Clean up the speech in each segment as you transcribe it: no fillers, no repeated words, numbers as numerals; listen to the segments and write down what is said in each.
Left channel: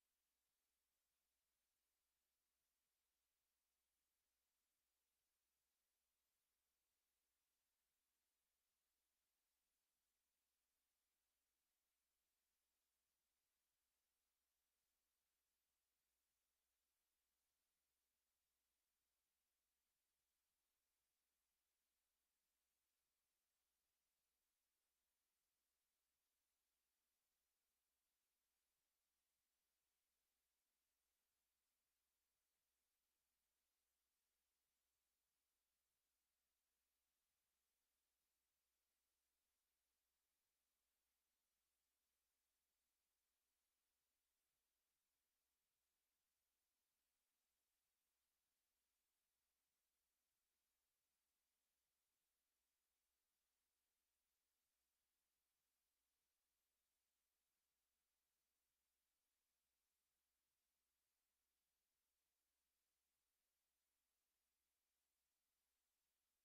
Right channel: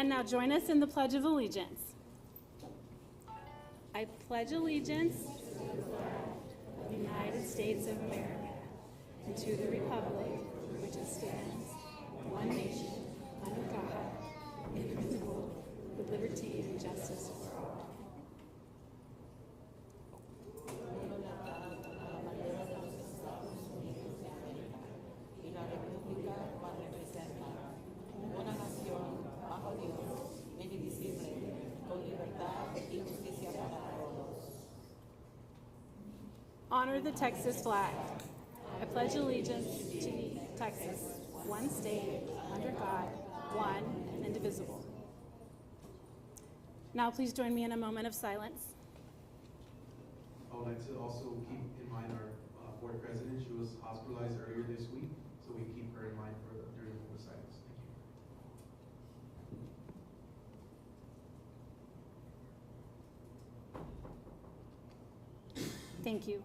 And now join us in the Pledge of Allegiance. I pledge allegiance to the United States of America and to the republic which it stands, one nation, under God, indivisible, with liberty and justice for all. Honor the Texas flag. I pledge allegiance to Texas, one state, under God, one and indivisible. Now please join me in a moment of silence. I would like to also keep in mind our board president. She was hospitalized earlier this week, so we keep her in mind during the silence. Thank you. Thank you.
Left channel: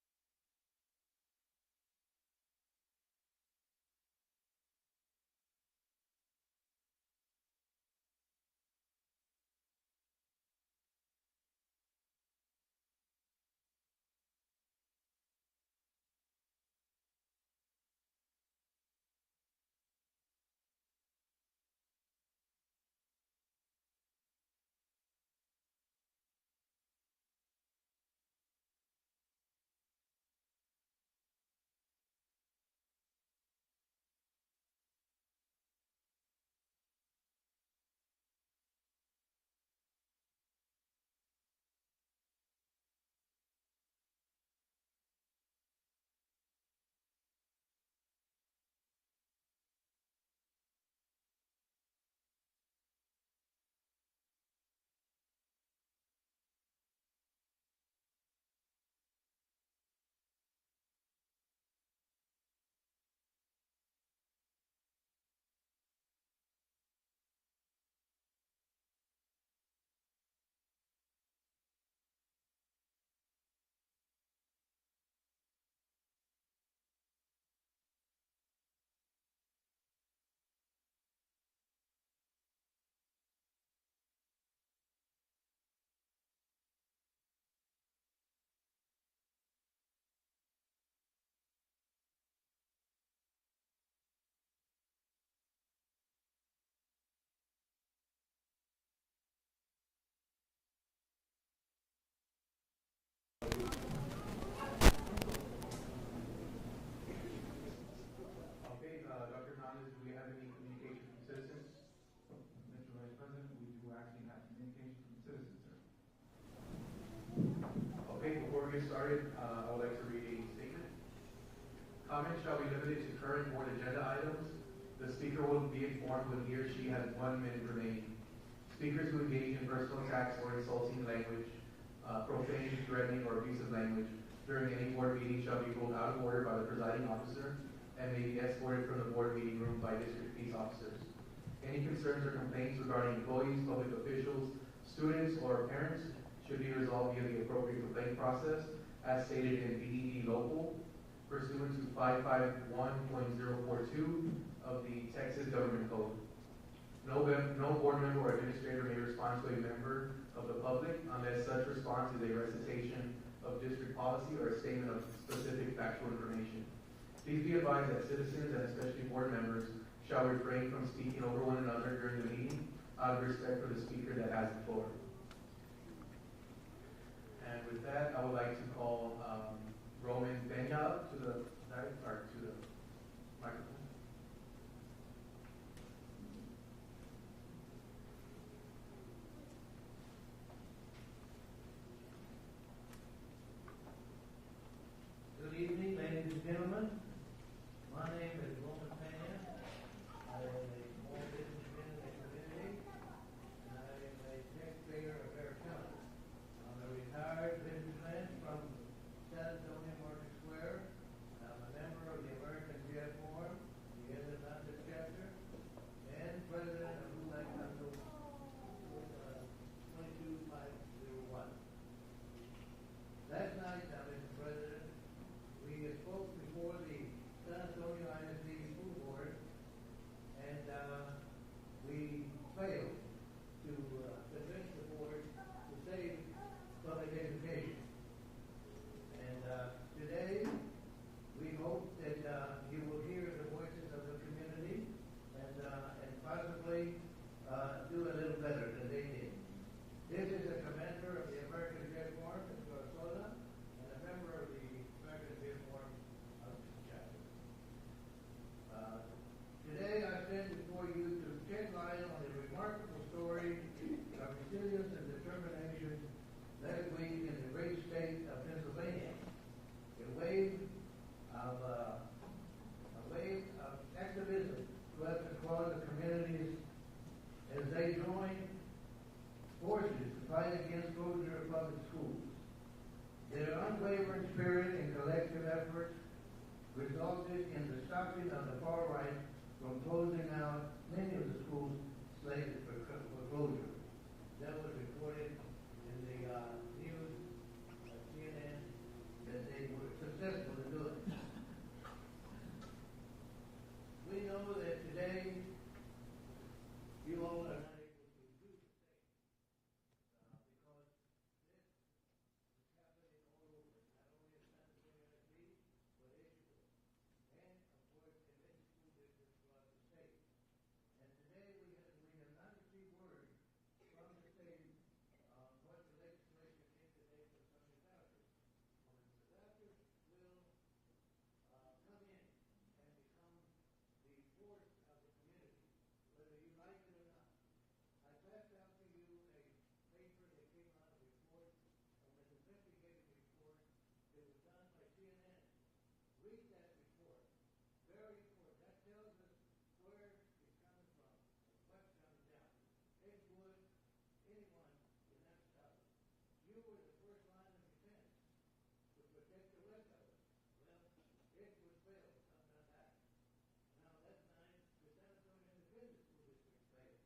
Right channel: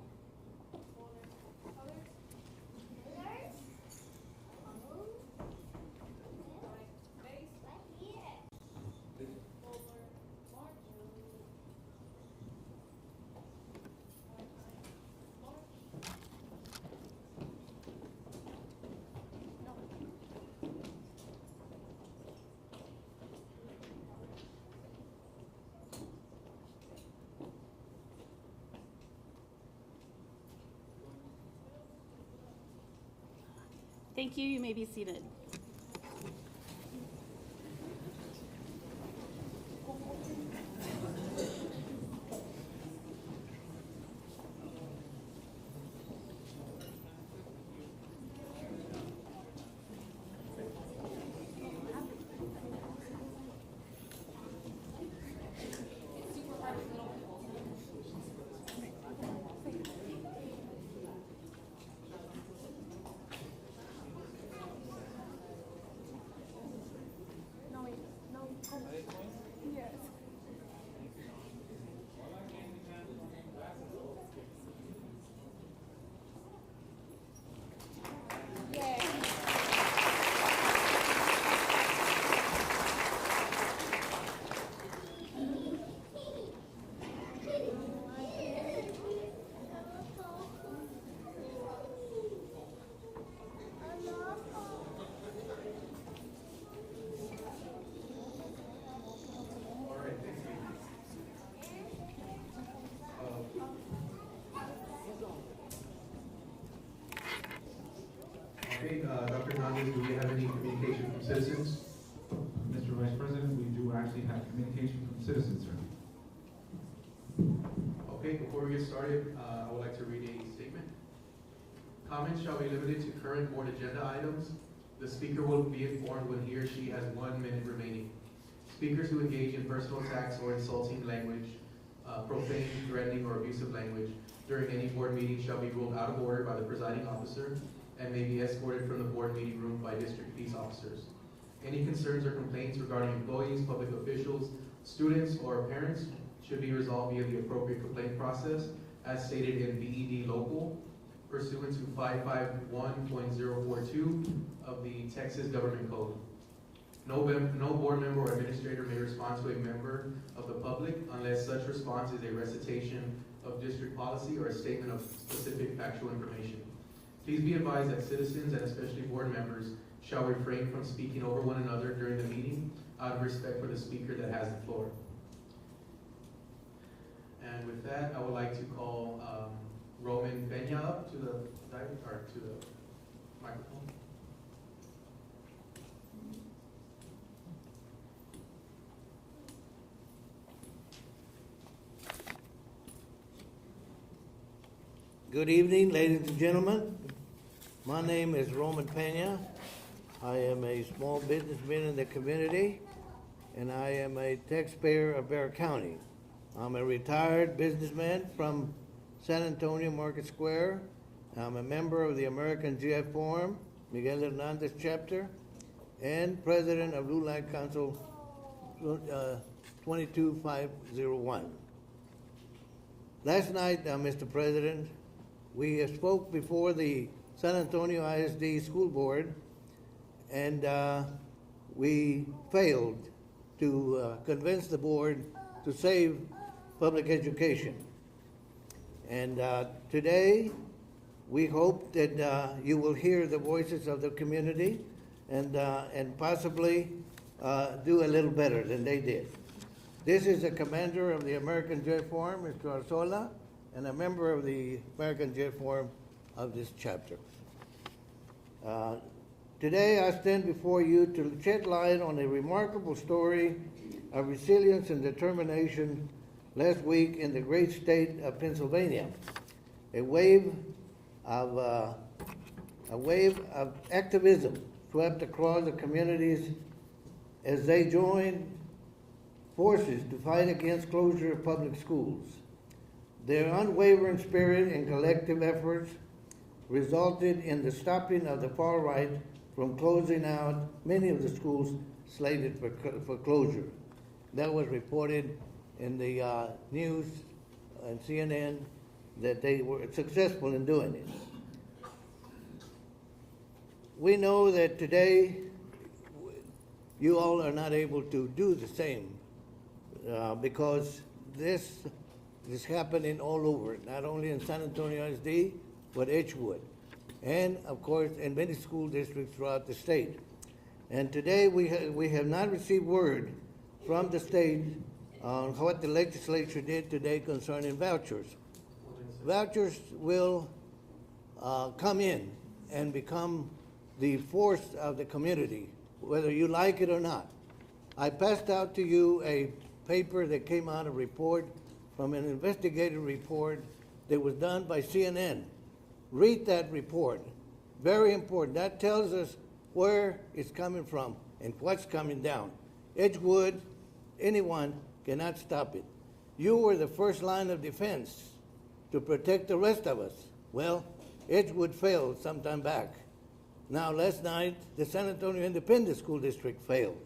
Thank you. You may be seated. Okay, Dr. Hernandez, do we have any communication from citizens? Mr. Vice President, we do actually have communication from citizens, sir. Okay, before we get started, I would like to read a statement. Comments shall be limited to current board agenda items. The speaker will be informed when he or she has 1 minute remaining. Speakers who engage in personal attacks or insulting language, profane, threatening, or abusive language during any board meeting shall be ruled out of order by the presiding officer and may be escorted from the board meeting room by district peace officers. Any concerns or complaints regarding employees, public officials, students, or parents should be resolved via the appropriate complaint process as stated in BED Local pursuant to 551.042 of the Texas Government Code. No board member or administrator may respond to a member of the public unless such response is a recitation of district policy or a statement of specific factual information. Please be advised that citizens and especially board members shall refrain from speaking over one another during the meeting out of respect for the speaker that has the floor. And with that, I would like to call Roman Peña up to the microphone. Good evening, ladies and gentlemen. My name is Roman Peña. I am a small businessman in the community, and I am a taxpayer of Bexar County. I'm a retired businessman from San Antonio Market Square. I'm a member of the American GF Forum, Miguel Hernandez chapter, and president of LULAC Council 22501. Last night, Mr. President, we spoke before the San Antonio ISD School Board, and we failed to convince the board to save public education. And today, we hope that you will hear the voices of the community and possibly do a little better than they did. This is the commander of the American Jet Forum, Mr. Arzola, and a member of the American Jet Forum of this chapter. Today, I stand before you to shed light on a remarkable story of resilience and determination last week in the great state of Pennsylvania. A wave of activism swept across the communities as they joined forces to fight against closure of public schools. Their unwavering spirit and collective efforts resulted in the stopping of the far right from closing out many of the schools slated for closure. That was reported in the news and CNN that they were successful in doing it. We know that today you all are not able to do the same because this is happening all over, not only in San Antonio ISD, but Edgewood, and of course in many school districts throughout the state. And today we have not received word from the state on what the legislature did today concerning vouchers. Vouchers will come in and become the force of the community, whether you like it or not. I passed out to you a paper that came out, a report from an investigative report that was done by CNN. Read that report. Very important. That tells us where it's coming from and what's coming down. Edgewood, anyone cannot stop it. You were the first line of defense to protect the rest of us. Well, Edgewood failed some time back. Now, last night, the San Antonio Independent School District failed.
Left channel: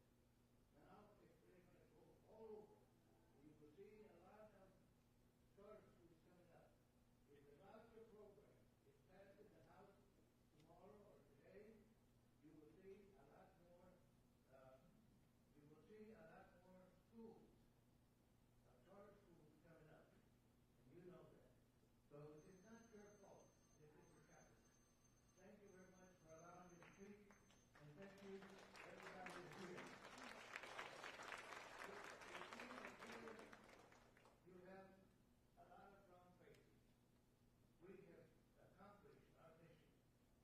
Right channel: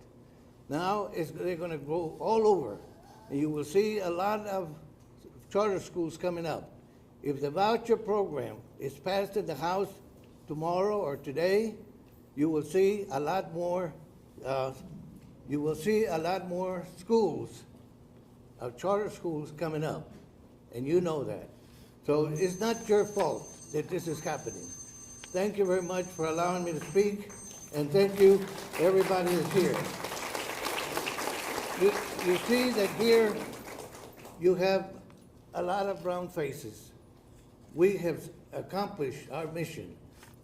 Now, they're going to go all over. And you will see a lot of charter schools coming up. If the voucher program is passed in the House tomorrow or today, you will see a lot more. You will see a lot more schools, charter schools coming up, and you know that. So it's not your fault that this is happening. Thank you very much for allowing me to speak, and thank you, everybody is here. You see that here you have a lot of brown faces. We have accomplished our mission.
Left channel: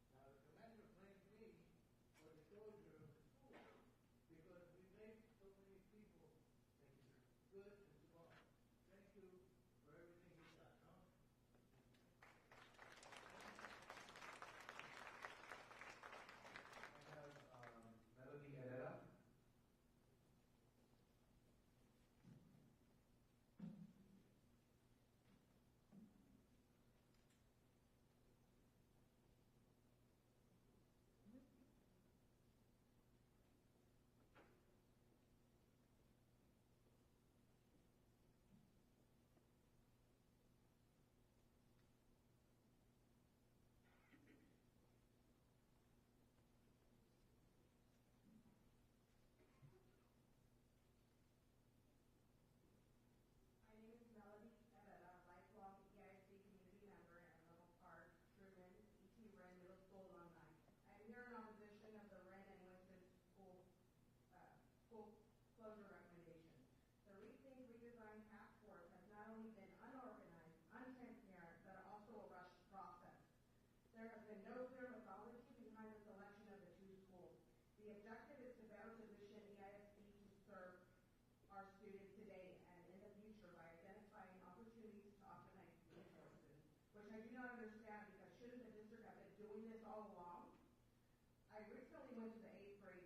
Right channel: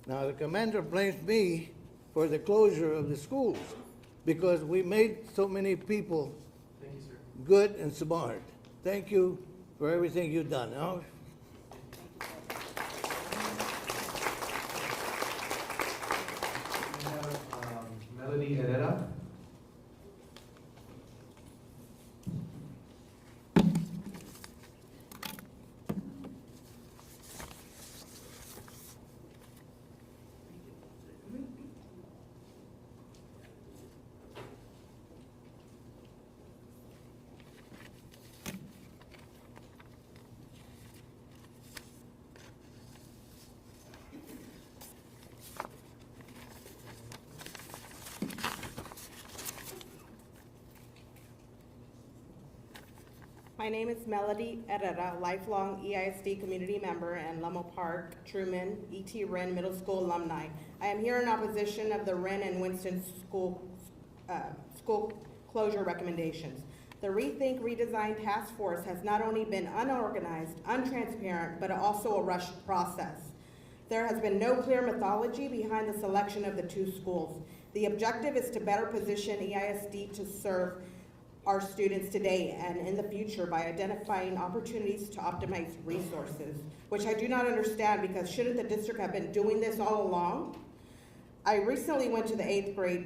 Now, the commander blames me for the closure of the schools because we made so many people good and smart. Thank you for everything you've done. Now, we have Melody Herrera. My name is Melody Herrera, lifelong EISD community member and Lomo Park, Truman, E.T. Wren Middle School alumni. I am here in opposition of the Wren and Winston school closure recommendations. The Rethink Redesign Task Force has not only been unorganized, untransparent, but also a rushed process. There has been no clear methodology behind the selection of the two schools. The objective is to better position EISD to serve our students today and in the future by identifying opportunities to optimize resources, which I do not understand because shouldn't the district have been doing this all along? I recently went to the 8th grade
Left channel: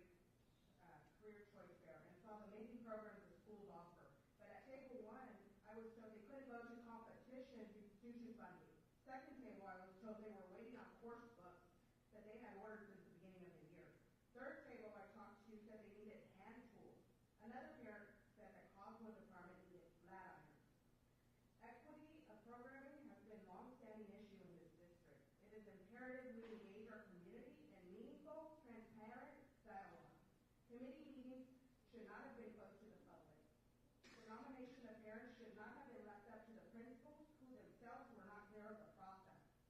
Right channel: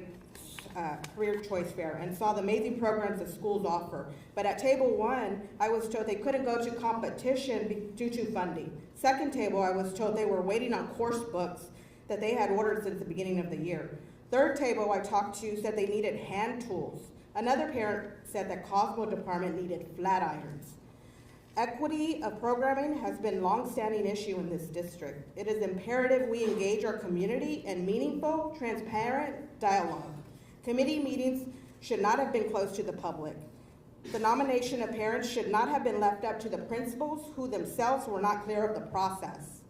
career choice fair and saw the amazing programs that schools offer. But at table 1, I was told they couldn't go to competition due to funding. Second table, I was told they were waiting on course books that they had ordered since the beginning of the year. Third table I talked to said they needed hand tools. Another parent said that Cosmo department needed flat irons. Equity of programming has been a long-standing issue in this district. It is imperative we engage our community in meaningful, transparent dialogue. Committee meetings should not have been closed to the public. The nomination of parents should not have been left up to the principals, who themselves were not clear of the process.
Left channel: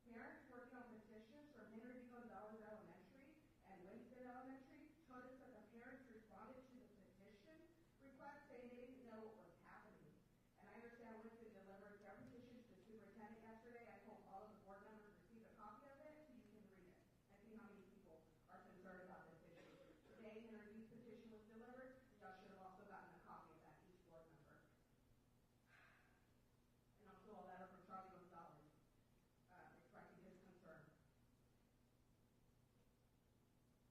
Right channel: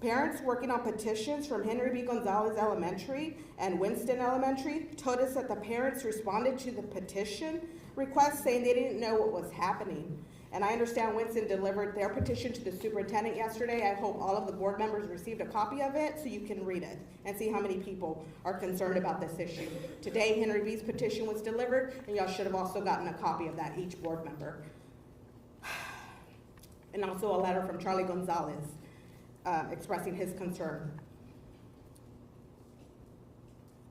Parents working on petitions from Henry B. Gonzalez Elementary and Winston Elementary told us that the parents responded to the petition request saying they didn't know what was happening. And I understand Winston delivered their petition to the superintendent yesterday. I hope all of the board members received a copy of it so you can read it and see how many people are concerned about this issue. Today, Henry B's petition was delivered, and y'all should have also gotten a copy of that, each board member. And also a letter from Charlie Gonzalez expressing his concern.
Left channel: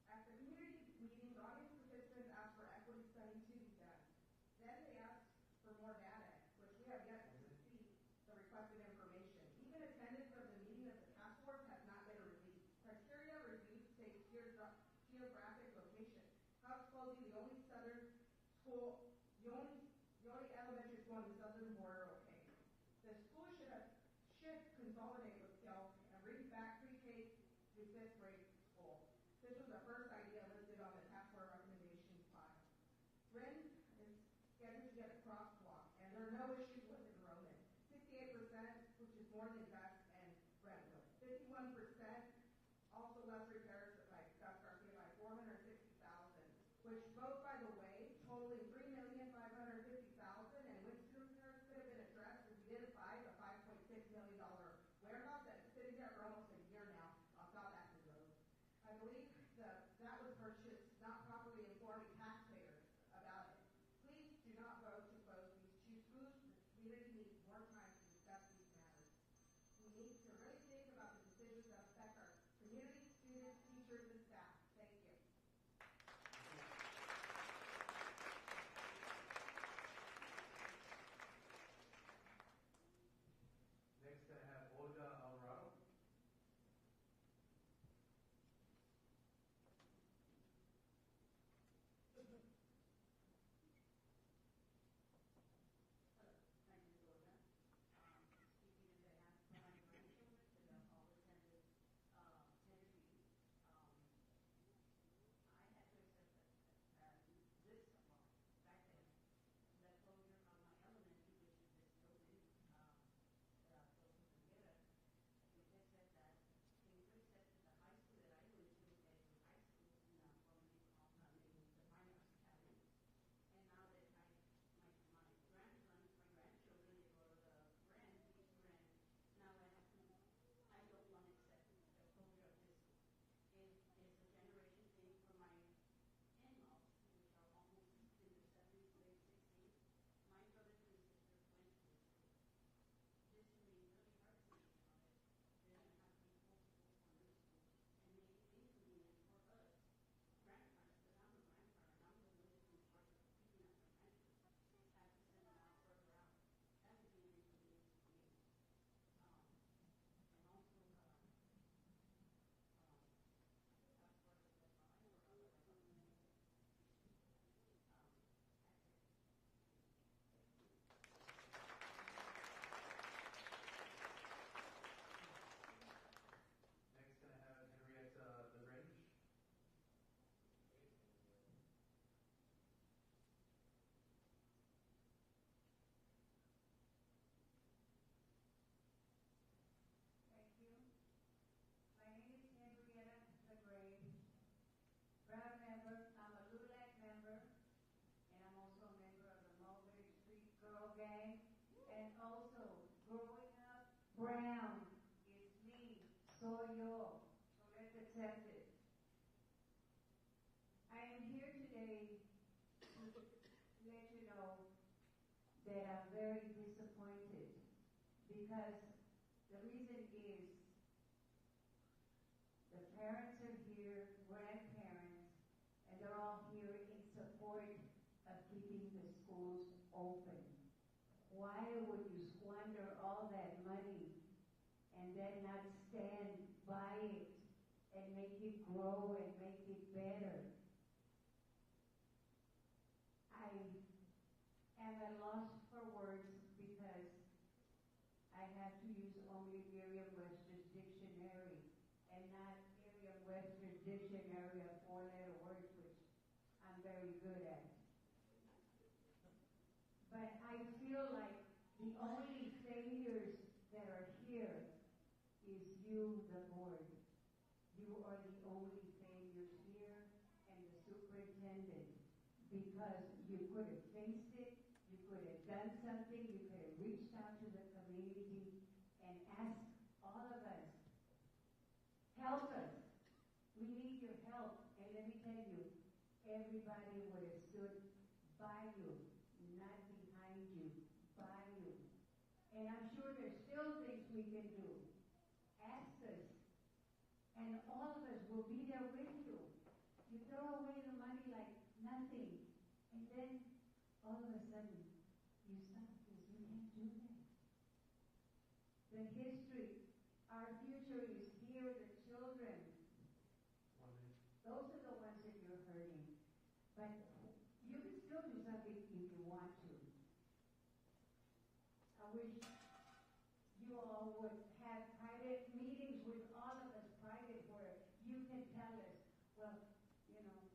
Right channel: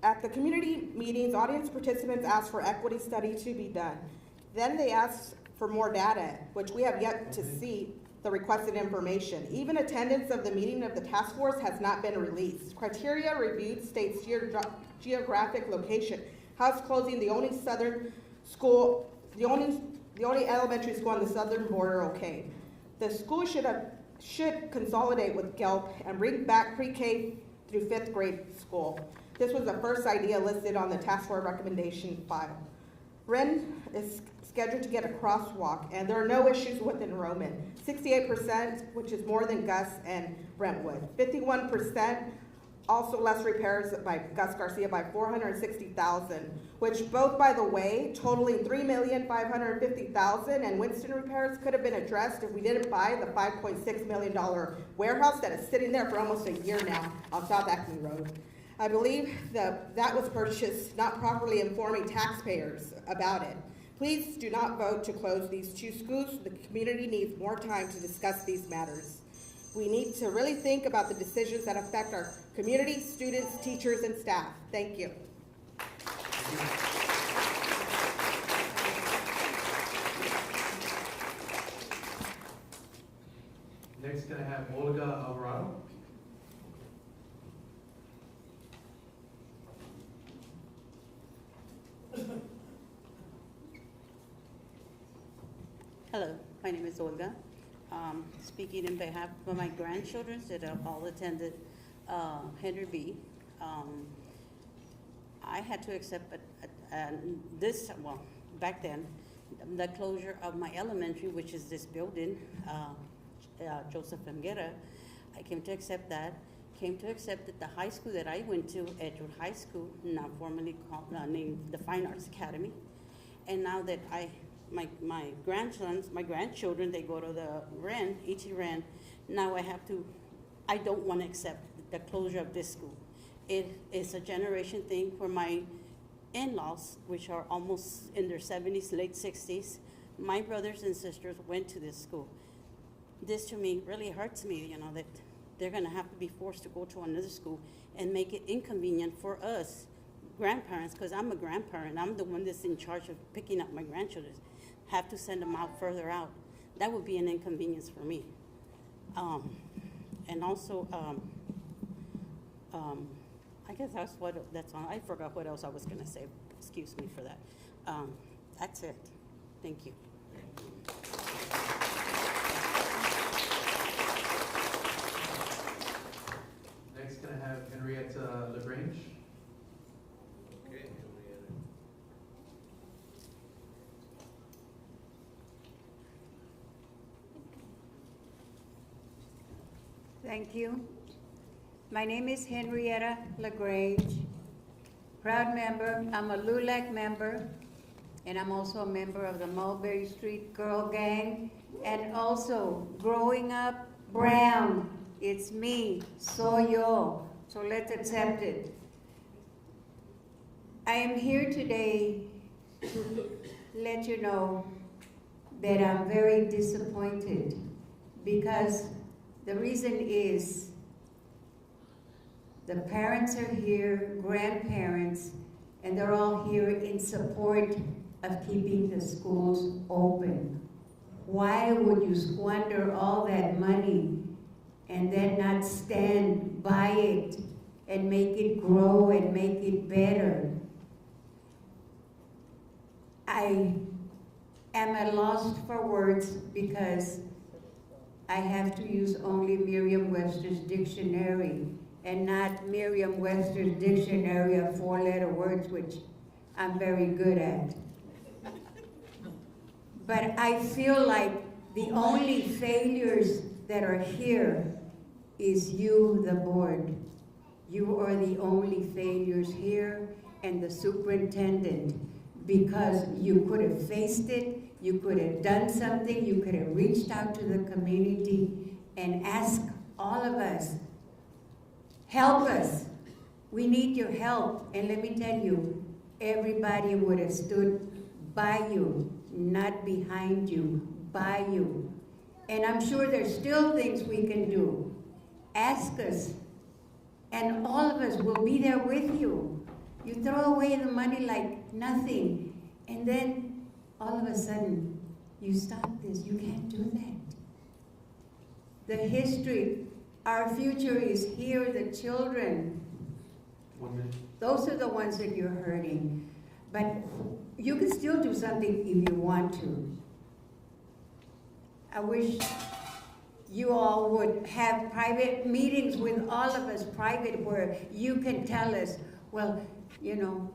At the community meetings, audience participants asked for equity study to be done. Then they asked for more data, which we have yet to see the requested information. Even attendance of the meeting of the task force has not been released. Criteria reviewed states geographic location, house closing the only southern school, the only elementary school on the southern border. Okay, the school should consolidate with GELP and bring back pre-K through 5th grade school. This was the first idea listed on the task force recommendation file. Ren is scheduled to get a crosswalk, and there are no issues with enrollment. 68%, which is more than Gus and Brentwood. 51%, also less repairs by Gus Garcia by $460,000, which both, by the way, totaling $3,550,000, and Winston repairs could have been addressed if we didn't buy the $5.6 million warehouse that is sitting there for almost a year now on South Acme Road. I believe that was purchased not properly informing taxpayers about it. Please do not vote to close these two schools. The community needs more time to discuss these matters. We need to really think about the decisions that affect our community, students, teachers, and staff. Thank you. Next, can I have Olga Alvarado? Hello, my name is Olga. Speaking in behalf of my grandchildren that have all attended Henry B. I had to accept back then, the closure of my elementary, which is this building, Joseph Mguera. I came to accept that. Came to accept that the high school that I went to, Edgewood High School, now formerly called, named the Fine Arts Academy, and now that my grandchildren, they go to the E.T. Wren. Now I don't want to accept the closure of this school. It is a generation thing for my in-laws, which are almost in their 70s, late 60s. My brothers and sisters went to this school. This to me really hurts me, that they're gonna have to be forced to go to another school and make it inconvenient for us grandparents, because I'm a grandparent. I'm the one that's in charge of picking up my grandchildren. Have to send them out further out. That would be an inconvenience for me. And also, I guess that's on. I forgot what else I was gonna say. Excuse me for that. That's it. Thank you. Next, can I have Henrietta LaGrange? Okay, Thank you. My name is Henrietta LaGrange, proud member. I'm a LULAC member, and I'm also a member of the Mulberry Street Girl Gang, and also growing up brown. It's me, soy yo, so let's accept it. I am here today to let you know that I'm very disappointed, because the reason is the parents are here, grandparents, and they're all here in support of keeping the schools open. Why would you squander all that money and then not stand by it and make it grow and make it better? I am at a loss for words, because I have to use only Merriam-Webster's dictionary and not Merriam-Webster's dictionary of 4-letter words, which I'm very good at. But I feel like the only failures that are here is you, the board. You are the only failures here, and the superintendent, because you could have faced it, you could have done something, you could have reached out to the community and asked all of us, help us. We need your help. And let me tell you, everybody would have stood by you, not behind you, by you. And I'm sure there's still things we can do. Ask us, and all of us will be there with you. You throw away the money like nothing, and then all of a sudden, you stop this. You can't do that. The history, our future is here, the children. 1 minute. Those are the ones that you're hurting. But you can still do something if you want to. I wish you all would have private meetings with all of us, private, where you can tell us, well, you know,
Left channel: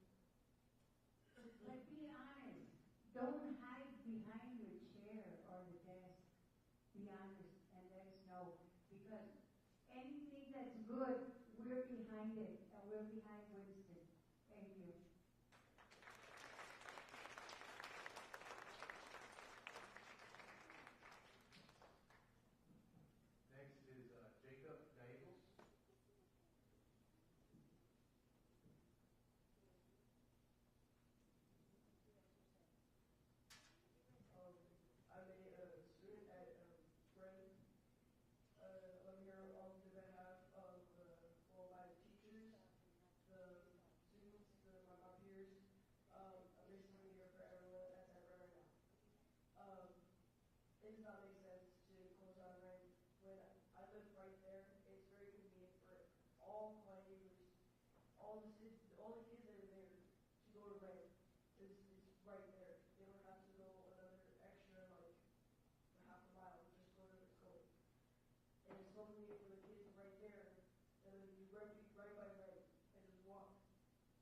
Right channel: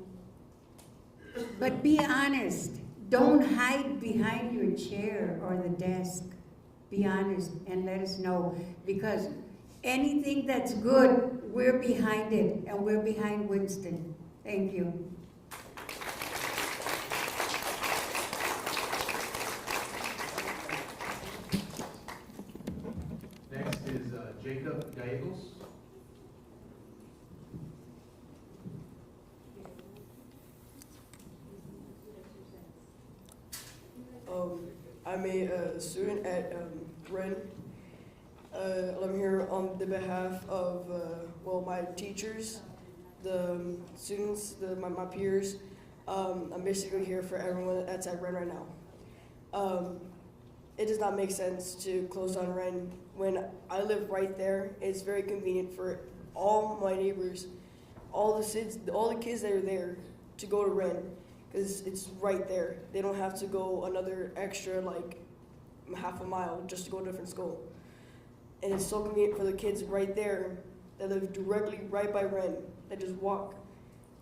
but be honest. Don't hide behind your chair or the desk. Be honest and let us know, because anything that's good, we're behind it, and we're behind Winston. Thank you. Next is Jacob Gallegos. I'm a student at Ren. I'm here on the behalf of, well, my teachers, the students, my peers. I'm basically here for everyone that's at Ren right now. It does not make sense to close down Ren when I live right there. It's very convenient for all my neighbors, all the kids that are there to go to Ren, because it's right there. They don't have to go another extra like half a mile just to go to a different school. And it's so convenient for the kids right there that live directly right by Ren, that just walk,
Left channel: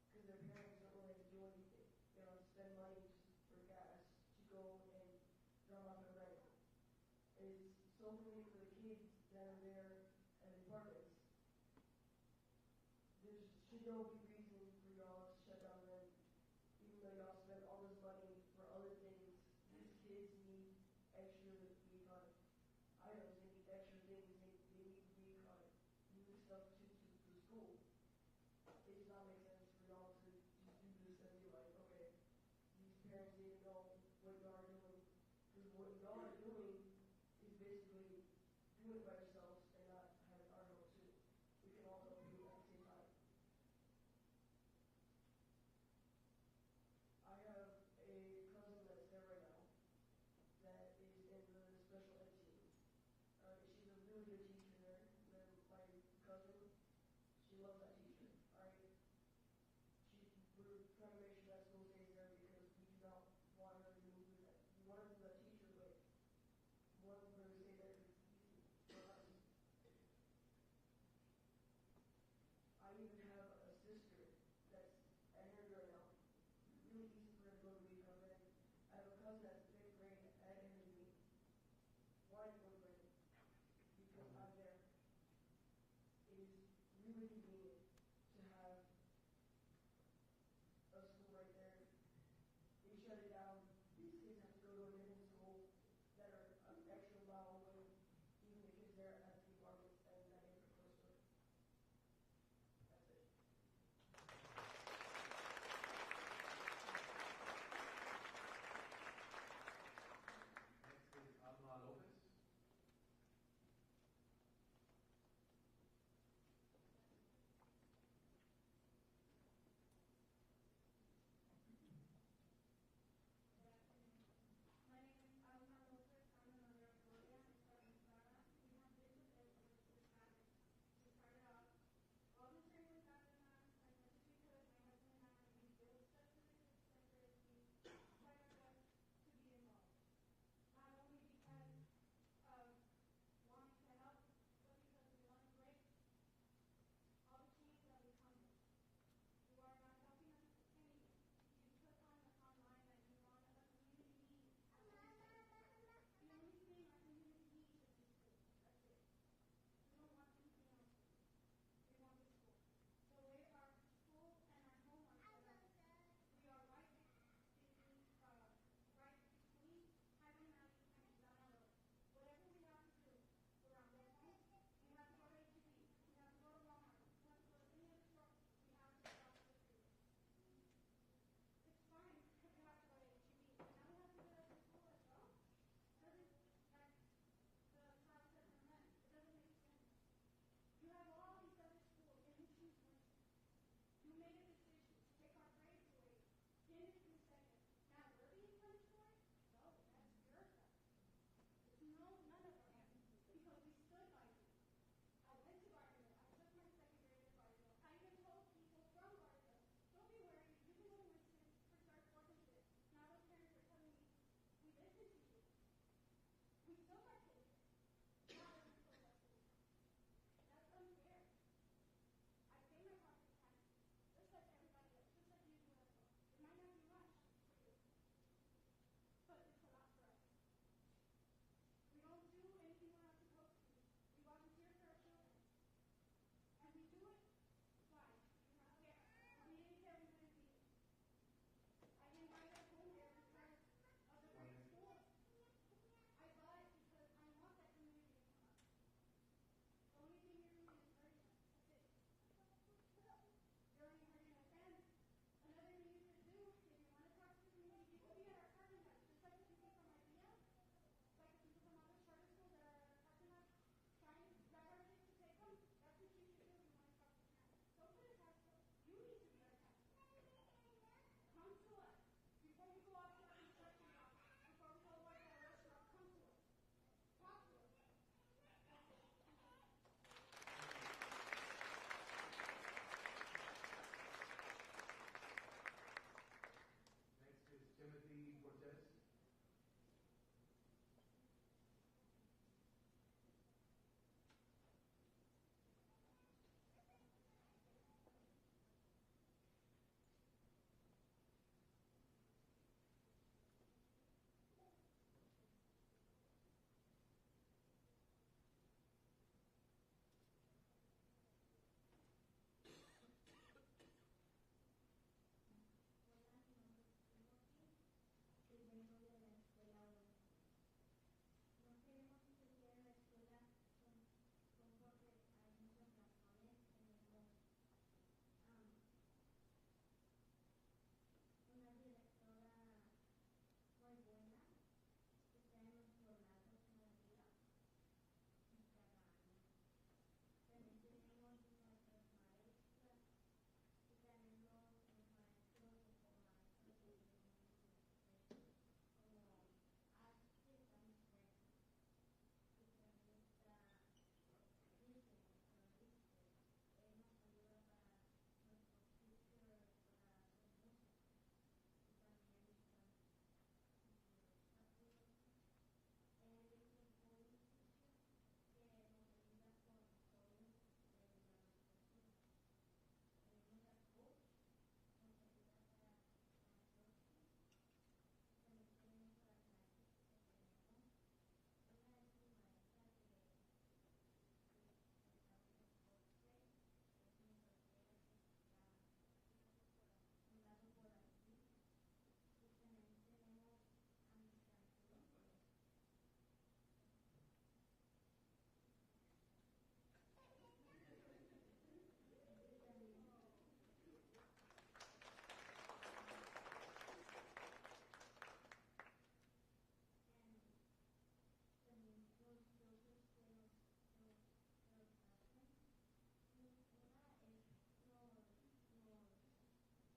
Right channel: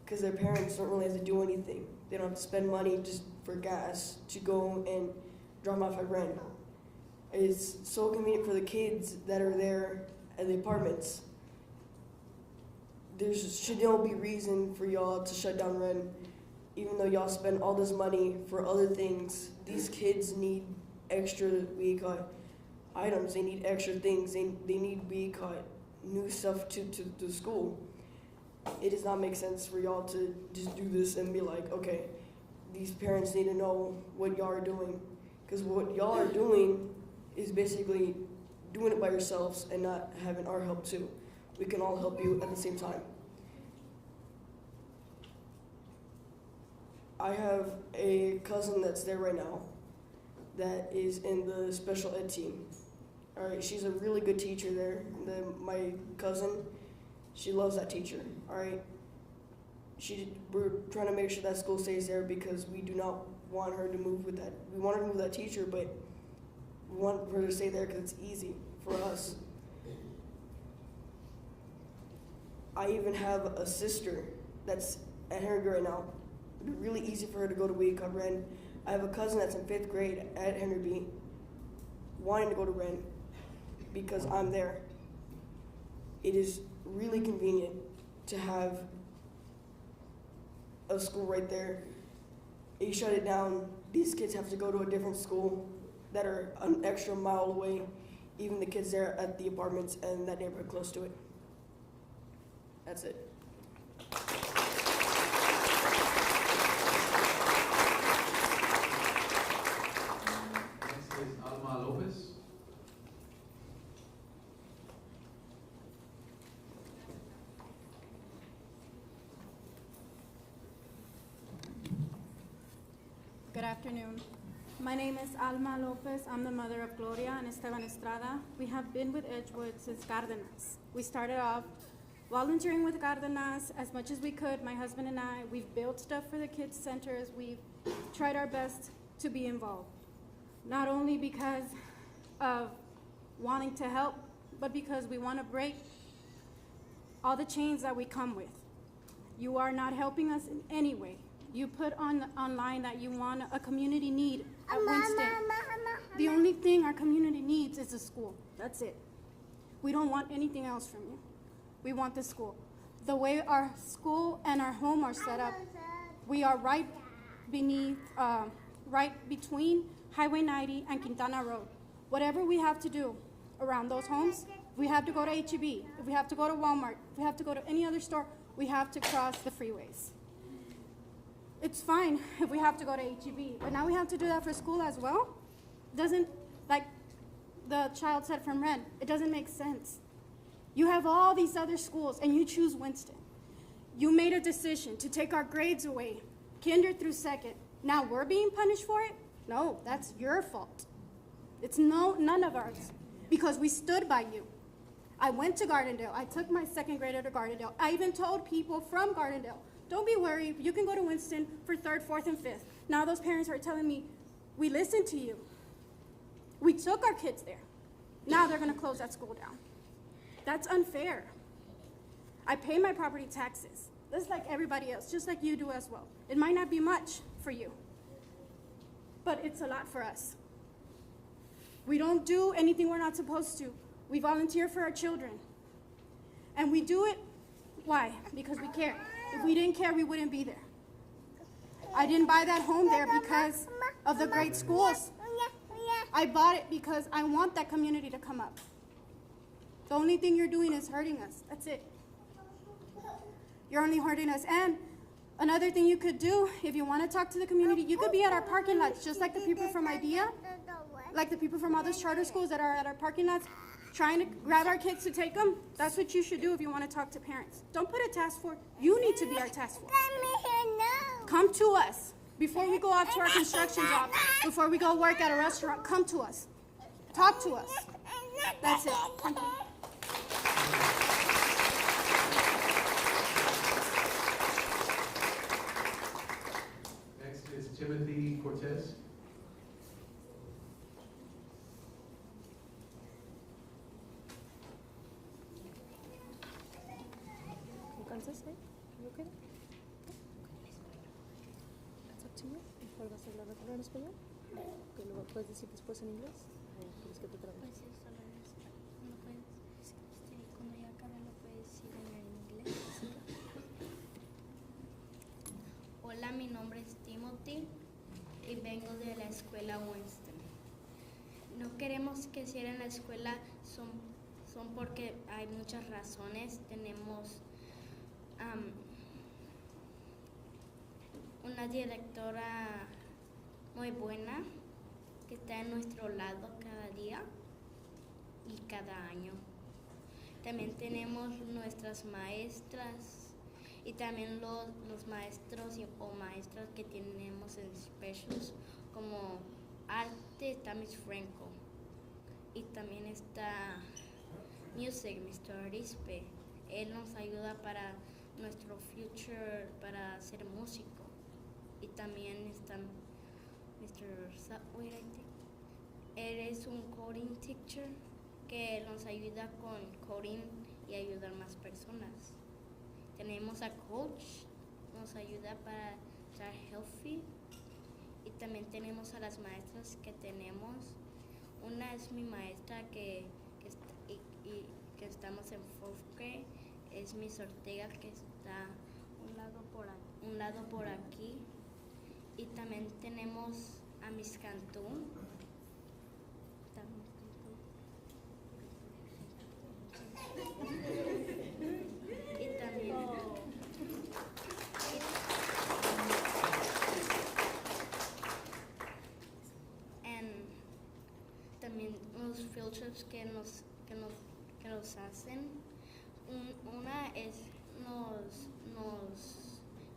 because their parents don't really have to do anything. They don't have to spend money just for gas to go and drop off at Ren. It's so convenient for the kids that are there at the apartments. There should no be reason for y'all to shut down Ren, even though y'all spend all this money for other things. These kids need extra items. They need extra things. They need new stuff to school. It does not make sense for y'all to just do this and be like, okay, these parents need to know what y'all are doing. Because what y'all are doing is basically doing it by yourselves and not having our help too. We can all help you at the same time. I have a cousin that's there right now that is in the special ed team. All right, she's a really good teacher there. My cousin, she loves that teacher. All right, we're trying to make sure that school stays there because we do not want her to move with that. We want her to move with that teacher, but we want her to stay there because it's easy for us. I even have a sister that's at Henry right now. It'd be really easy for her to go to Wake Up Ren. I have a cousin that's in 5th grade at Henry B, wanting to go to Ren because I'm there. It is really convenient to have a school right there. You shut it down, these kids have to go to a different school that are an extra mile away, even the kids there at the apartments and that neighborhood close to it. That's it. Next is Alma Lopez. Good afternoon. My name is Alma Lopez. I'm the mother of Gloria and Esteban Estrada. We have been with Edgewood since Cardenas. We started off volunteering with Cardenas as much as we could, my husband and I. We've built stuff for the kids' centers. We've tried our best to be involved, not only because of wanting to help, but because we want to break all the chains that we come with. You are not helping us in any way. You put online that you want a community need at Winston. The only thing our community needs is a school. That's it. We don't want anything else from you. We want the school. The way our school and our home are set up, we are right between Highway 90 and Quintana Road. Whatever we have to do around those homes, we have to go to H-E-B. If we have to go to Walmart, if we have to go to any other store, we have to cross the freeways. It's fine if we have to go to H-E-B, but now we have to do that for school as well? Doesn't, like the child said from Ren, it doesn't make sense. You have all these other schools and you choose Winston. You made a decision to take our grades away, kinder through second. Now we're being punished for it? No, that's your fault. It's none of ours, because we stood by you. I went to Gardendale. I took my second grader to Gardendale. I even told people from Gardendale, don't be worried, you can go to Winston for 3rd, 4th, and 5th. Now those parents are telling me, we listened to you. We took our kids there. Now they're gonna close that school down. That's unfair. I pay my property taxes, just like everybody else, just like you do as well. It might not be much for you, but it's a lot for us. We don't do anything we're not supposed to. We volunteer for our children. And we do it, why? Because we care. If we didn't care, we wouldn't be there. I didn't buy that home there because of the great schools. I bought it because I want that community to come up. The only thing you're doing is hurting us. That's it. You're only hurting us. And another thing you could do, if you want to talk to the community, you could be at our parking lots, just like the people from IDEA, like the people from all those charter schools that are at our parking lots, trying to grab our kids to take them. That's what you should do if you want to talk to parents. Don't put a task force. You need to be our task force. Come to us. Before we go out to our construction job, before we go work at a restaurant, come to us. Talk to us. That's it. Thank you. Next is Timothy Cortez. ¿Cuál va a ser la lectura en español? Que lo puedes decir después en inglés. ¿Quieres que te traducas? Pues solo en español. No puedes, cuando ya acabe lo puedes decir en inglés. Hola, mi nombre es Timothy y vengo de la escuela Winston. No queremos que cierren la escuela, son porque hay muchas razones. Tenemos una directora muy buena que está en nuestro lado cada día y cada año. También tenemos nuestras maestras y también los maestros o maestras que tenemos en specials, como arte está Miss Franco y también está music, Mr. Arispe. Él nos ayuda para nuestro future, para ser músico. Y también está Mr. Subway, I think. Él es un coding teacher que nos ayuda con coding y ayudar a más personas. Tenemos a coach, nos ayuda para estar healthy. Y también tenemos a las maestras que tenemos. Una es mi maestra que estamos en 4th grade, es Miss Ortega, que está un lado por aquí. Y también tenemos a Miss Cantú. Y también también los field trips que nos hacen. Una es nos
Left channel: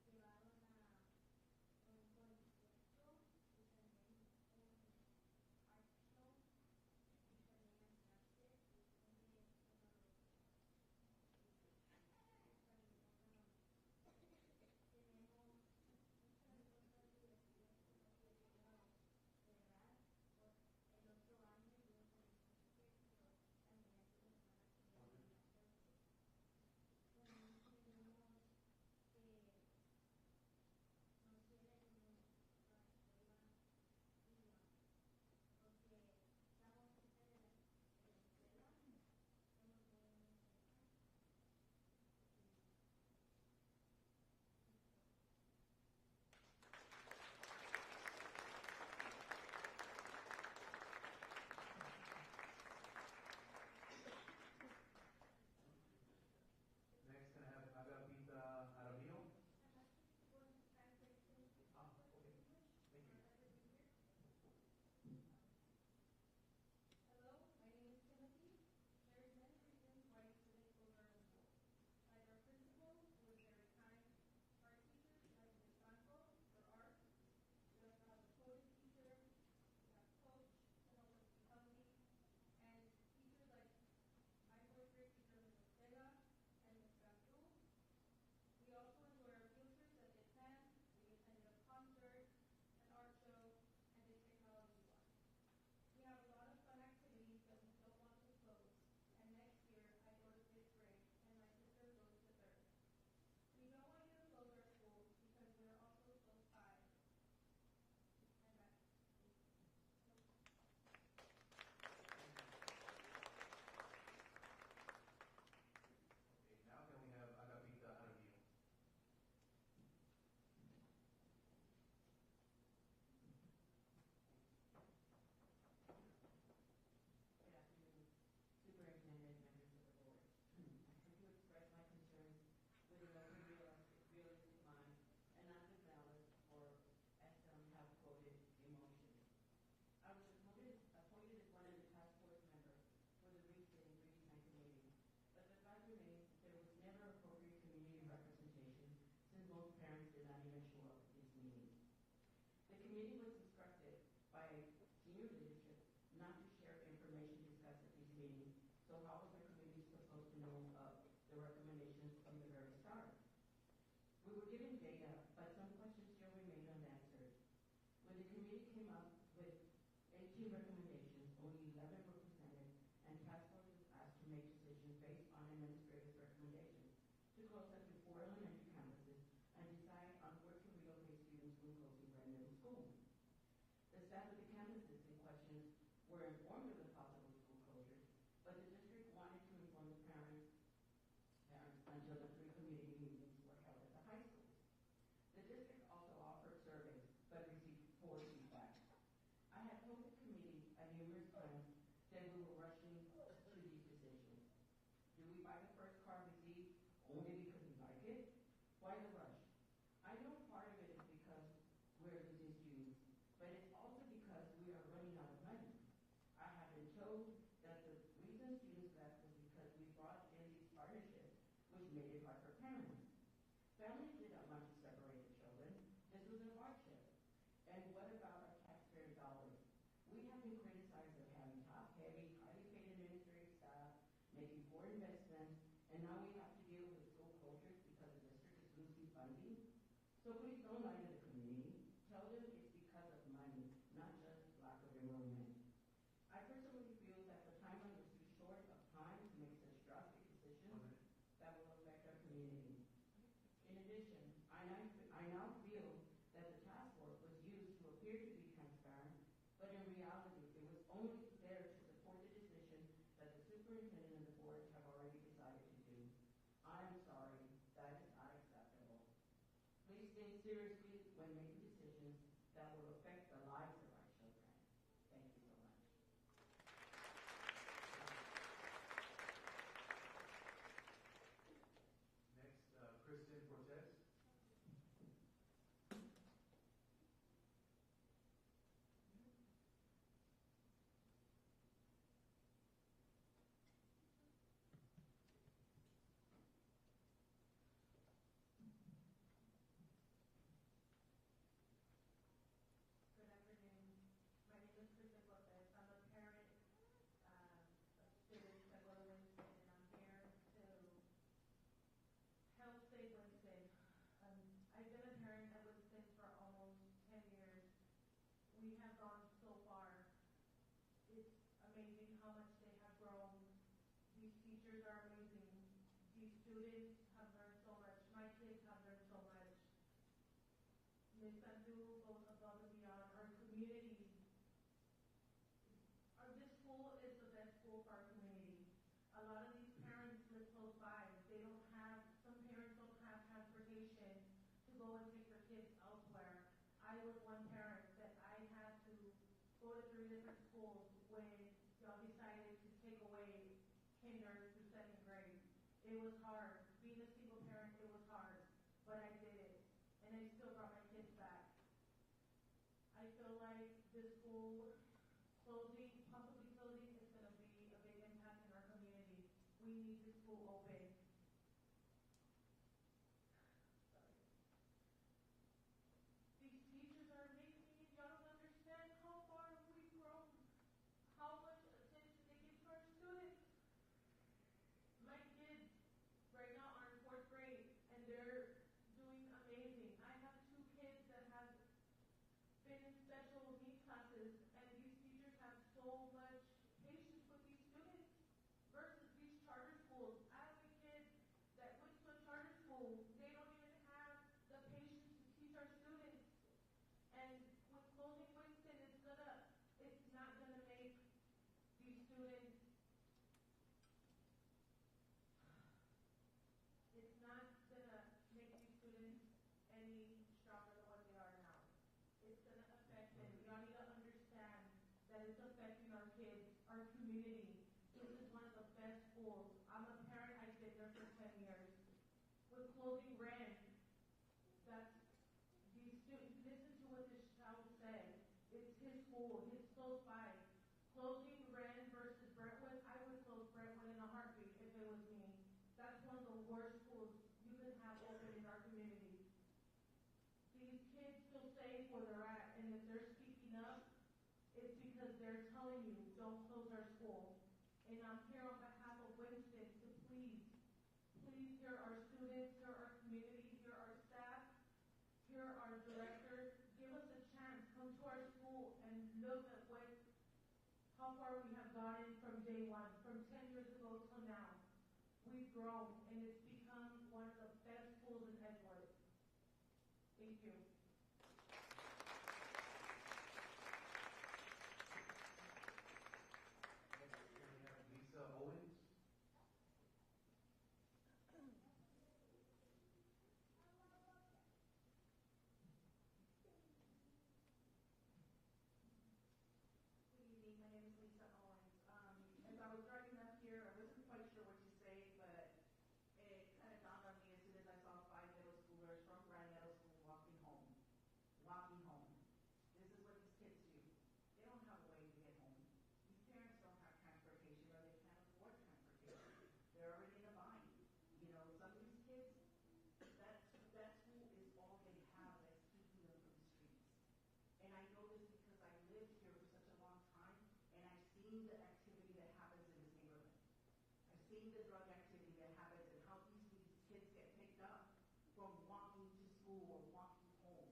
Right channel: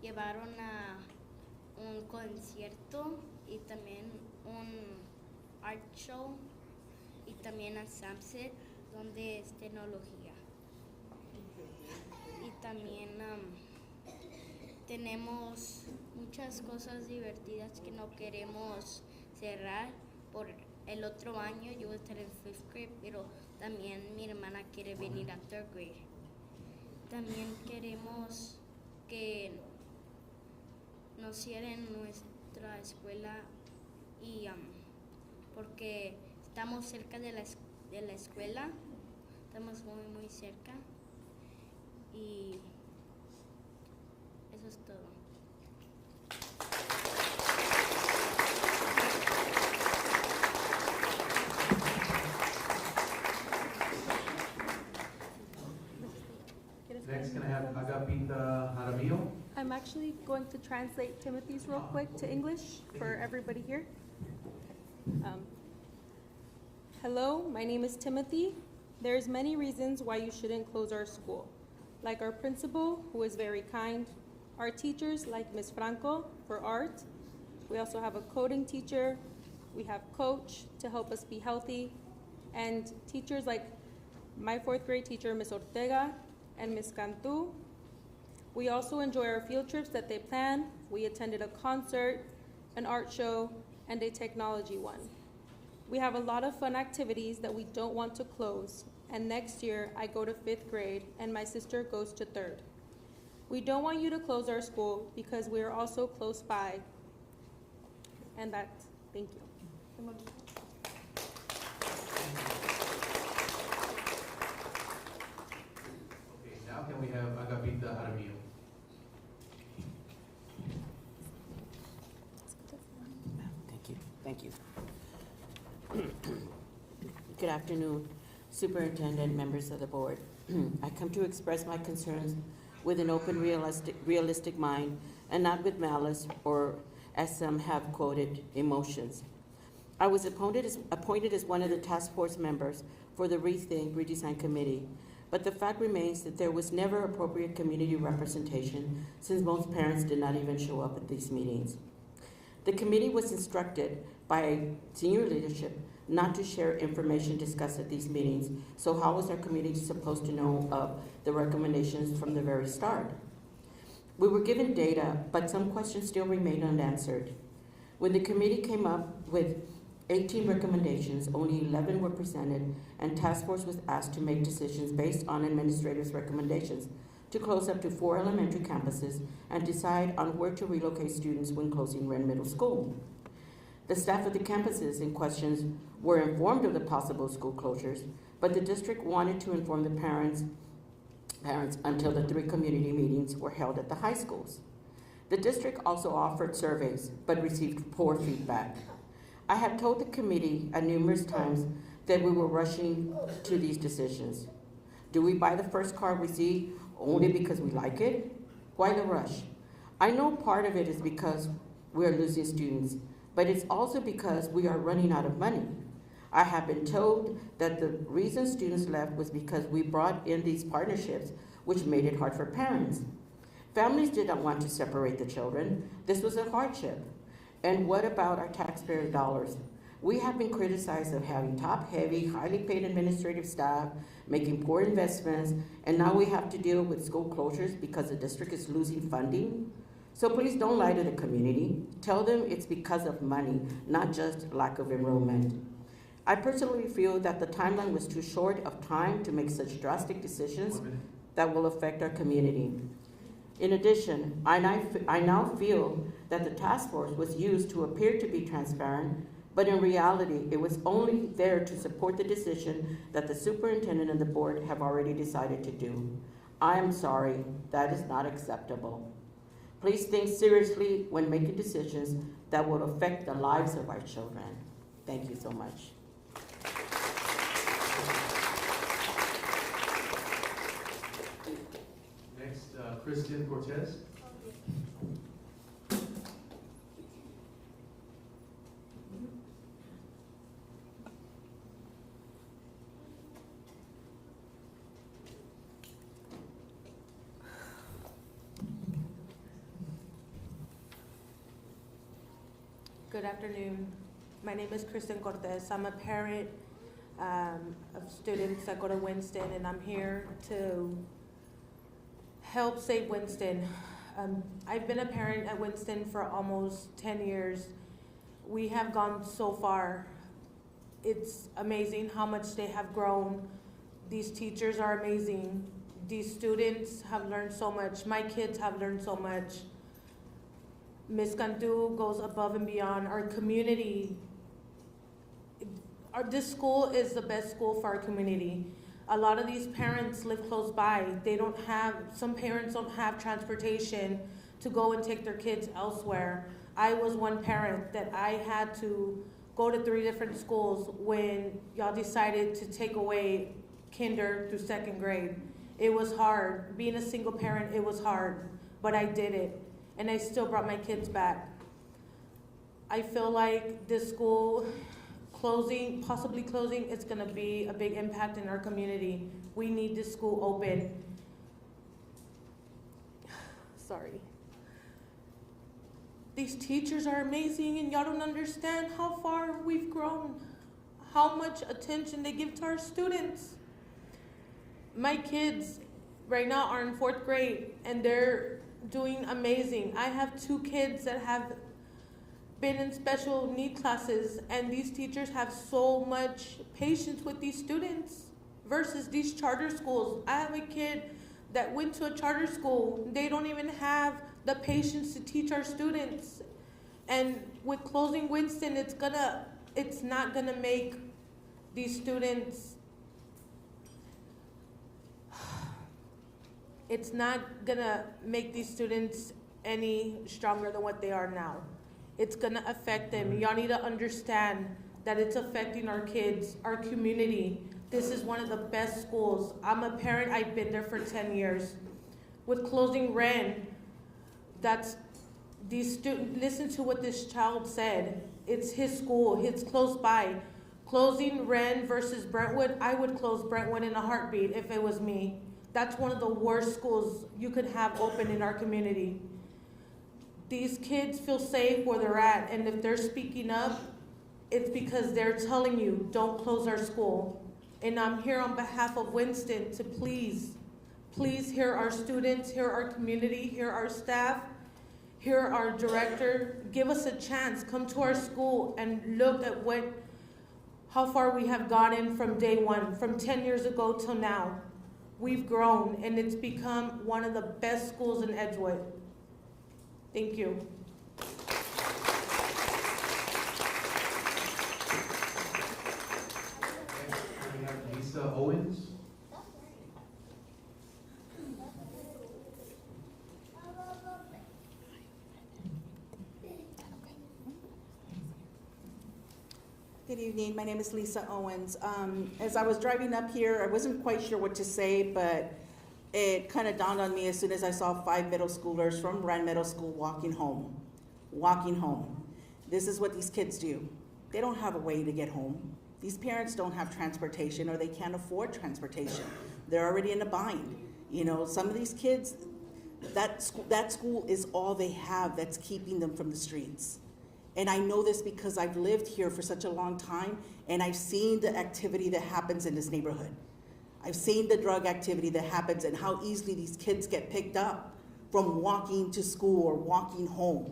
llevaron a un concierto y también un art show y también a Samset, donde es tecnología. Y también tenemos muchas cosas divertidas que no queremos cerrar. Por el otro año yo voy a estar en 5th grade, pero también mi hermana quiere venir a 3rd grade. También queremos que no cierren nuestra escuela y porque estamos cerca de la escuela, estamos muy cerca y eso es todo. Next, can I have Agapita Jaramillo? I'm actually going to translate Timothy's real quick to English for everybody here. Hello, my name is Timothy. There's many reasons why you shouldn't close our school. Like our principal, who is very kind, our teachers like Ms. Franco for art. We also have a coding teacher. We have coach to help us be healthy. And teachers like my 4th grade teacher, Ms. Ortega, and Ms. Cantu. We also enjoy our field trips that they plan. We attended a concert, an art show, and a technology one. We have a lot of fun activities that we don't want to close. And next year, I go to 5th grade and my sister goes to 3rd. We don't want you to close our school because we are also close by. And that's, thank you. Okay, now can we have Agapita Jaramillo? Thank you. Good afternoon, Superintendent, members of the board. I come to express my concerns with an open, realistic mind and not with malice or, as some have quoted, emotions. I was appointed as one of the task force members for the Rethink Redesign Committee, but the fact remains that there was never appropriate community representation since most parents did not even show up at these meetings. The committee was instructed by senior leadership not to share information discussed at these meetings, so how was our community supposed to know of the recommendations from the very start? We were given data, but some questions still remain unanswered. When the committee came up with 18 recommendations, only 11 were presented, and task force was asked to make decisions based on administrators' recommendations to close up to 4 elementary campuses and decide on where to relocate students when closing Wren Middle School. The staff of the campuses in questions were informed of the possible school closures, but the district wanted to inform the parents until the 3 community meetings were held at the high schools. The district also offered surveys, but received poor feedback. I have told the committee numerous times that we were rushing to these decisions. Do we buy the first car we see only because we like it? Why the rush? I know part of it is because we are losing students, but it's also because we are running out of money. I have been told that the reason students left was because we brought in these partnerships, which made it hard for parents. Families did not want to separate the children. This was a hardship. And what about our taxpayer dollars? We have been criticized of having top-heavy, highly paid administrative staff, making poor investments, and now we have to deal with school closures because the district is losing funding. So please don't lie to the community. Tell them it's because of money, not just lack of enrollment. I personally feel that the timeline was too short of time to make such drastic decisions that will affect our community. In addition, I now feel that the task force was used to appear to be transparent, but in reality, it was only there to support the decision that the superintendent and the board have already decided to do. I am sorry, that is not acceptable. Please think seriously when making decisions that will affect the lives of our children. Thank you so much. Next, Kristen Cortez. Good afternoon. My name is Kristen Cortez. I'm a parent of students that go to Winston, and I'm here to help save Winston. I've been a parent at Winston for almost 10 years. We have gone so far. It's amazing how much they have grown. These teachers are amazing. These students have learned so much. My kids have learned so much. Ms. Cantu goes above and beyond. Our community, this school is the best school for our community. A lot of these parents live close by. Some parents don't have transportation to go and take their kids elsewhere. I was one parent that I had to go to 3 different schools when y'all decided to take away kinder through 2nd grade. It was hard. Being a single parent, it was hard, but I did it, and I still brought my kids back. I feel like this school possibly closing, it's gonna be a big impact in our community. We need this school open. Sorry. These teachers are amazing, and y'all don't understand how far we've grown, how much attention they give to our students. My kids right now are in 4th grade, and they're doing amazing. I have 2 kids that have been in special need classes, and these teachers have so much patience with these students versus these charter schools. I have a kid that went to a charter school. They don't even have the patience to teach our students. And with closing Winston, it's not gonna make these students, it's not gonna make these students any stronger than what they are now. It's gonna affect them. Y'all need to understand that it's affecting our kids, our community. This is one of the best schools. I'm a parent, I've been there for 10 years. With closing Wren, listen to what this child said. It's his school, it's close by. Closing Wren versus Brentwood, I would close Brentwood in a heartbeat if it was me. That's one of the worst schools you could have open in our community. These kids feel safe where they're at, and if they're speaking up, it's because they're telling you, don't close our school. And I'm here on behalf of Winston to please hear our students, hear our community, hear our staff, hear our director. Give us a chance, come to our school and look at how far we have gotten from day one, from 10 years ago till now. We've grown, and it's become one of the best schools in Edgewood. Thank you. We have Lisa Owens. Good evening, my name is Lisa Owens. As I was driving up here, I wasn't quite sure what to say, but it kind of dawned on me as soon as I saw 5 middle schoolers from Wren Middle School walking home. This is what these kids do. They don't have a way to get home. These parents don't have transportation, or they can't afford transportation. They're already in a bind. You know, some of these kids, that school is all they have that's keeping them from the streets. And I know this because I've lived here for such a long time, and I've seen the activity that happens in this neighborhood. I've seen the drug activity that happens and how easily these kids get picked up from walking to school or walking home.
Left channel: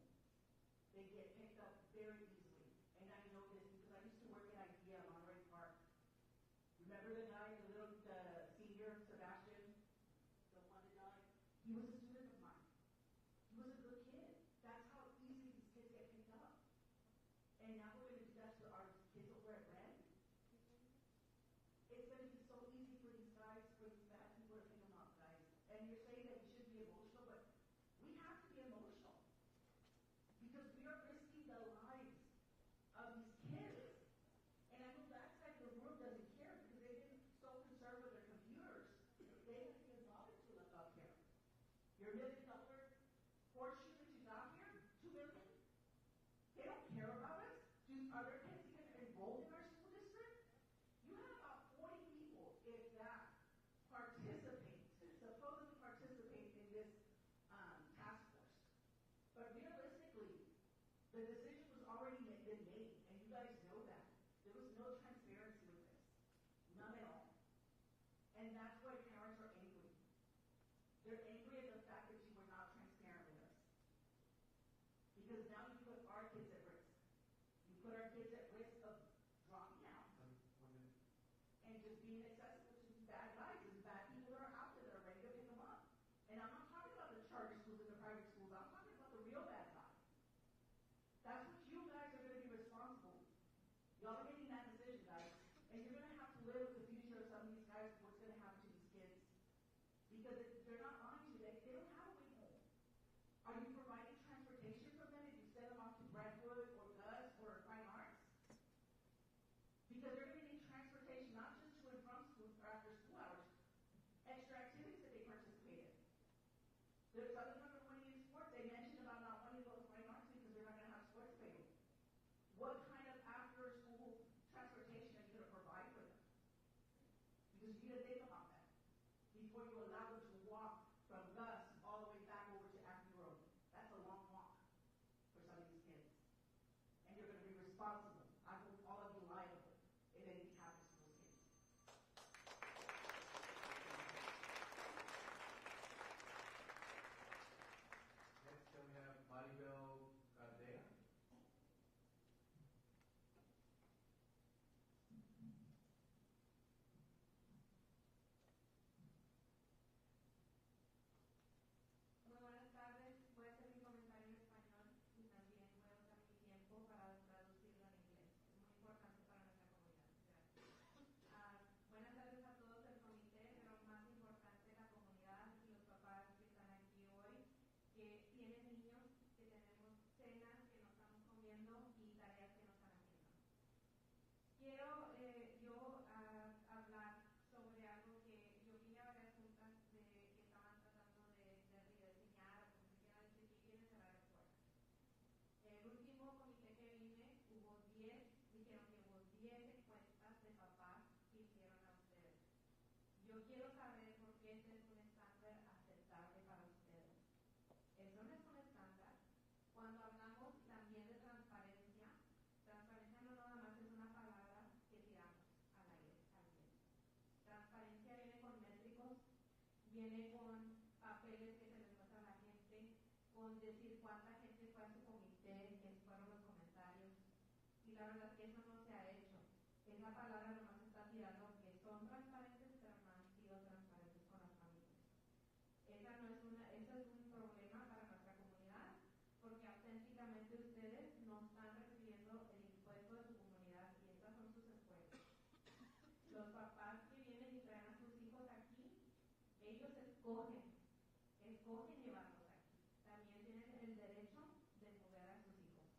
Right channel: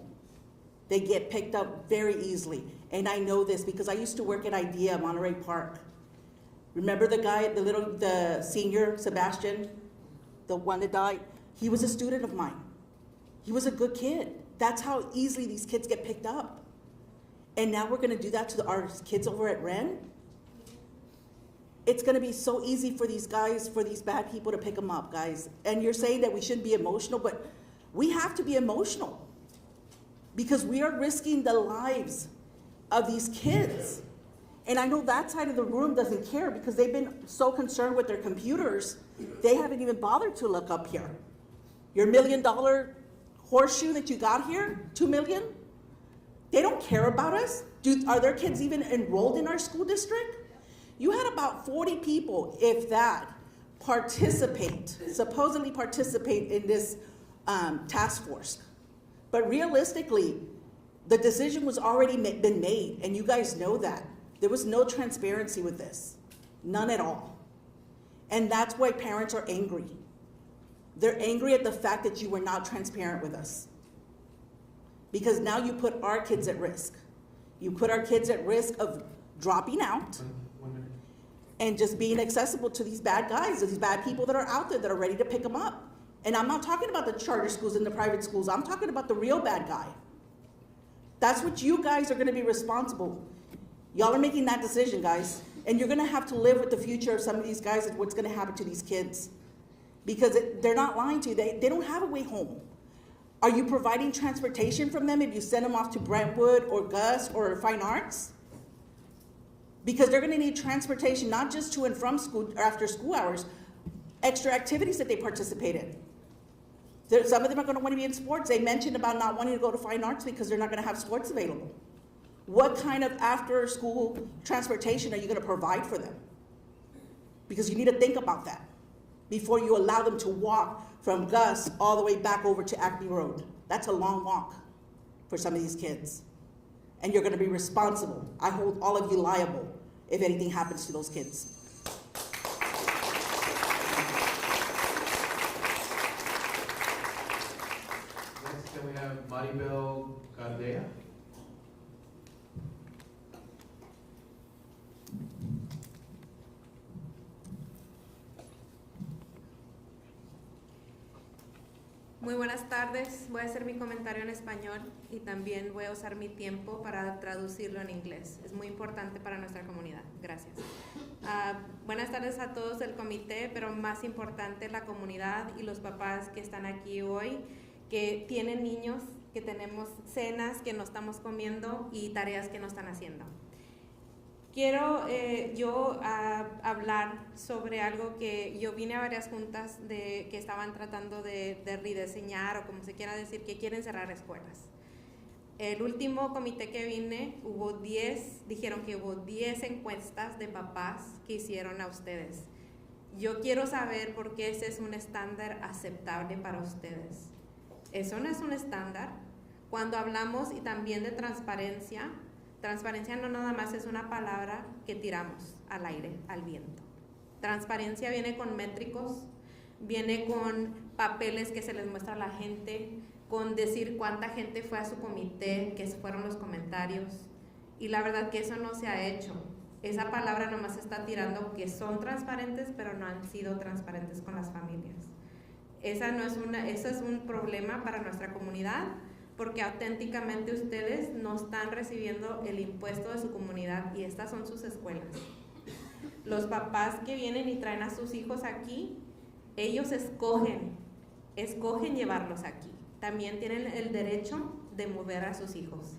They get picked up very easily. And I know this because I used to work at IDEA, Monterey Park. Remember the guy, the senior, Sebastian, the one that died? He was a student of mine. He was a good kid. That's how easily these kids get picked up. And now we're gonna do that to our kids over at Wren? It's gonna be so easy for these guys, for these bad people to pick them up, guys. And you're saying that we shouldn't be emotional, but we have to be emotional because we are risking the lives of these kids. And I know that side of the room doesn't care because they've been so concerned with their computers, they haven't even bothered to look up here. Your $1 million horseshoe that you got here, 2 million? They don't care about us. Are their kids even enrolled in our school district? You had about 40 people, if that, supposedly participate in this task force. But realistically, the decision was already been made, and you guys know that. There was no transparency with this, none at all. And that's why parents are angry. They're angry at the fact that you were not transparent with us. Because now you put our kids at risk. You put our kids at risk of dropping out and just being accessible to these bad guys, these bad people that are out there that are ready to pick them up. And I'm not talking about the charter schools and the private schools. I'm talking about the real bad guy. That's what you guys are gonna be responsible. Y'all are making that decision, guys. And you're gonna have to live with the future of some of these guys and what's gonna happen to these kids. Because they're not lying to you, they don't have a way home. Are you providing transportation from them if you send them off to Brentwood or Gus or Fine Arts? Because they're gonna need transportation, not just to and from school or after school hours, extra activities that they participate in. Some of them are gonna wanna be in sports. They mentioned about not wanting to go to Fine Arts because they're not gonna have sports available. What kind of after-school transportation are you gonna provide for them? Because you need to think about that before you allow them to walk from Gus all the way back over to Acme Road. That's a long walk for some of these kids. And you're gonna be responsible. I hold all of you liable if anything happens to those kids. Next, can we have Maribel Gardea? Muy buenas tardes. Voy a hacer mi comentario en español y también voy a usar mi tiempo para traducirlo en inglés. Es muy importante para nuestra comunidad. Gracias. Buenas tardes a todos del comité, pero más importante la comunidad y los papás que están aquí hoy, que tienen niños, que tenemos cenas que no estamos comiendo y tareas que no están haciendo. Quiero hablar sobre algo que yo vine a varias juntas que estaban tratando de rediseñar o como se quiera decir, que quieren cerrar escuelas. El último comité que vine, dijeron que hubo 10 encuestas de papás que hicieron a ustedes. Yo quiero saber por qué ese es un estándar aceptable para ustedes. Eso no es un estándar. Cuando hablamos y también de transparencia, transparencia no nada más es una palabra que tiramos al aire, al viento. Transparencia viene con métricos, viene con papeles que se les muestra a la gente, con decir cuánta gente fue a su comité, qué fueron los comentarios. Y la verdad que eso no se ha hecho. Esa palabra nomás está tirando que son transparentes, pero no han sido transparentes con las familias. Eso es un problema para nuestra comunidad, porque auténticamente ustedes no están recibiendo el impuesto de su comunidad y estas son sus escuelas. Los papás que vienen y traen a sus hijos aquí, ellos escogen llevarlos aquí. También tienen el derecho de mover a sus hijos.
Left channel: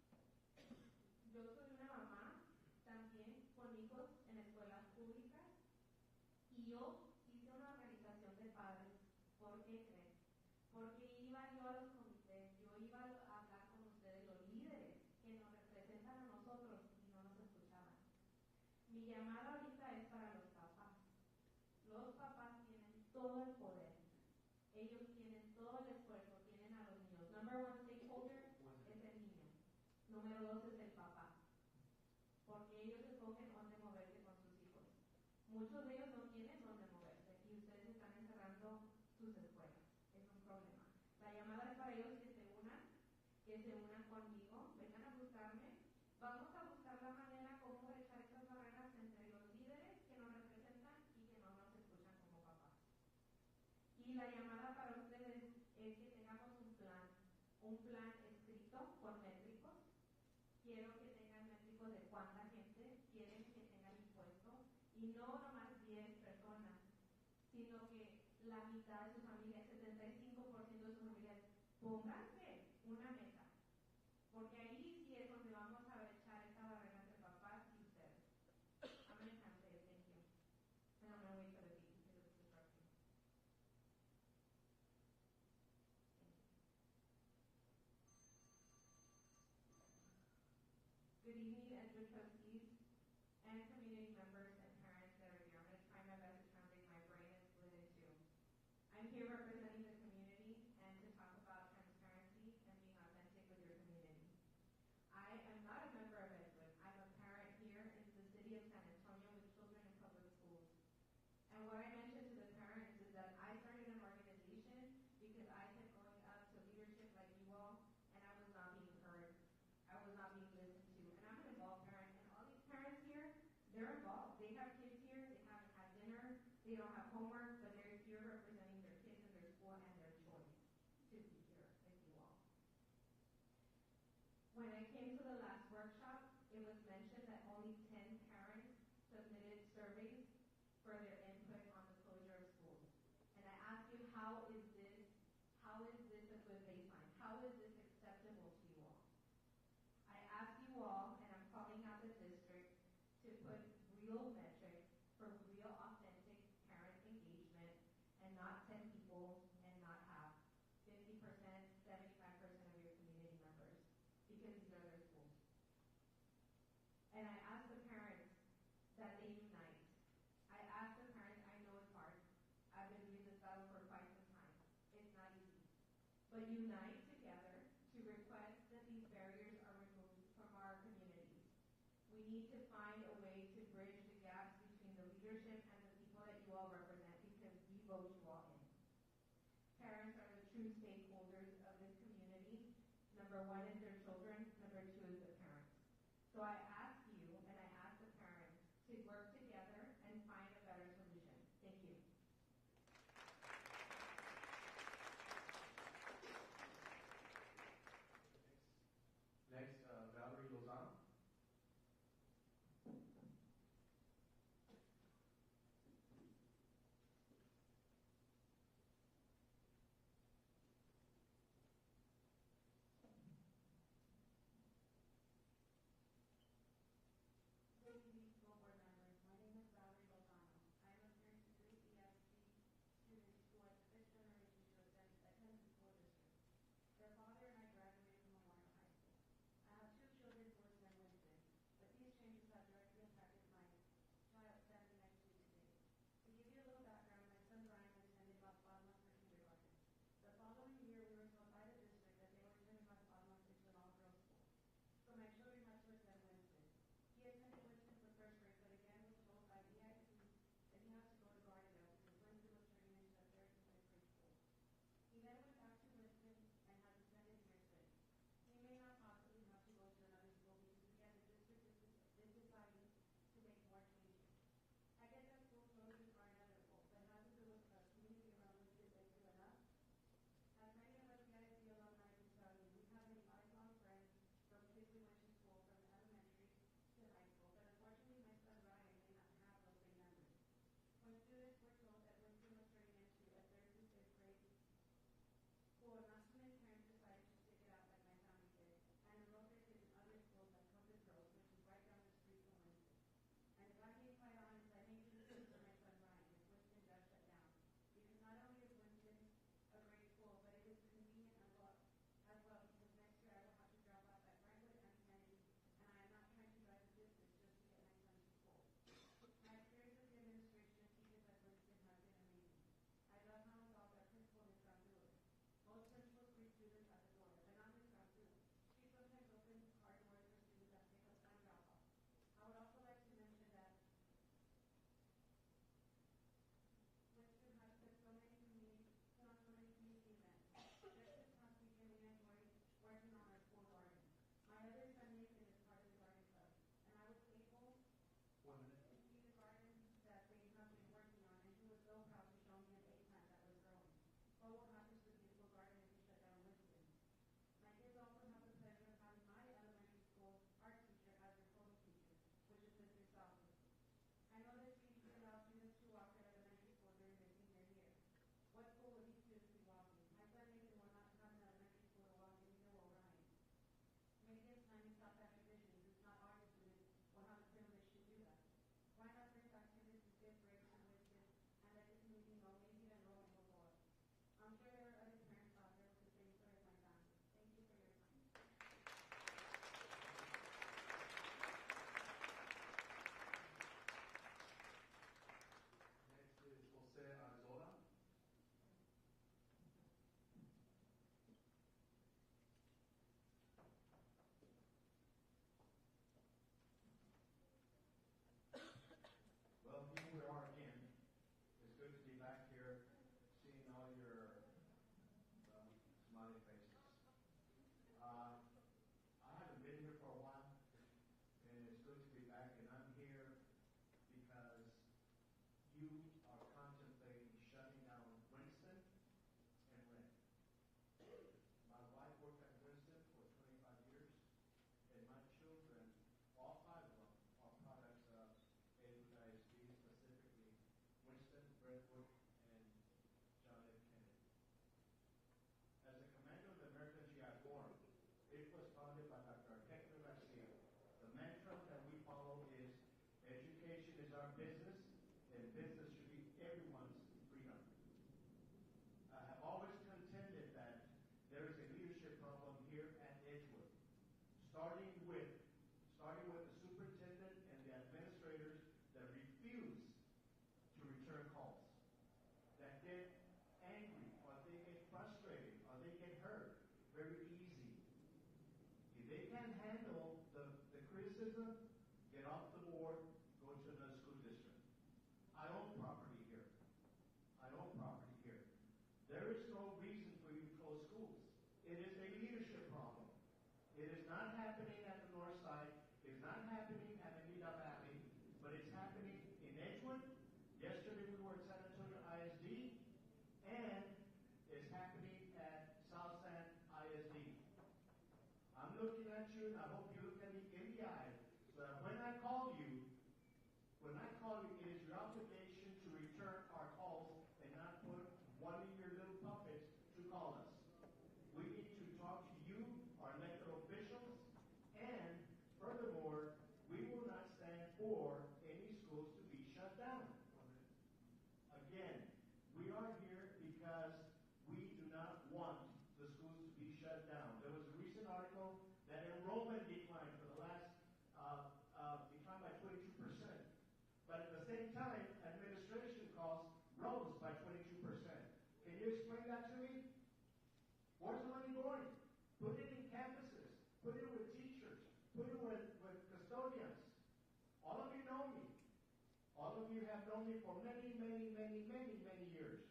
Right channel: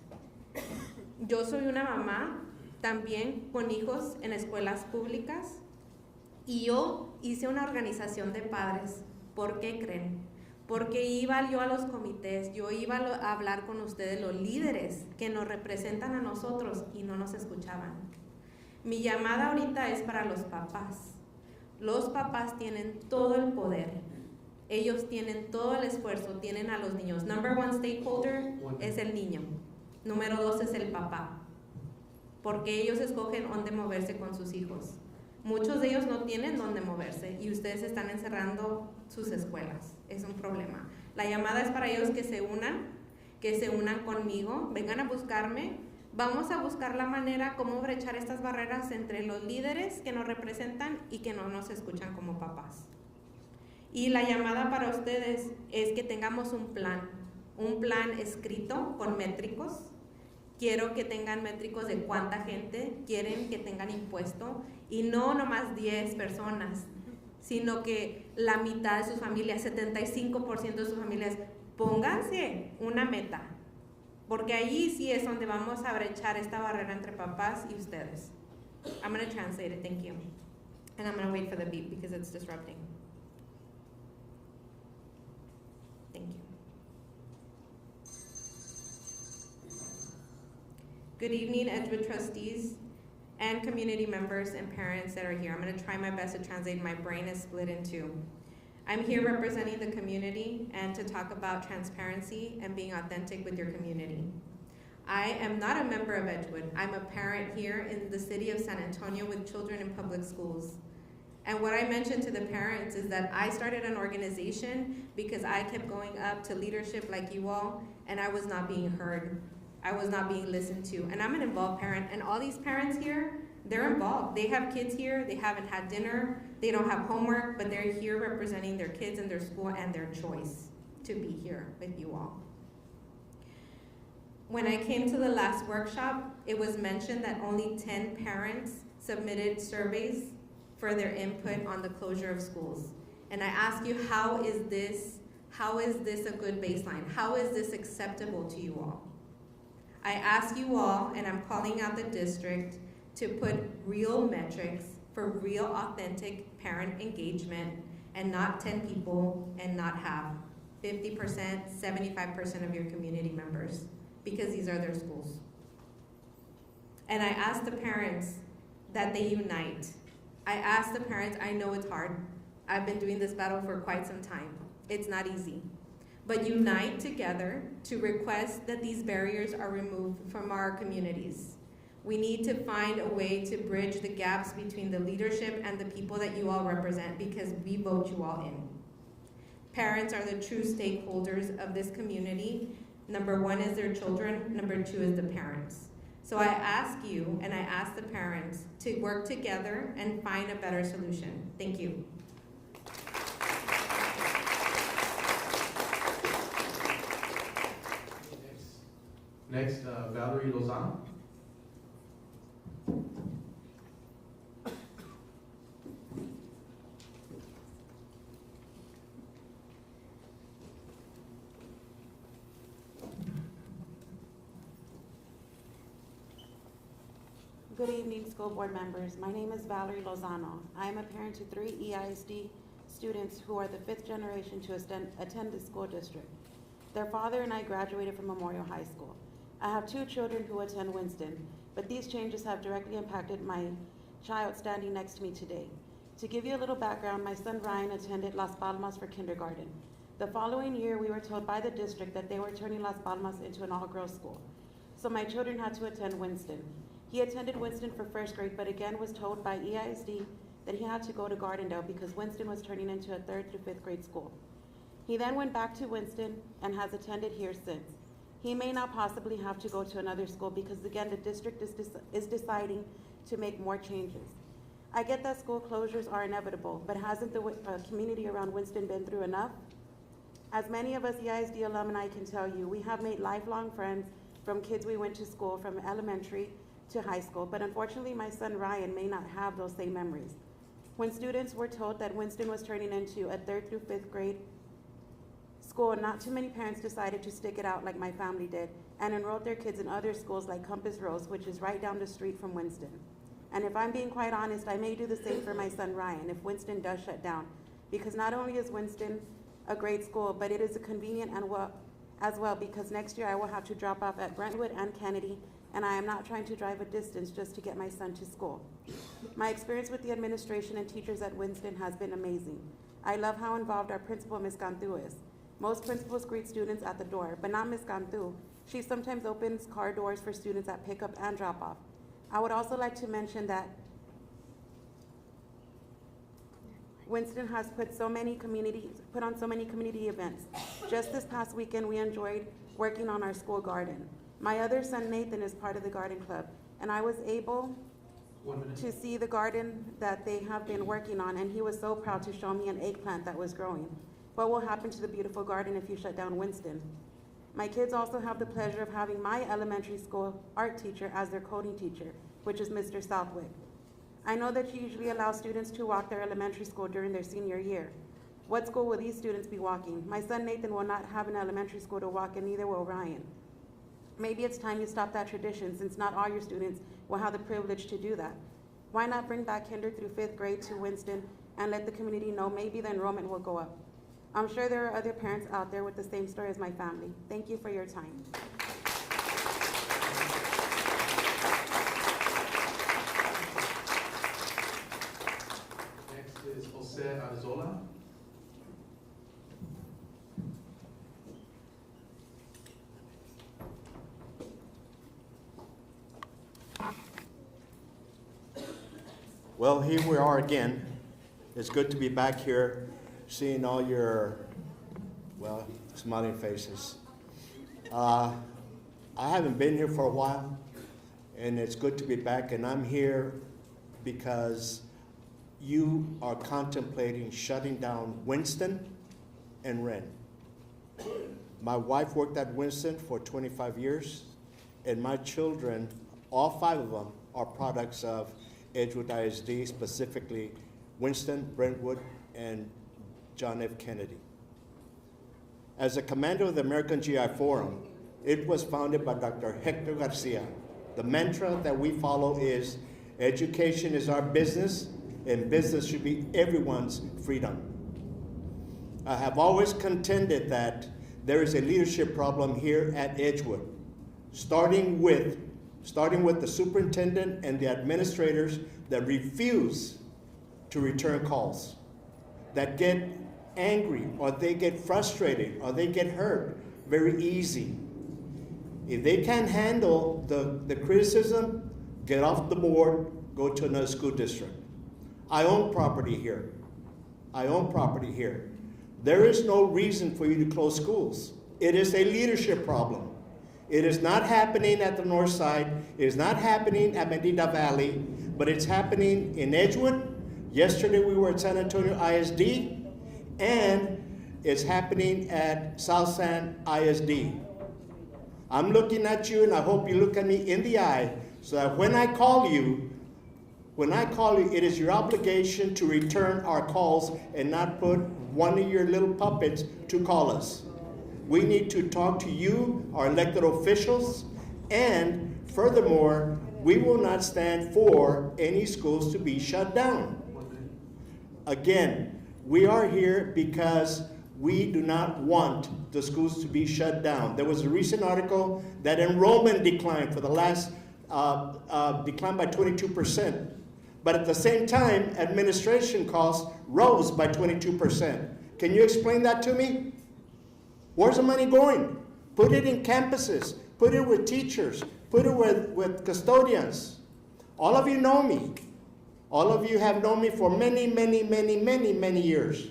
Yo soy una mamá también con hijos en escuelas públicas y yo hice una organización de padres. ¿Por qué creen? Porque iba yo a los comités, yo iba a hablar con ustedes, los líderes que nos representan a nosotros y no nos escuchaban. Mi llamada ahorita es para los papás. Los papás tienen todo el poder. Ellos tienen todo el esfuerzo, tienen a los niños. Number one stakeholder es el niño. Número 2 es el papá. Porque ellos escogen dónde moverse con sus hijos. Muchos de ellos no tienen dónde moverse y ustedes están encerrando sus escuelas. Es un problema. La llamada es para ellos que se unan conmigo, vengan a buscarme. Vamos a buscar la manera cómo brechar estas barreras entre los líderes que nos representan y que no nos escuchan como papás. Y la llamada para ustedes es que tengamos un plan escrito con métricos. Quiero que tengan métricos de cuánta gente quieren que tengan impuesto y no nomás 10 personas, sino que la mitad de sus familias, 75% de sus familias, pónganse una meta, porque ahí sí es donde vamos a brechar esta barrera entre papás y ustedes. I'm going to translate it, thank you. And I'm going to wait for the beep because it's disrupting. Thank you. Good evening, Edgewood trustees and community members and parents that are here. I'm going to try my best to translate. My brain is split in two. I'm here representing the community and to talk about transparency and being authentic with your community. I am not a member of Edgewood. I'm a parent here in the city of San Antonio with children in public schools. And what I mentioned to the parents is that I started an organization because I kept going up to leadership like you all, and I was not being heard. I was not being listened to. And I'm an involved parent, and all these parents here, they're involved. They have kids here, they haven't had dinner, they don't have homework, but they're here representing their kids and their school and their choice to be here with you all. When I came to the last workshop, it was mentioned that only 10 parents submitted surveys for their input on the closure of schools. And I ask you, how is this a good baseline? How is this acceptable to you all? I ask you all, and I'm calling out the district, to put real metrics for real authentic parent engagement and not 10 people and not half, 50%, 75% of your community members, because these are their schools. And I ask the parents that they unite. I ask the parents, I know it's hard. I've been doing this battle for quite some time. It's not easy. But unite together to request that these barriers are removed from our communities. We need to find a way to bridge the gaps between the leadership and the people that you all represent, because we vote you all in. Parents are the true stakeholders of this community. Number one is their children, number two is the parents. So I ask you, and I ask the parents, to work together and find a better solution. Thank you. Next, Valerie Lozano. Good evening, school board members. My name is Valerie Lozano. I am a parent to 3 EISD students who are the 5th generation to attend the school district. Their father and I graduated from Memorial High School. I have 2 children who attend Winston, but these changes have directly impacted my child standing next to me today. To give you a little background, my son Ryan attended Las Palmas for kindergarten. The following year, we were told by the district that they were turning Las Palmas into an all-girls school. So my children had to attend Winston. He attended Winston for 1st grade, but again was told by EISD that he had to go to Gardendale because Winston was turning into a 3rd to 5th grade school. He then went back to Winston and has attended here since. He may not possibly have to go to another school because again, the district is deciding to make more changes. I get that school closures are inevitable, but hasn't the community around Winston been through enough? As many of us EISD alumni can tell you, we have made lifelong friends from kids we went to school from elementary to high school, but unfortunately my son Ryan may not have those same memories. When students were told that Winston was turning into a 3rd through 5th grade school, not too many parents decided to stick it out like my family did and enrolled their kids in other schools like Compass Rose, which is right down the street from Winston. And if I'm being quite honest, I may do the same for my son Ryan if Winston does shut down, because not only is Winston a great school, but it is a convenient and as well, because next year I will have to drop off at Brentwood and Kennedy, and I am not trying to drive a distance just to get my son to school. My experience with the administration and teachers at Winston has been amazing. I love how involved our principal, Ms. Cantu, is. Most principals greet students at the door, but not Ms. Cantu. She sometimes opens car doors for students at pickup and drop off. I would also like to mention that Winston has put on so many community events. Just this past weekend, we enjoyed working on our school garden. My other son, Nathan, is part of the garden club, and I was able to see the garden that they have been working on, and he was so proud to show me an eggplant that was growing. What will happen to the beautiful garden if you shut down Winston? My kids also have the pleasure of having my elementary school art teacher as their coding teacher, which is Mr. Southwick. I know that you usually allow students to walk their elementary school during their senior year. What school will these students be walking? My son Nathan will not have an elementary school to walk, and neither will Ryan. Maybe it's time you stop that tradition, since not all your students will have the privilege to do that. Why not bring back kinder through 5th grade to Winston and let the community know maybe the enrollment will go up? I'm sure there are other parents out there with the same story as my family. Thank you for your time. Next is Jose Arzola. Well, here we are again. It's good to be back here, seeing all your, well, smiling faces. I haven't been here for a while, and it's good to be back, and I'm here because you are contemplating shutting down Winston and Wren. My wife worked at Winston for 25 years. and my children, all 5 of them, are products of Edgewood ISD, specifically Winston, Brentwood, and John F. Kennedy. As a commander of the American GI Forum, it was founded by Dr. Hector Garcia. The mantra that we follow is, education is our business, and business should be everyone's freedom. I have always contended that there is a leadership problem here at Edgewood, starting with the superintendent and the administrators that refuse to return calls, that get angry, or they get frustrated, or they get hurt very easy. If they can't handle the criticism, get off the board, go to another school district. I own property here. I own property here. There is no reason for you to close schools. It is a leadership problem. It is not happening at the north side. It is not happening at Medina Valley, but it's happening in Edgewood. Yesterday we were at San Antonio ISD, and it's happening at South San ISD. I'm looking at you, and I hope you look at me in the eye, so that when I call you, it is your obligation to return our calls and not put one of your little puppets to call us. We need to talk to you, our elected officials, and furthermore, we will not stand for any schools to be shut down. Again, we are here because we do not want the schools to be shut down. There was a recent article that enrollment declined for the last, declined by 22%. But at the same time, administration costs rose by 22%. Can you explain that to me? Where's the money going? Put it in campuses. Put it with teachers. Put it with custodians. All of you know me. All of you have known me for many, many, many, many, many years.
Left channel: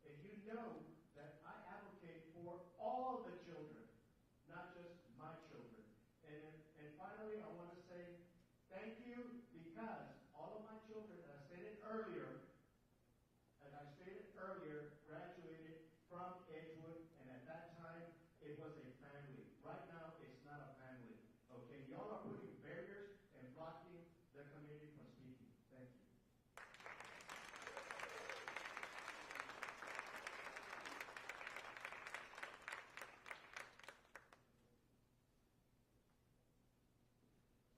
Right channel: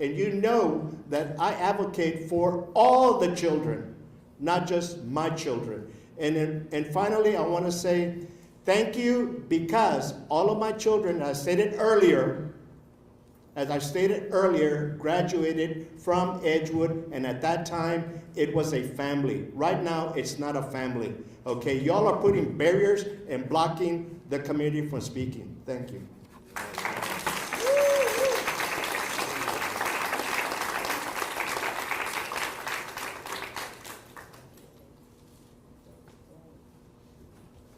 And you know that I advocate for all the children, not just my children. And finally, I want to say thank you, because all of my children, as I stated earlier, graduated from Edgewood, and at that time, it was a family. Right now, it's not a family. Okay, y'all are putting barriers and blocking the community from speaking. Thank you.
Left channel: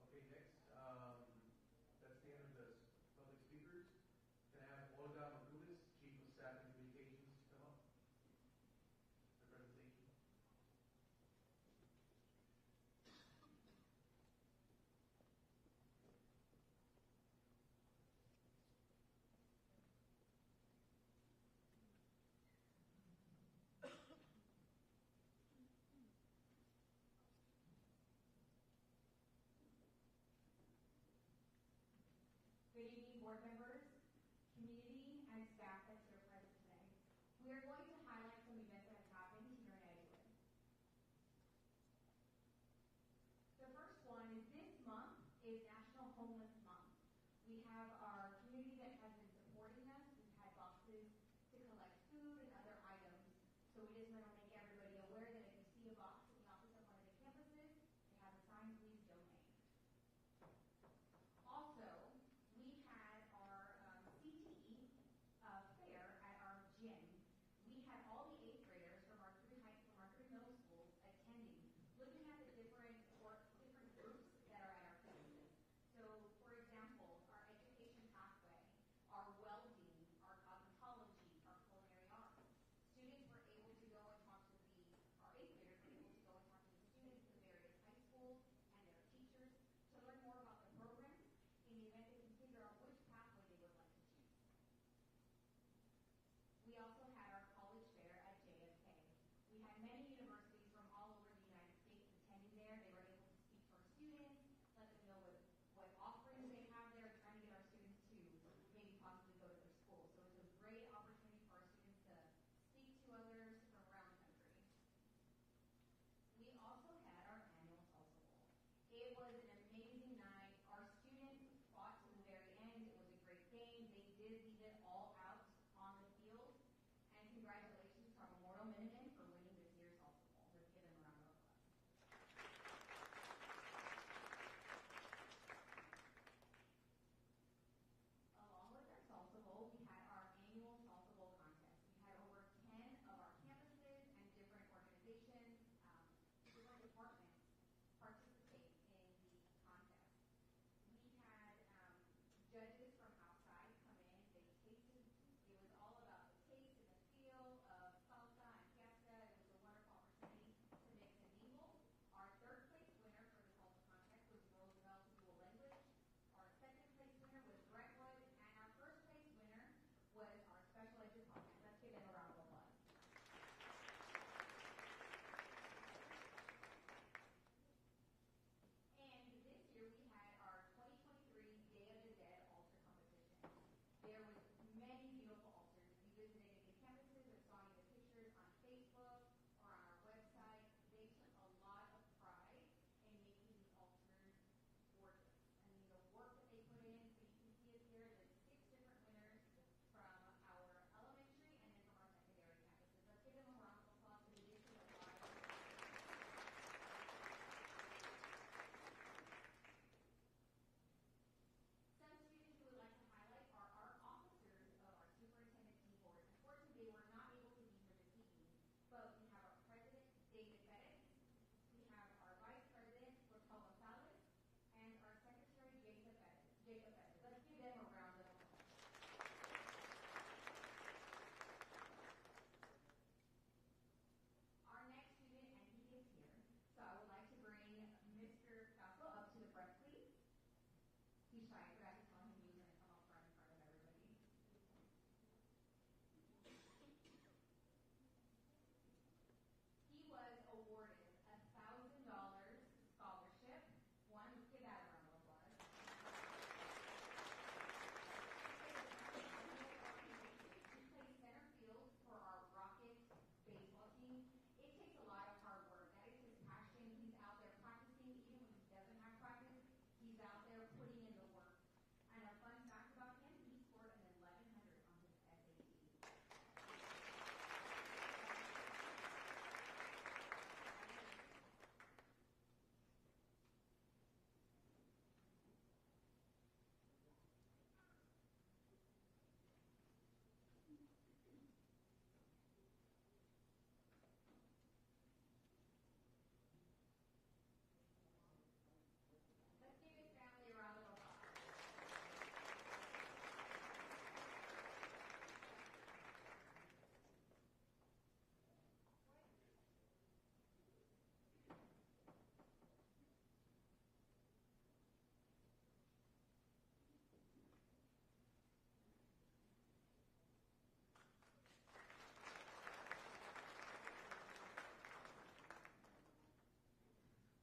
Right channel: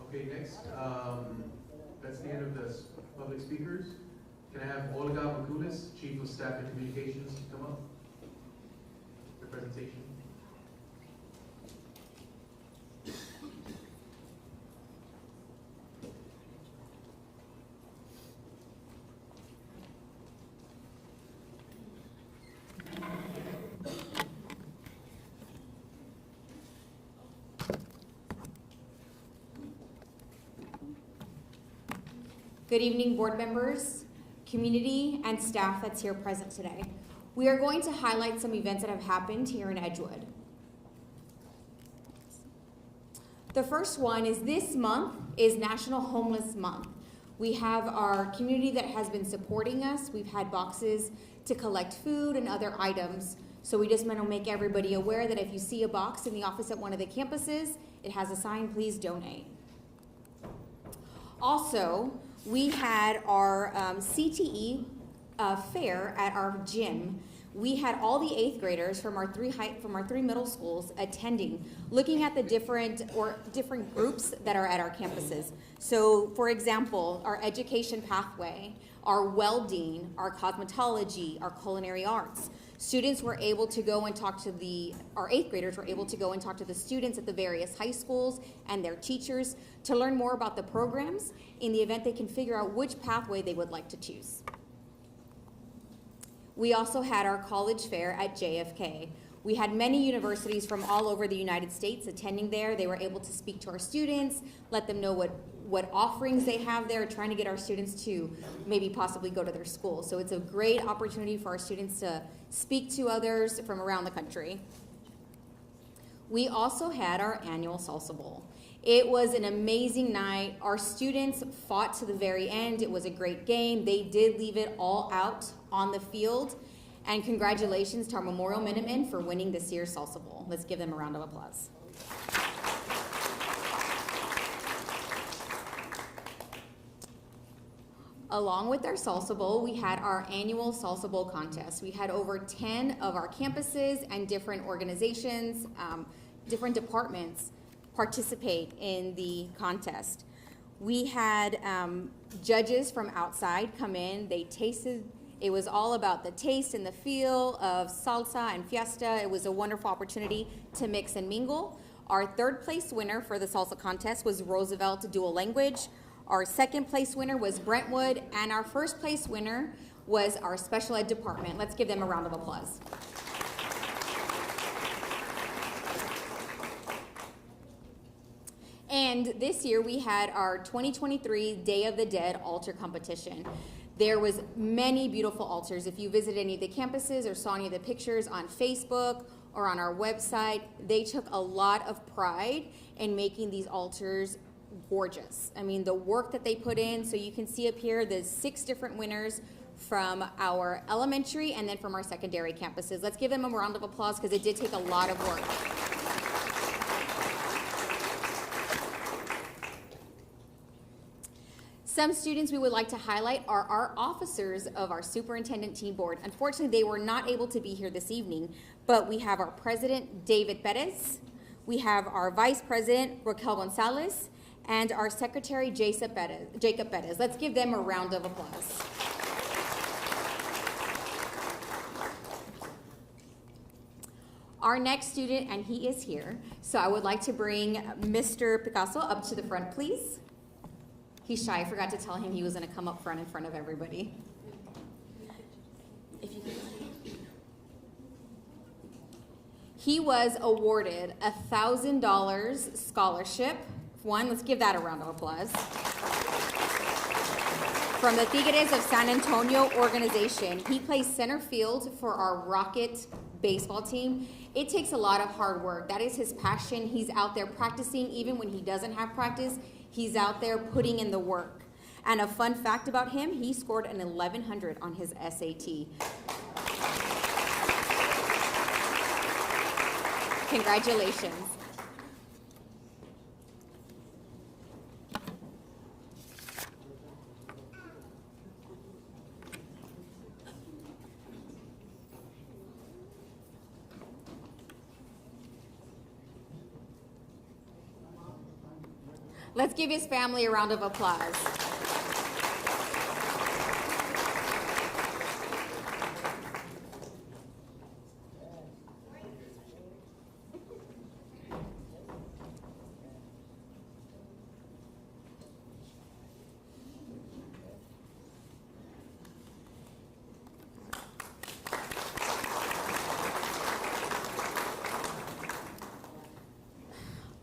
Okay, next, that's the end of the public speakers. Can I have Olga Makulis, Chief of Staff and Communications, come up for presentation? Good evening, board members, community, and staff that's here present today. We are going to highlight some events that have happened here in Edgewood. The first one is this month is National Homeless Month. We have our community that has been supporting us. We've had boxes to collect food and other items. So we just want to make everybody aware that if you see a box in the office at one of the campuses, it has a sign, please donate. Also, we had our CTE fair at our gym. We had all the 8th graders from our three middle schools attending, looking at the different groups that are at our campuses. So, for example, our education pathway, our welding, our cosmetology, our culinary arts. Students were able to go and talk to our 8th graders were able to go and talk to the students at the various high schools and their teachers to learn more about the programs in the event they can figure out which pathway they would like to choose. We also had our college fair at JFK. We had many universities from all over the United States attending there. They were able to speak to our students, let them know what offerings they have there, trying to get our students to maybe possibly go to their school. So it's a great opportunity for our students to speak to others from around the country. We also had our annual Salsa Bowl. It was an amazing night. Our students fought to the very end. It was a great game. They did leave it all out on the field. And congratulations to our Memorial Minutemen for winning this year's Salsa Bowl. Let's give them a round of applause. Along with our Salsa Bowl, we had our annual Salsa Bowl contest. We had over 10 of our campuses and different organizations, different departments participate in the contest. We had judges from outside come in. They tasted. It was all about the taste and the feel of salsa and fiesta. It was a wonderful opportunity to mix and mingle. Our third place winner for the salsa contest was Roosevelt Dual Language. Our second place winner was Brentwood, and our first place winner was our special ed department. Let's give them a round of applause. And this year we had our 2023 Day of the Dead altar competition. There was many beautiful altars. If you visit any of the campuses or saw any of the pictures on Facebook or on our website, they took a lot of pride in making these altars gorgeous. I mean, the work that they put in, so you can see up here the 6 different winners from our elementary and then from our secondary campuses. Let's give them a round of applause because it did take a lot of work. Some students we would like to highlight are our officers of our superintendent team board. Unfortunately, they were not able to be here this evening, but we have our president, David Perez. We have our vice president, Raquel Gonzalez, and our secretary, Jacob Perez. Let's give them a round of applause. Our next student, and he is here, so I would like to bring Mr. Picasso up to the front, please. He's shy. I forgot to tell him he was going to come up front in front of everybody. He was awarded a $1,000 scholarship. Let's give that a round of applause. From the Tigres of San Antonio organization. He plays center field for our Rocket baseball team. It takes a lot of hard work. That is his passion. He's out there practicing even when he doesn't have practice. He's out there putting in the work. And a fun fact about him, he scored an 1100 on his SAT. Congratulations. Let's give his family a round of applause.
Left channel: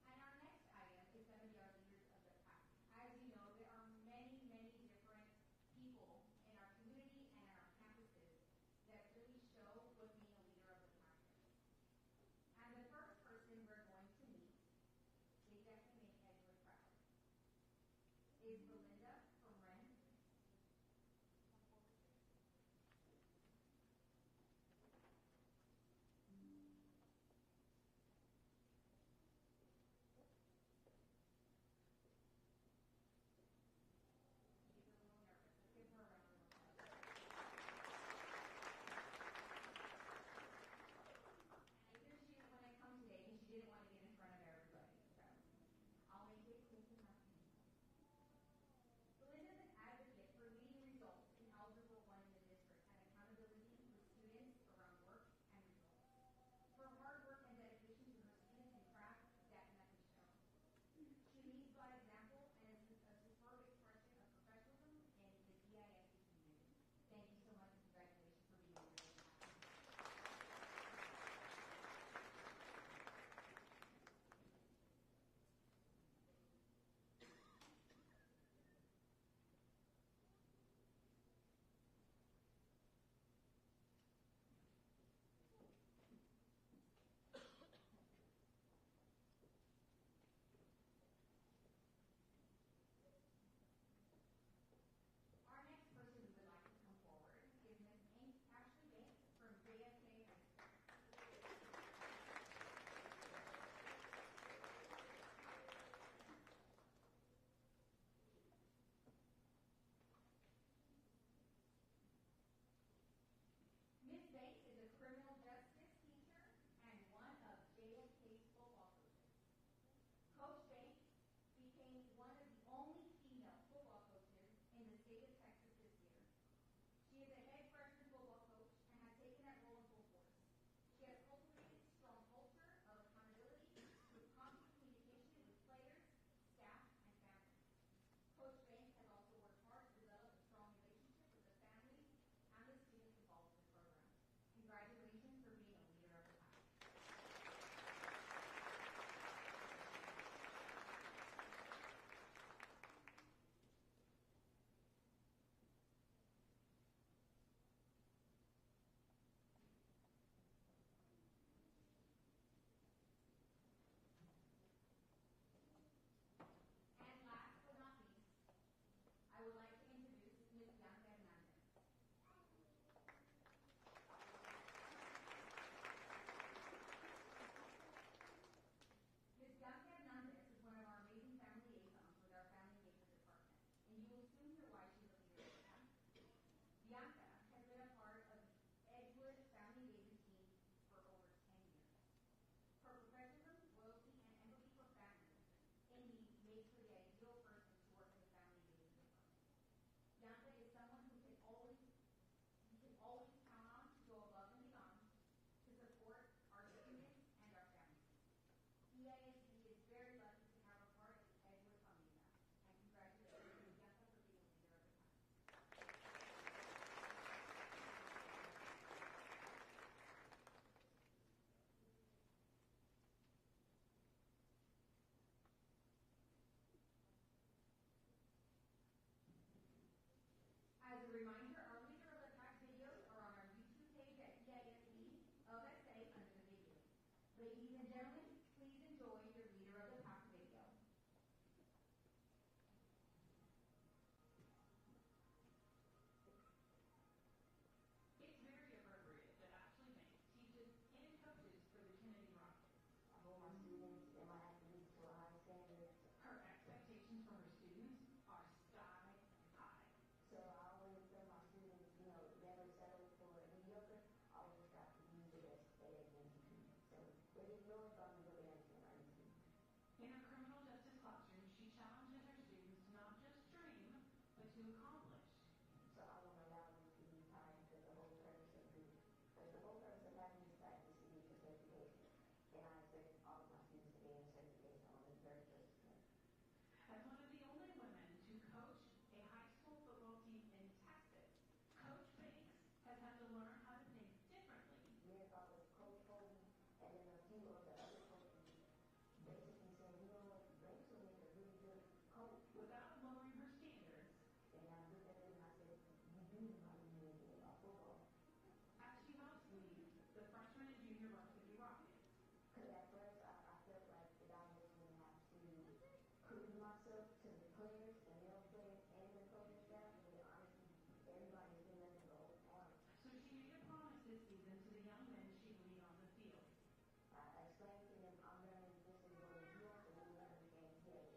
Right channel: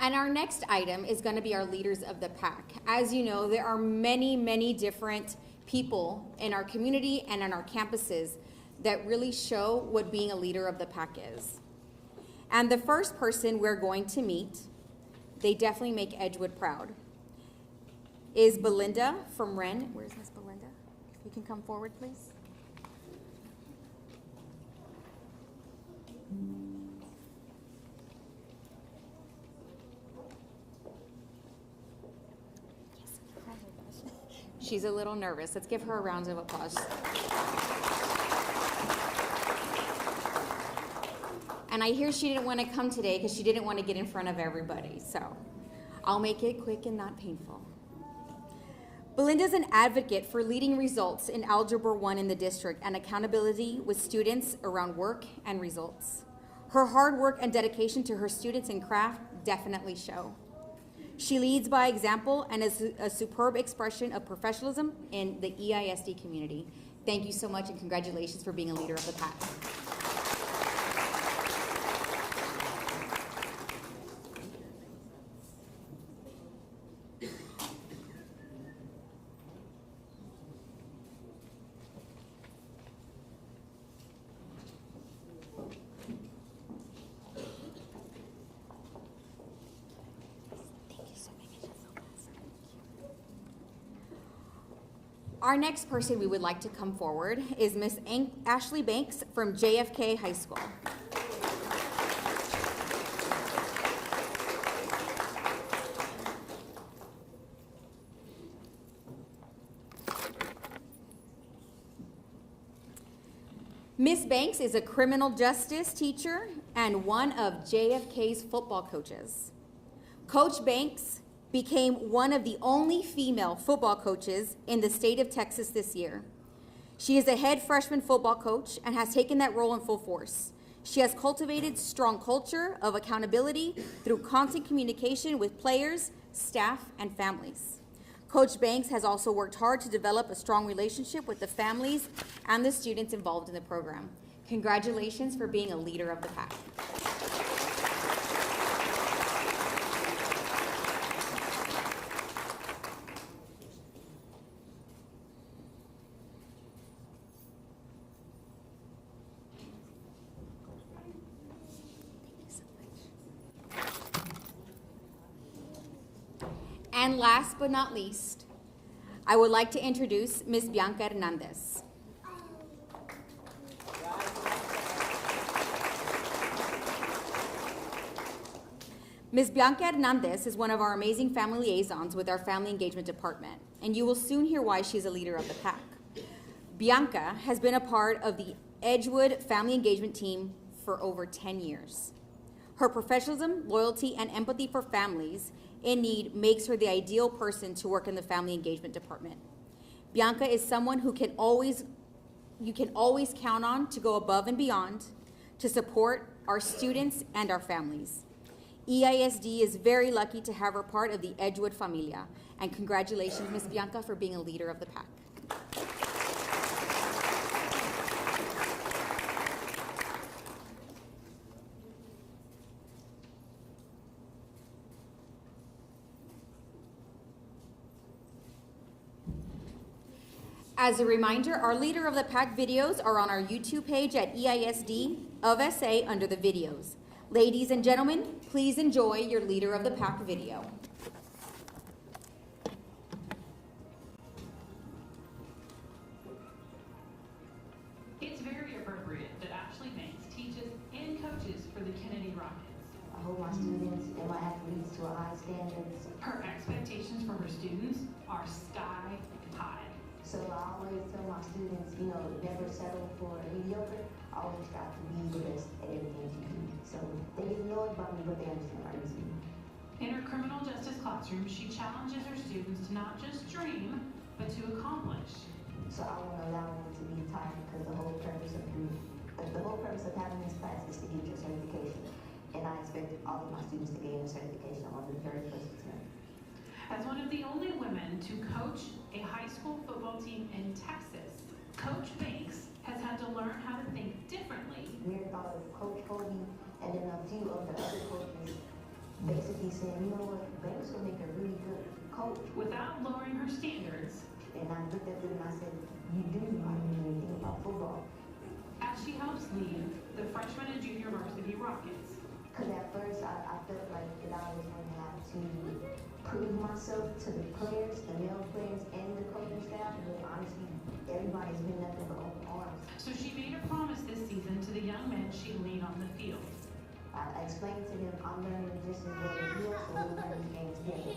And our next item is going to be our leaders of the pack. As you know, there are many, many different people in our community and on our campuses that really show what being a leader of the pack is. And the first person we're going to meet, they definitely make Edgewood proud, is Belinda from Wren. Where's Miss Belinda? You can come forward, please. She's a little nervous. Let's give her a round of applause. And I hear she didn't want to come today because she didn't want to get in front of everybody. So I'll make it quick and not painful. Belinda's an advocate for leading results in Algebra 1 in the district and accountability with students around work and results. Her hard work and dedication to her students and craft definitely show. She leads by example and is a superb expression of professionalism in the EISD community. Thank you so much and congratulations for being a leader of the pack. Our next person we would like to come forward is Miss Ashley Banks from JFK High School. Miss Banks is a criminal justice teacher and one of JFK's football coaches. Coach Banks became one of the only female football coaches in the state of Texas this year. She is a head freshman football coach and has taken that role in full force. She has cultivated strong culture of accountability through constant communication with players, staff, and families. Coach Banks has also worked hard to develop a strong relationship with the families and the students involved in the program. Congratulations for being a leader of the pack. And last but not least, I would like to introduce Ms. Bianca Hernandez. Ms. Bianca Hernandez is one of our amazing family liaisons with our Family Engagement Department, and you will soon hear why she's a leader of the pack. Bianca has been a part of the Edgewood Family Engagement Team for over 10 years. Her professionalism, loyalty, and empathy for families in need makes her the ideal person to work in the Family Engagement Department. Bianca is someone who you can always count on to go above and beyond to support our students and our families. EISD is very lucky to have her part of the Edgewood Familia, and congratulations, Ms. Bianca, for being a leader of the pack. As a reminder, our Leader of the Pack videos are on our YouTube page at EISD of SA under the videos. Ladies and gentlemen, please enjoy your Leader of the Pack video. It's very appropriate that Ashley Banks teaches and coaches for the Kennedy Rockets. I hold my students and my athletes to a high standards. Her expectations for her students are sky high. So I always tell my students, never settle for mediocre. I always strive to be the best at everything you do. So they get annoyed by me, but they understand my reason. In her criminal justice classroom, she challenges her students to not just dream, but to accomplish. So I want to allow them to be tired because the whole purpose of having this class is to get your certification. And I expect all of my students to gain a certification on the very first attempt. As one of the only women to coach a high school football team in Texas, Coach Banks has had to learn how to think differently. We thought of Coach Cody and then a few of the other coaches basically saying, you know what, Banks will make a really good coach. Without lowering her standards. And I looked at them and I said, you do know anything about football. As she helps lead the freshman and junior varsity Rockets. Because at first I felt like that I was going to have to prove myself to the players, the male players, and the coaching staff. But honestly, everybody's been nothing but open arms. So she made a promise this season to the young men she'd lead on the field. I explained to them I'm learning just as well as you, so we'll learn these games together.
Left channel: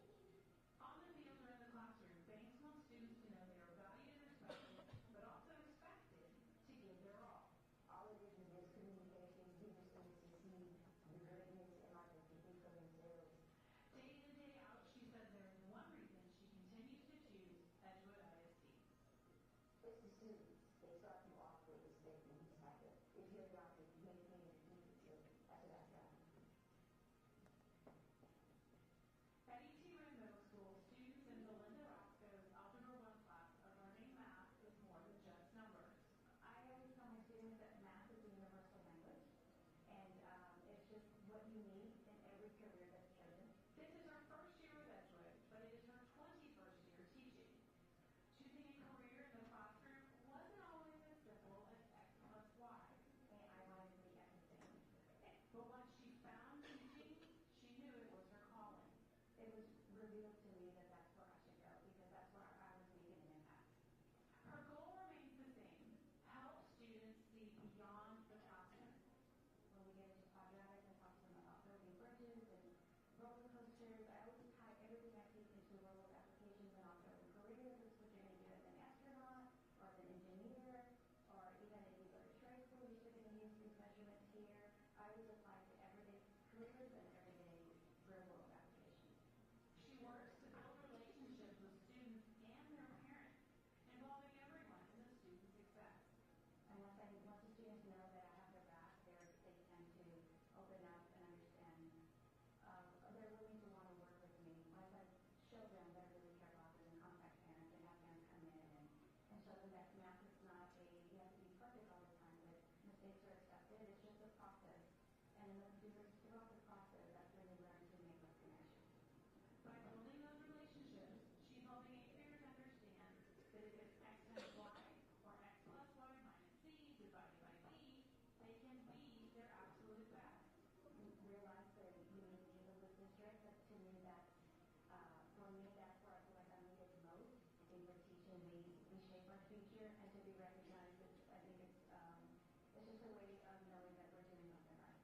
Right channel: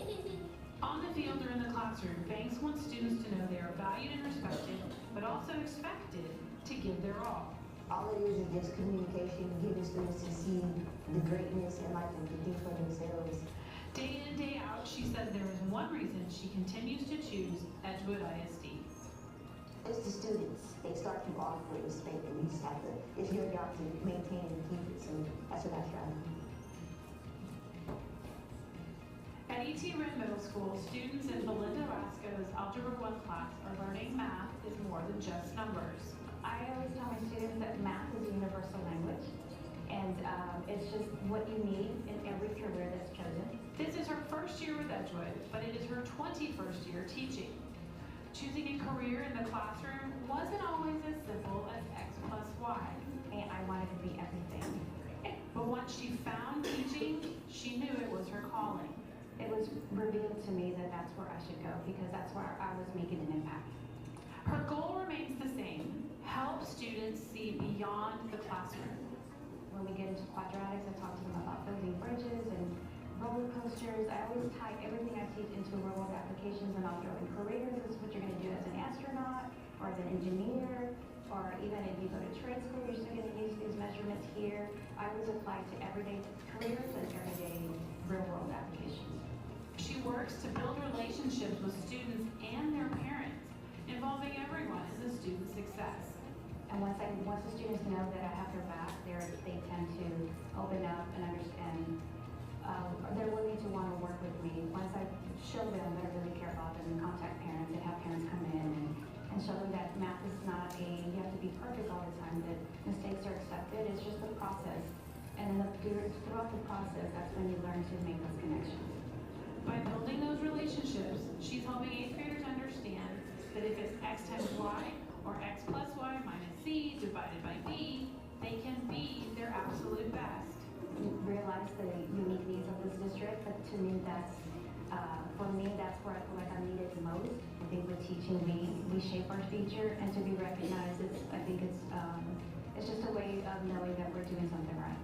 On the field or in the classroom, Banks wants students to know they are valued and respected, but also expected to give their all. All it is just communication, giving students to see the greatness and like them to think for themselves. Day in and day out, she says there is one reason she continues to choose Edgewood ISD. It's the students. They start you off with respect, and you just have to, it's your job to maintain and keep it, so that's what I try to do. At E.T. Wren Middle School, students in Belinda Rasco's Algebra 1 class are learning math is more than just numbers. I always tell my students that math is a universal language, and it's just what you need in every career that's chosen. This is her first year with Edgewood, but it is her 21st year teaching. Choosing a career in the classroom wasn't always as simple as X plus Y. And I wanted to be everything. But once she found teaching, she knew it was her calling. It was revealed to me that that's where I should go because that's where I was making an impact. Her goal remains the same: help students see beyond the classroom. When we get into quadratics, I talk to them about building bridges and roller coasters. I always tie everything I teach into real world applications, and I'll throw in careers. This is what you're going to do as an astronaut or as an engineer, or even if you go to trade school, build relationships with students and their parents, involving everyone in the student's success. And once the students know that I have their back, they tend to open up and understand. They're willing to want to work with me. Once I show them that I really care about them and contact parents and have parents come in and show them that math is not you have to be perfect all the time, that mistakes are accepted. It's just a process. And then throughout the process, that's when you learn to make those connections. By building those relationships, she's helping 8th graders understand that if it's x times y or x plus y minus c divided by b, they can be their absolute best. Realize the unique needs of this district, but to me that's where I feel like I'm needed the most. I think with teaching we shape our future, and to be recognized, it's just a way of knowing that we're doing something right.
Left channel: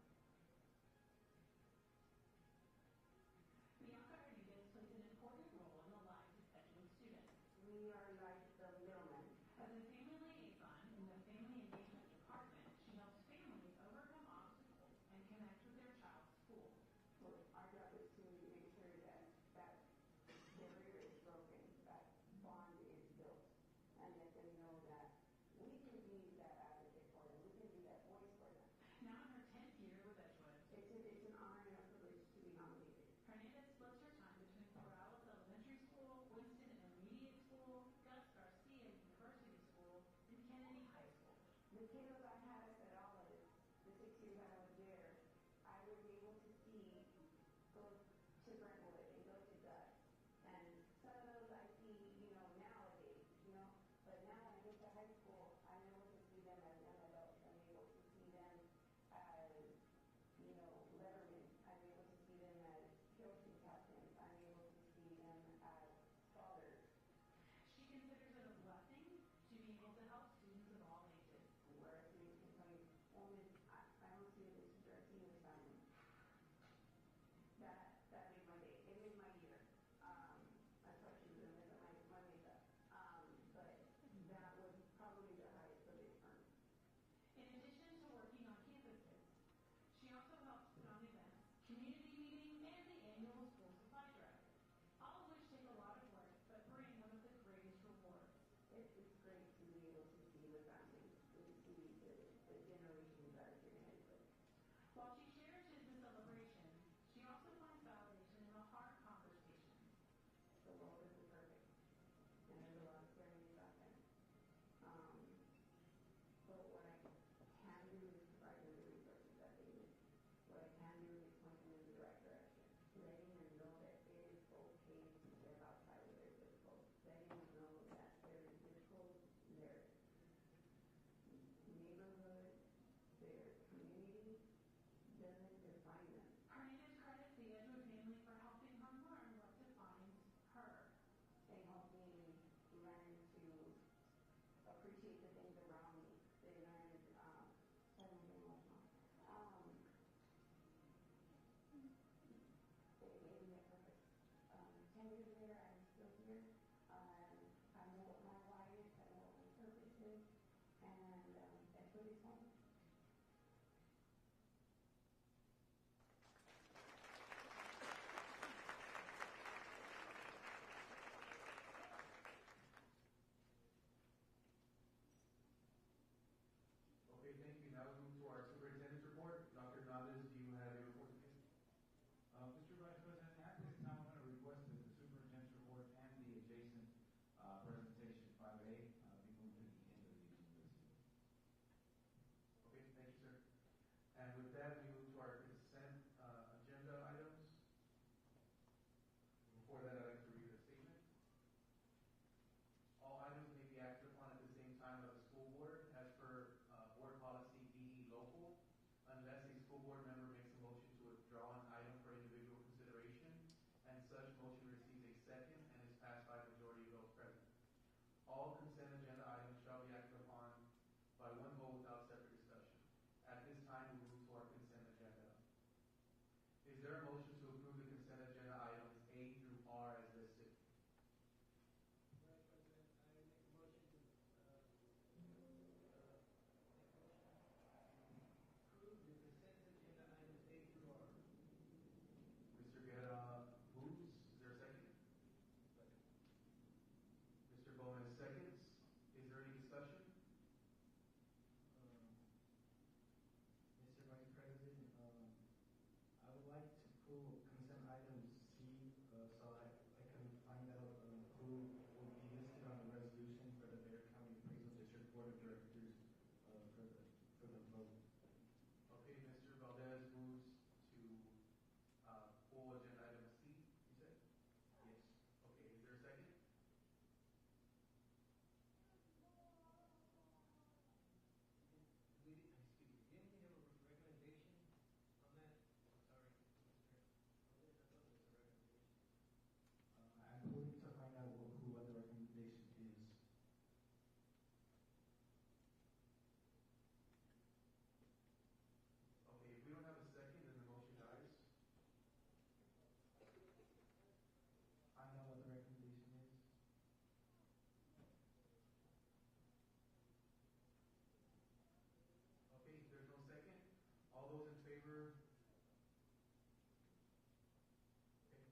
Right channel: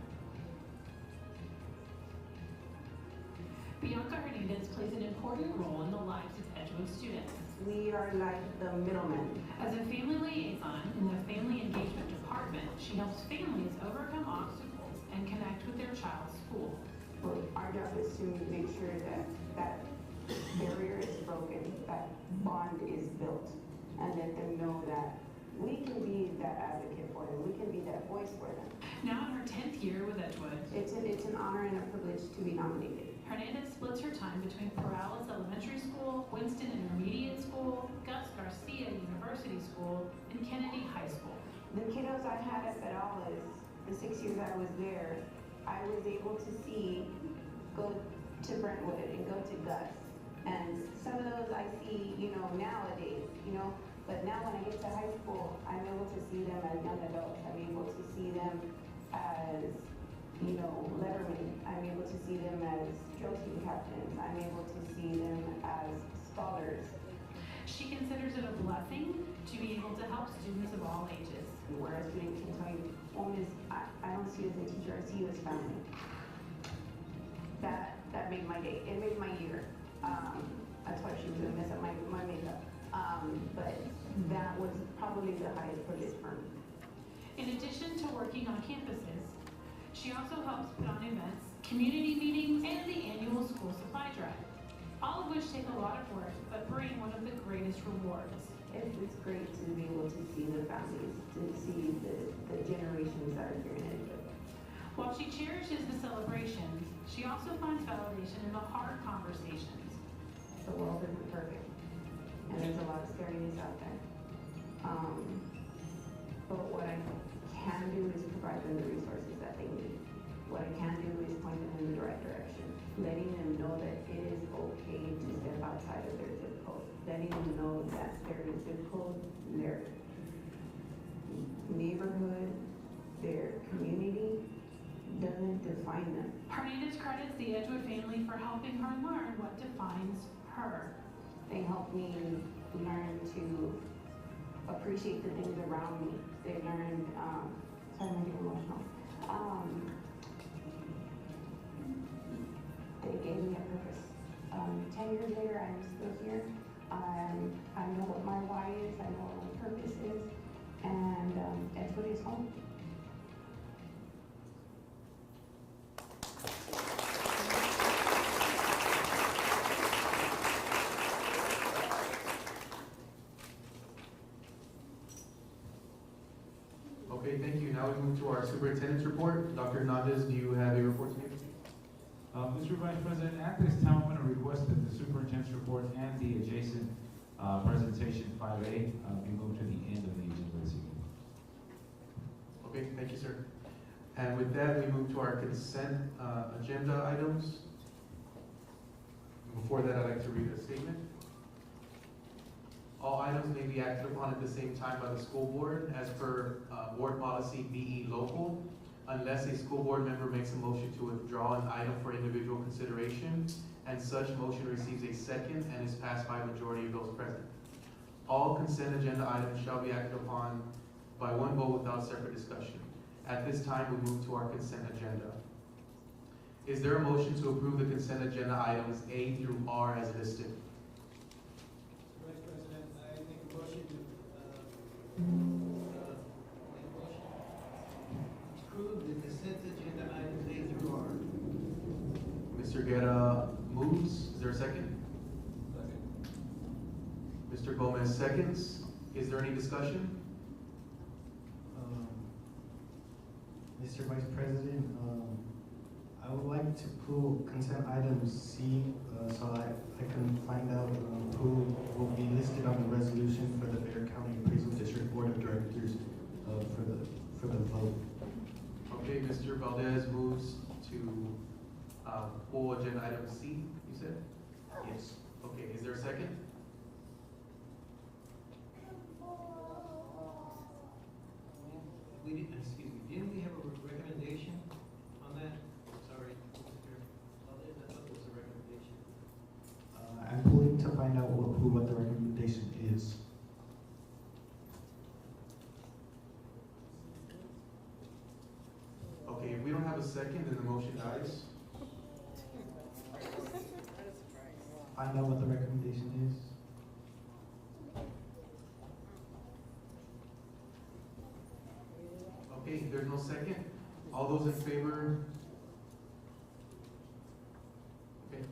Bianca Hernandez plays an important role in the lives of Edgewood students. We are like the middlemen. As a family liaison in the Family Engagement Department, she helps families overcome obstacles and connect with their child's school. Well, our job is to make sure that that barrier is broken, that bond is built, and let them know that we can be that advocate for them, we can be that voice for them. Now in her 10th year with Edgewood, It's an honor and a privilege to be nominated. Hernandez splits her time between Perales Elementary School, Winston Intermediate School, Gus Garcia University School, and Kennedy High School. The kiddos I had at Perales, the 6 years I was there, I was able to go to Brentwood and go to Gus. And some of those I see, nowadays, but now when I get to high school, I'm able to see them as young adults. I'm able to see them as, lettermen. I'm able to see them as drill team captains. I'm able to see them as scholars. She considers it a blessing to be able to help students of all ages. Where a student can tell you, I don't see you as a teacher, I see you as family. That made my day. It made my year. That's why she was gonna mess up my makeup. But that was probably the highest privilege for me. In addition to working on campuses, she also helps put on events, community meetings, and the annual school supply drive, all of which take a lot of work, but bring one of the greatest rewards. It's great to be able to see the families, to see the generations that are here in Edgewood. While she cherishes the celebrations, she also finds validation in the hard conversations. The world isn't perfect, and there's a lot of scariness out there. But what I can do is provide them the resources that they need. What I can do is point them in the right direction, letting them know that it is okay to step outside of their zip code, letting them know that their zip code, their neighborhood, their community doesn't define them. Hernandez credits the Edgewood family for helping her learn what defines her. They helped me learn to appreciate the things around me. They learned, sorry, I'm getting emotional. They gave me a purpose. 10 years later, I'm still here. I know what my why is, I know what my purpose is, and Edgewood is home. Okay, thank you. Now we move to our superintendent's report. Dr. Hernandez, do you have a report to make? Mr. Vice President, at this time, I'm going to request that the superintendent's report and the adjacent presentation 5A be moved to the end of the agenda this evening. Okay, thank you, sir. And with that, we move to our consent agenda items. Before that, I'd like to read a statement. All items may be acted upon at the same time by the school board as per board policy BE local, unless a school board member makes a motion to withdraw an item for individual consideration, and such motion receives a second and is passed by a majority of those present. All consent agenda items shall be acted upon by one vote without separate discussion. At this time, we move to our consent agenda. Is there a motion to approve the consent agenda items A through R as listed? Vice President, I make a motion to approve the consent agenda items A through R. Mr. Guerra moves. Is there a second? Mr. Gomez seconds. Is there any discussion? Mr. Vice President, I would like to pull consent item C so I can find out who will be listed on the resolution for the Bexar County Appraisal District Board of Directors for the vote. Okay, Mr. Valdez moves to pull agenda item C, you said? Yes. Okay, is there a second? Didn't we have a recommendation on that? Sorry, Mr. Valdez, I thought there was a recommendation. I'm pulling to find out what the recommendation is. Okay, if we don't have a second, then the motion dies. Find out what the recommendation is. Okay, if there's no second, all those in favor? Okay.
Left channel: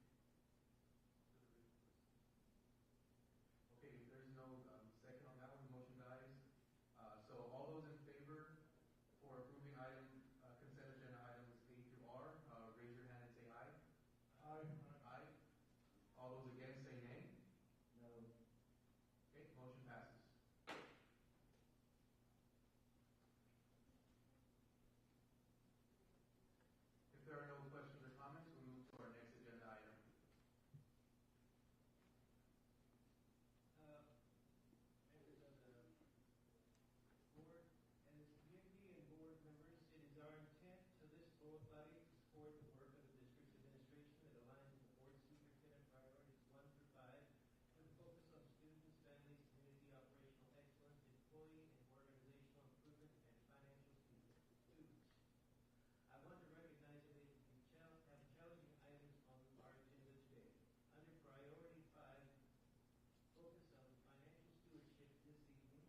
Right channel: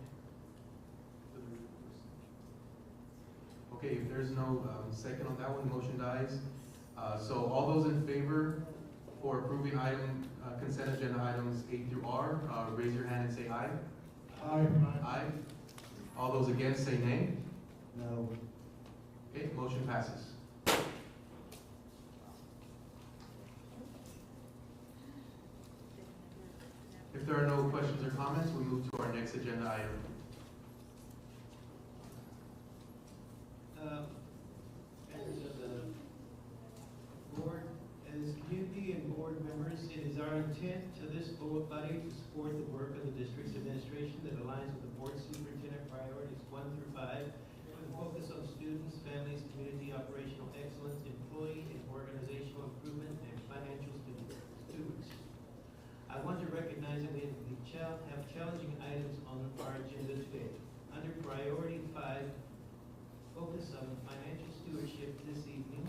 Okay, if there's no second on that one, the motion dies. So all those in favor for approving consent agenda items A through R, raise your hand and say aye. Aye. Aye. All those against say nay. No. Okay, motion passes. If there are no questions or comments, we move to our next agenda item. Members of the board, as community and board members, it is our intent to this body to support the work of the district's administration that aligns with the board superintendent priorities 1 through 5, with a focus on students, families, community operational excellence, employee and organizational improvement, and financial stewards. I want to recognize that we have challenging items on our agenda today. Under priority 5, focus on financial stewardship this evening,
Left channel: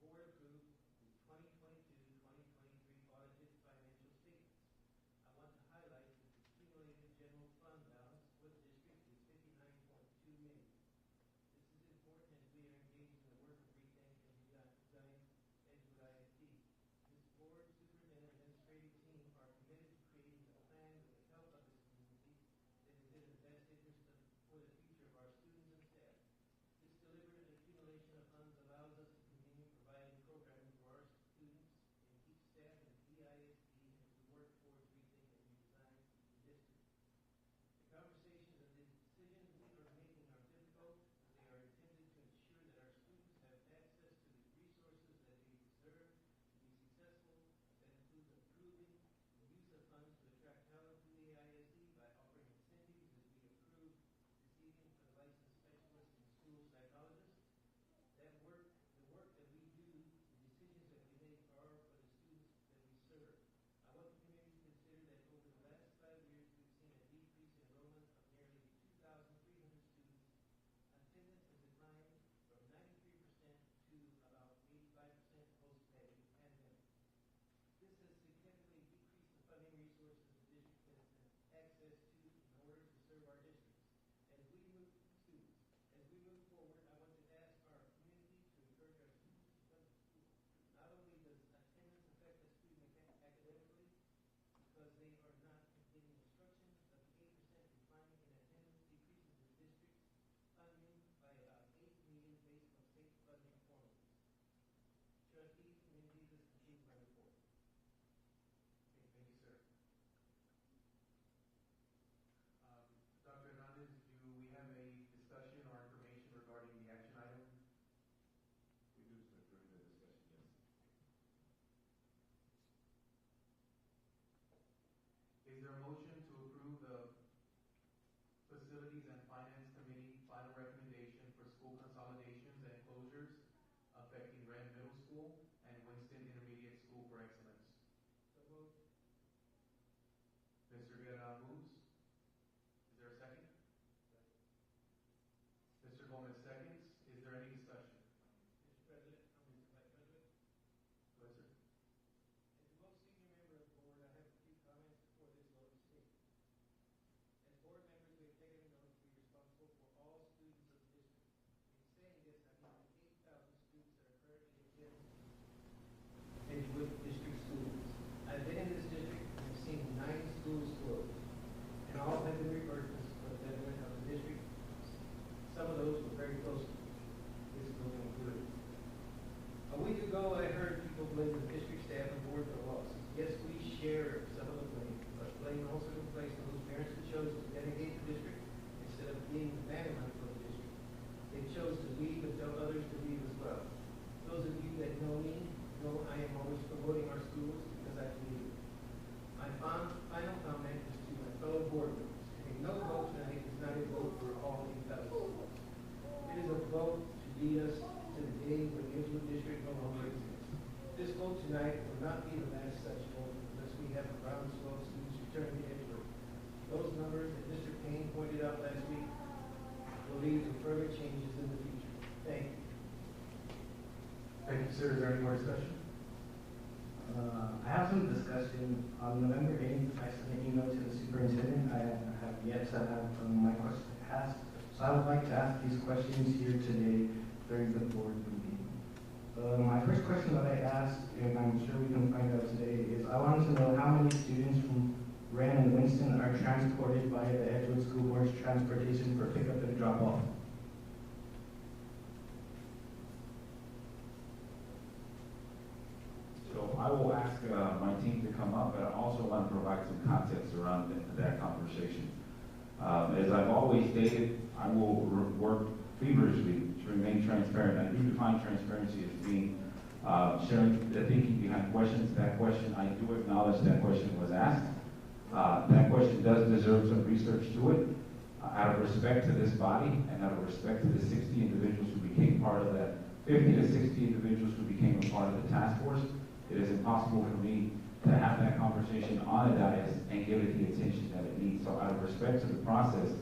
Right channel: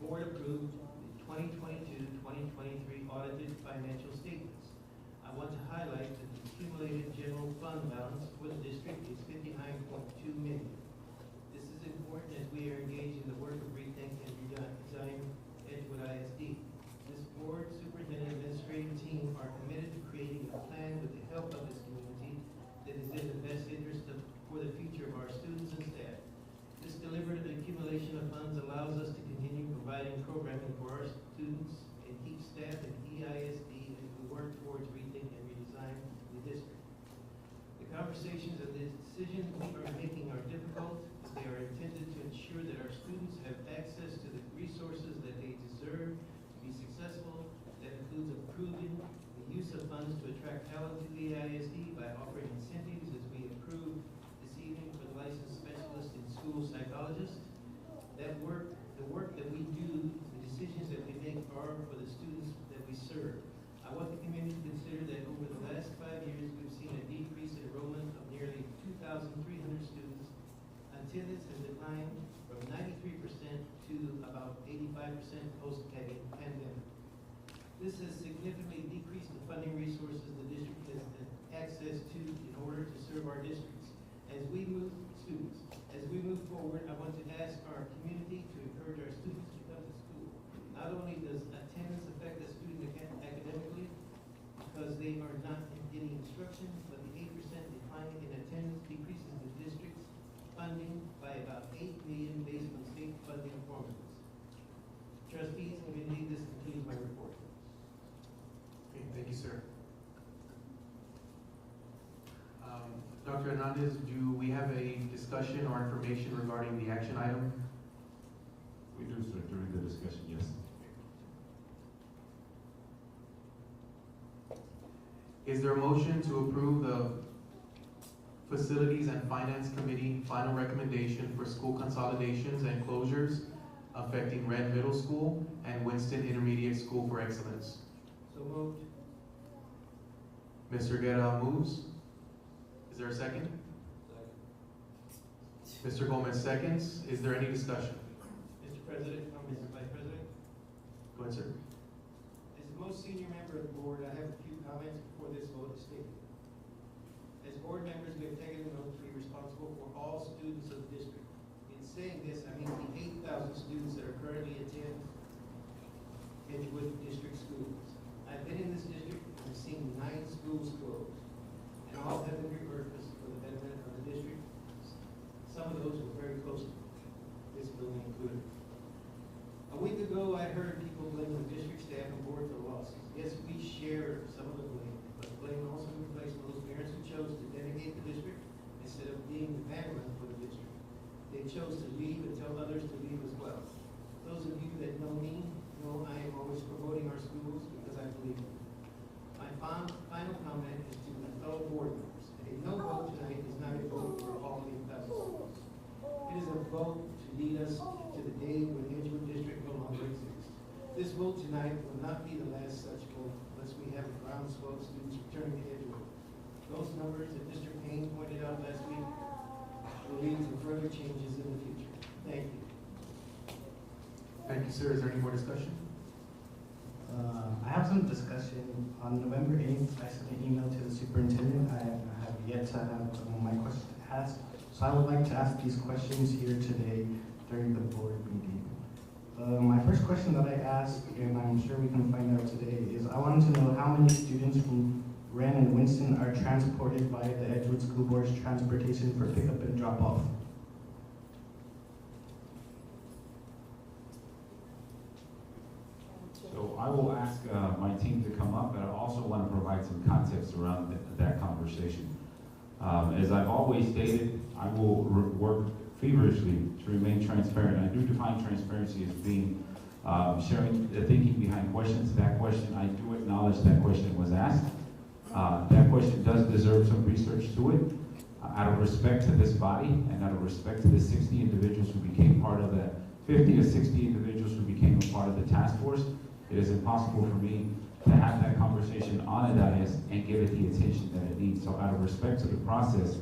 board approved the 2022-2023 audited financial statements. I want to highlight that the accumulated general fund balance for the district is $59.2 million. This is important as we are engaged in the work of Rethink and Redesign Edgewood ISD. This board, superintendent, administrative team are committed to creating a plan with the help of this community that is in the best interest for the future of our students and staff. This deliberate accumulation of funds allows us to continue providing programming for our students and keep staff at EISD as we work towards Rethink and Redesign the district. The conversations and the decisions we are making are difficult, but they are intended to ensure that our students have access to the resources that they deserve to be successful. That includes improving the use of funds to attract talent to the ISD by offering incentives as we approve this evening for the licensed specialist in school psychologist. The work that we do, the decisions that we make are for the students that we serve. I want the community to consider that over the last 5 years, we've seen a decrease in enrollment of nearly 2,300 students. Attendance has declined from 93% to about 85% post-pandemic. This has significantly decreased the funding resources the district has access to in order to serve our districts. As we move forward, I want to ask our community to encourage our students to come to school. Not only does attendance affect a student academically because they are not getting instruction, but the 8% decline in attendance decreases the district's funding by about $8 million based on state funding formulas. Trustees, committee, this concludes my report. Okay, thank you, sir. Dr. Hernandez, do we have a discussion or information regarding the action item? We do, sir, during the discussion, yes. Is there a motion to approve the Facilities and Finance Committee final recommendation for school consolidations and closures affecting Red Middle School and Winston Intermediate School for Excellence? So moved. Mr. Guerra moves. Is there a second? Mr. Gomez seconds. Is there any discussion? Mr. President, Mr. Vice President. Go ahead, sir. As the most senior member of the board, I have a few comments before this vote is taken. As board members, we have taken an oath to be responsible for all students of the district. In saying this, I mean currently attend Edgewood District Schools. I've been in this district and seen 9 schools close, and all have been repurposed for the betterment of the district. Some of those were very close to this building included. A week ago, I heard people blame the district staff and board for losses. Yes, we share some of the blame, but blame also in place for those parents who chose to dedicate the district instead of being the bannerman for the district. They chose to leave and tell others to leave as well. Those of you that know me know I am always promoting our schools because I believe in them. My final comment is to my fellow board members. A no vote tonight is not a vote for all 8,000 schools. It is a vote to lead us to the day when Edgewood District no longer exists. This vote tonight will not be the last such vote unless we have a groundswell of students returning to Edgewood. Those numbers that Mr. Payne pointed out last week will lead to further changes in the future. Thank you. Thank you, sir. Is there any more discussion? I have some discussion. On November 8th, I sent an email to the superintendent. I have yet to have my question asked. So I would like to ask these questions here today during the board meeting. My first question that I asked, and I'm sure we can find out today, is I wanted to know how many students from Wren and Winston are transported via the Edgewood School Board's transportation for pickup and drop off. So I will ask my team to come up, but I also want to provide some context around that conversation. As I've always stated, I will work feverishly to remain transparent. I do define transparency as being sharing the thinking behind questions. That question, I do acknowledge that question was asked. That question does deserve some research to it. Out of respect to this body and out of respect to the 60 individuals who became part of that, 50 to 60 individuals who became a part of the task force, it is impossible for me to have that conversation on a dais and give it the attention that it needs. So out of respect to the process,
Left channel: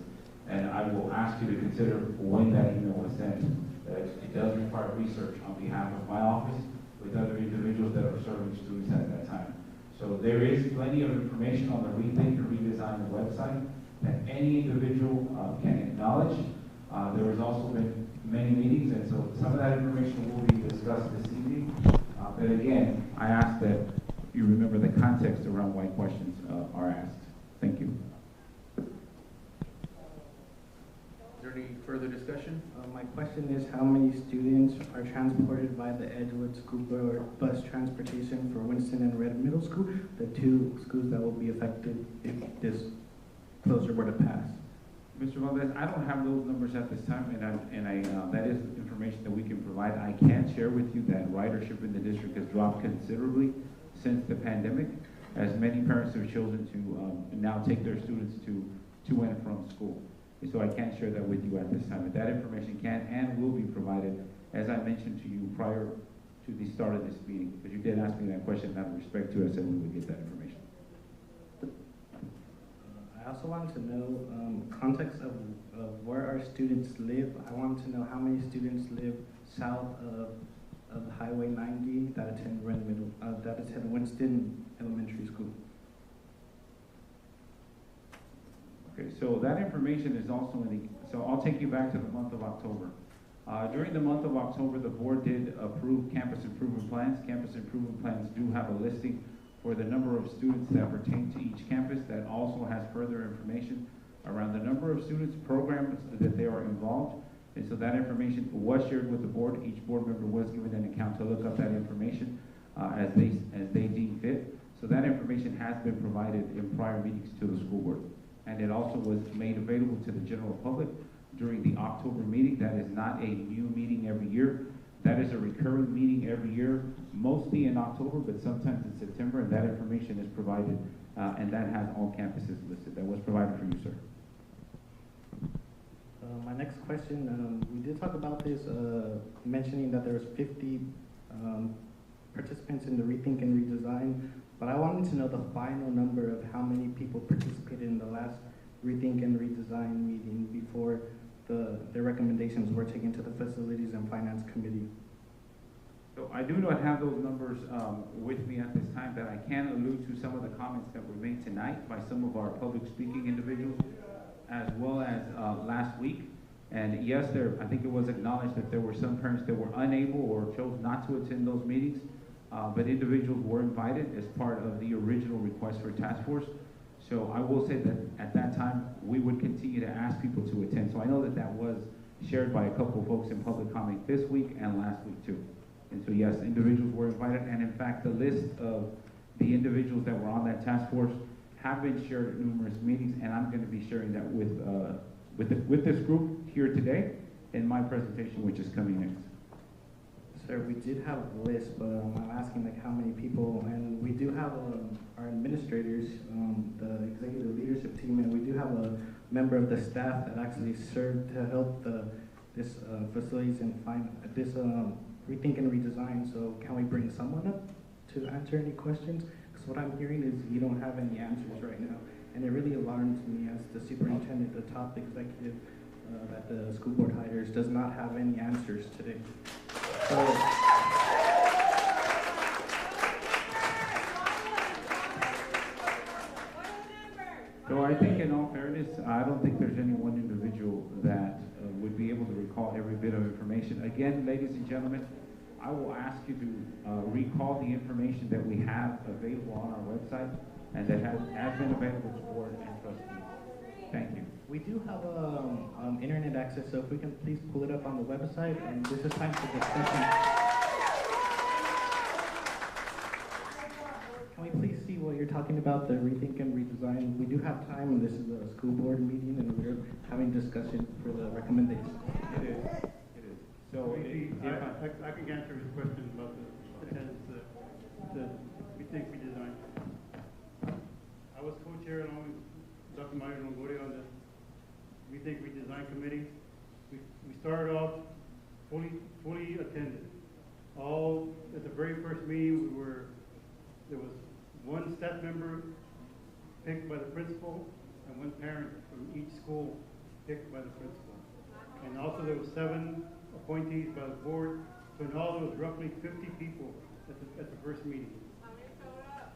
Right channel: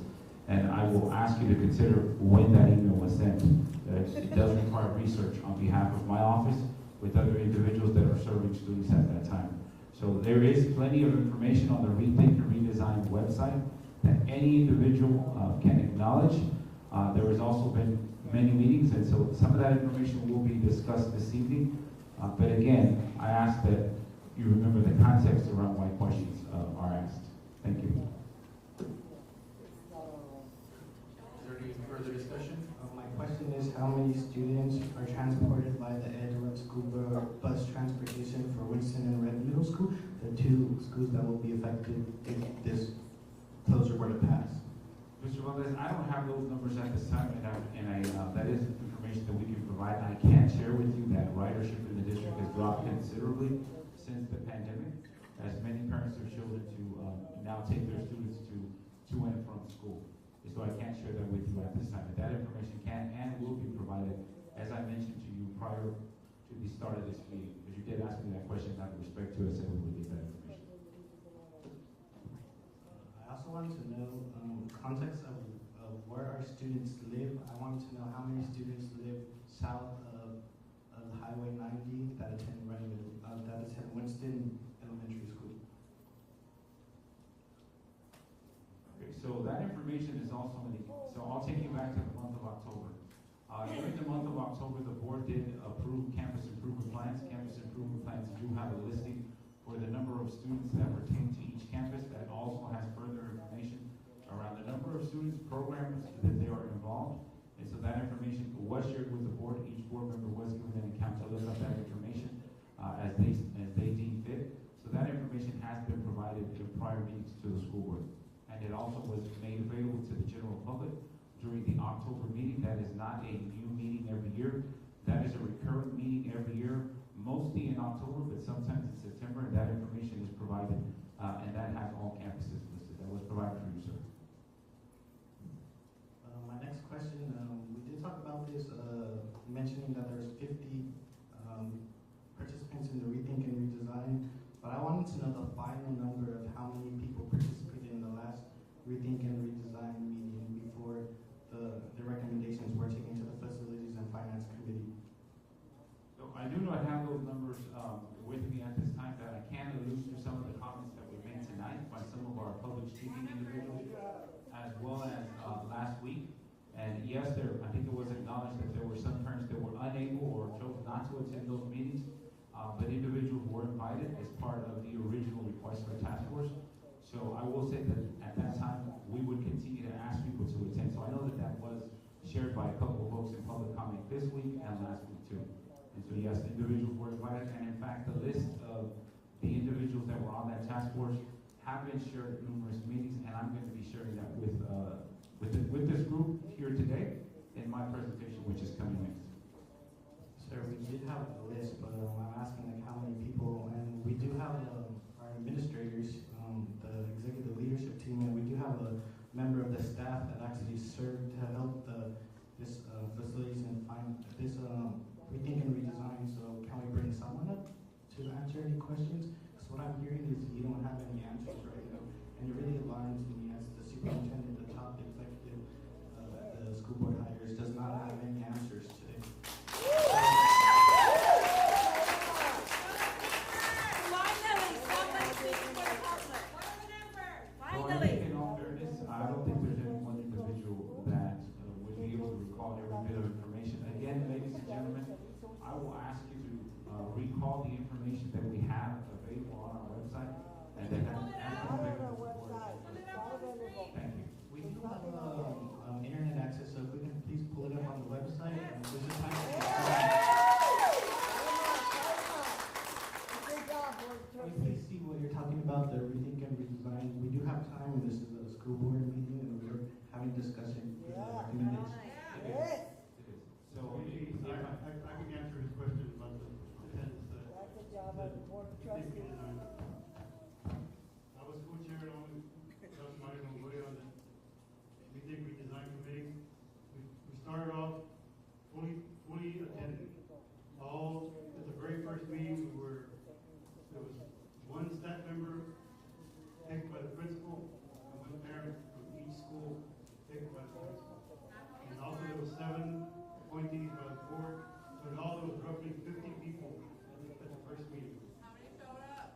and I will ask you to consider when that email was sent, that it does require research on behalf of my office with other individuals that are serving students at that time. So there is plenty of information on the Rethink and Redesign website that any individual can acknowledge. There has also been many meetings, and so some of that information will be discussed this evening. But again, I ask that you remember the context around why questions are asked. Thank you. Is there any further discussion? My question is how many students are transported by the Edgewood School Board bus transportation for Winston and Red Middle School, the 2 schools that will be affected if this closure were to pass? Mr. Valdez, I don't have those numbers at this time, and that is information that we can provide. I can share with you that ridership in the district has dropped considerably since the pandemic, as many parents have chosen to now take their students to and from school. So I can't share that with you at this time, but that information can and will be provided, as I mentioned to you prior to the start of this meeting. But you did ask me that question, out of respect to it, I said we would get that information. I also wanted to know context of where our students live. I wanted to know how many students live south of Highway 90 that attend Winston Elementary School. Okay, so that information is also in the, so I'll take you back to the month of October. During the month of October, the board did approve campus improvement plans. Campus improvement plans do have a listing for the number of students that pertain to each campus. That also has further information around the number of students, programs that they are involved. And so that information was shared with the board. Each board member was given an account to look up that information as they deem fit. So that information has been provided in prior meetings to the school board. And it also was made available to the general public during the October meeting. That is not a new meeting every year. That is a recurring meeting every year, mostly in October, but sometimes in September, and that information is provided, and that has all campuses listed. That was provided for you, sir. My next question, we did talk about this, mentioning that there was 50 participants in the Rethink and Redesign, but I wanted to know the final number of how many people participated in the last Rethink and Redesign meeting before the recommendations were taken to the Facilities and Finance Committee. So I do not have those numbers with me at this time, but I can allude to some of the comments that were made tonight by some of our public speaking individuals, as well as last week And yes, I think it was acknowledged that there were some parents that were unable or chose not to attend those meetings, but individuals were invited as part of the original request for task force. So I will say that at that time, we would continue to ask people to attend. So I know that that was shared by a couple of folks in public comment this week and last week too. And so yes, individuals were invited, and in fact, the list of the individuals that were on that task force have been shared at numerous meetings, and I'm going to be sharing that with this group here today in my presentation, which is coming next. Sir, we did have a list, but I'm asking like how many people, and we do have our administrators, the executive leadership team, and we do have a member of the staff that actually served to help this facilities and find this rethink and redesign. So can we bring someone up to answer any questions? Because what I'm hearing is you don't have any answers right now, and it really alarms me as the superintendent, the top executive that the school board hires, does not have any answers today. So I think in all fairness, I don't think there's any one individual that would be able to recall every bit of information. Again, ladies and gentlemen, I will ask you to recall the information that we have available on our website and that has been available to board and trustees. Thank you. We do have internet access, so if we can please pull it up on the website, and this is time for discussion. Can we please see what you're talking about, the rethink and redesign? We do have time, and this is a school board meeting, and we're having discussion for the recommendation. It is. So I can answer his question about the attendance that we think we designed. I was co-chair along with Dr. Mario Longoria on the We Think We Design Committee. We started off fully attended. All at the very first meeting, there was one staff member picked by the principal and one parent from each school picked by the principal. And also there were 7 appointees by the board. So in all, there was roughly 50 people at the first meeting. How many showed up?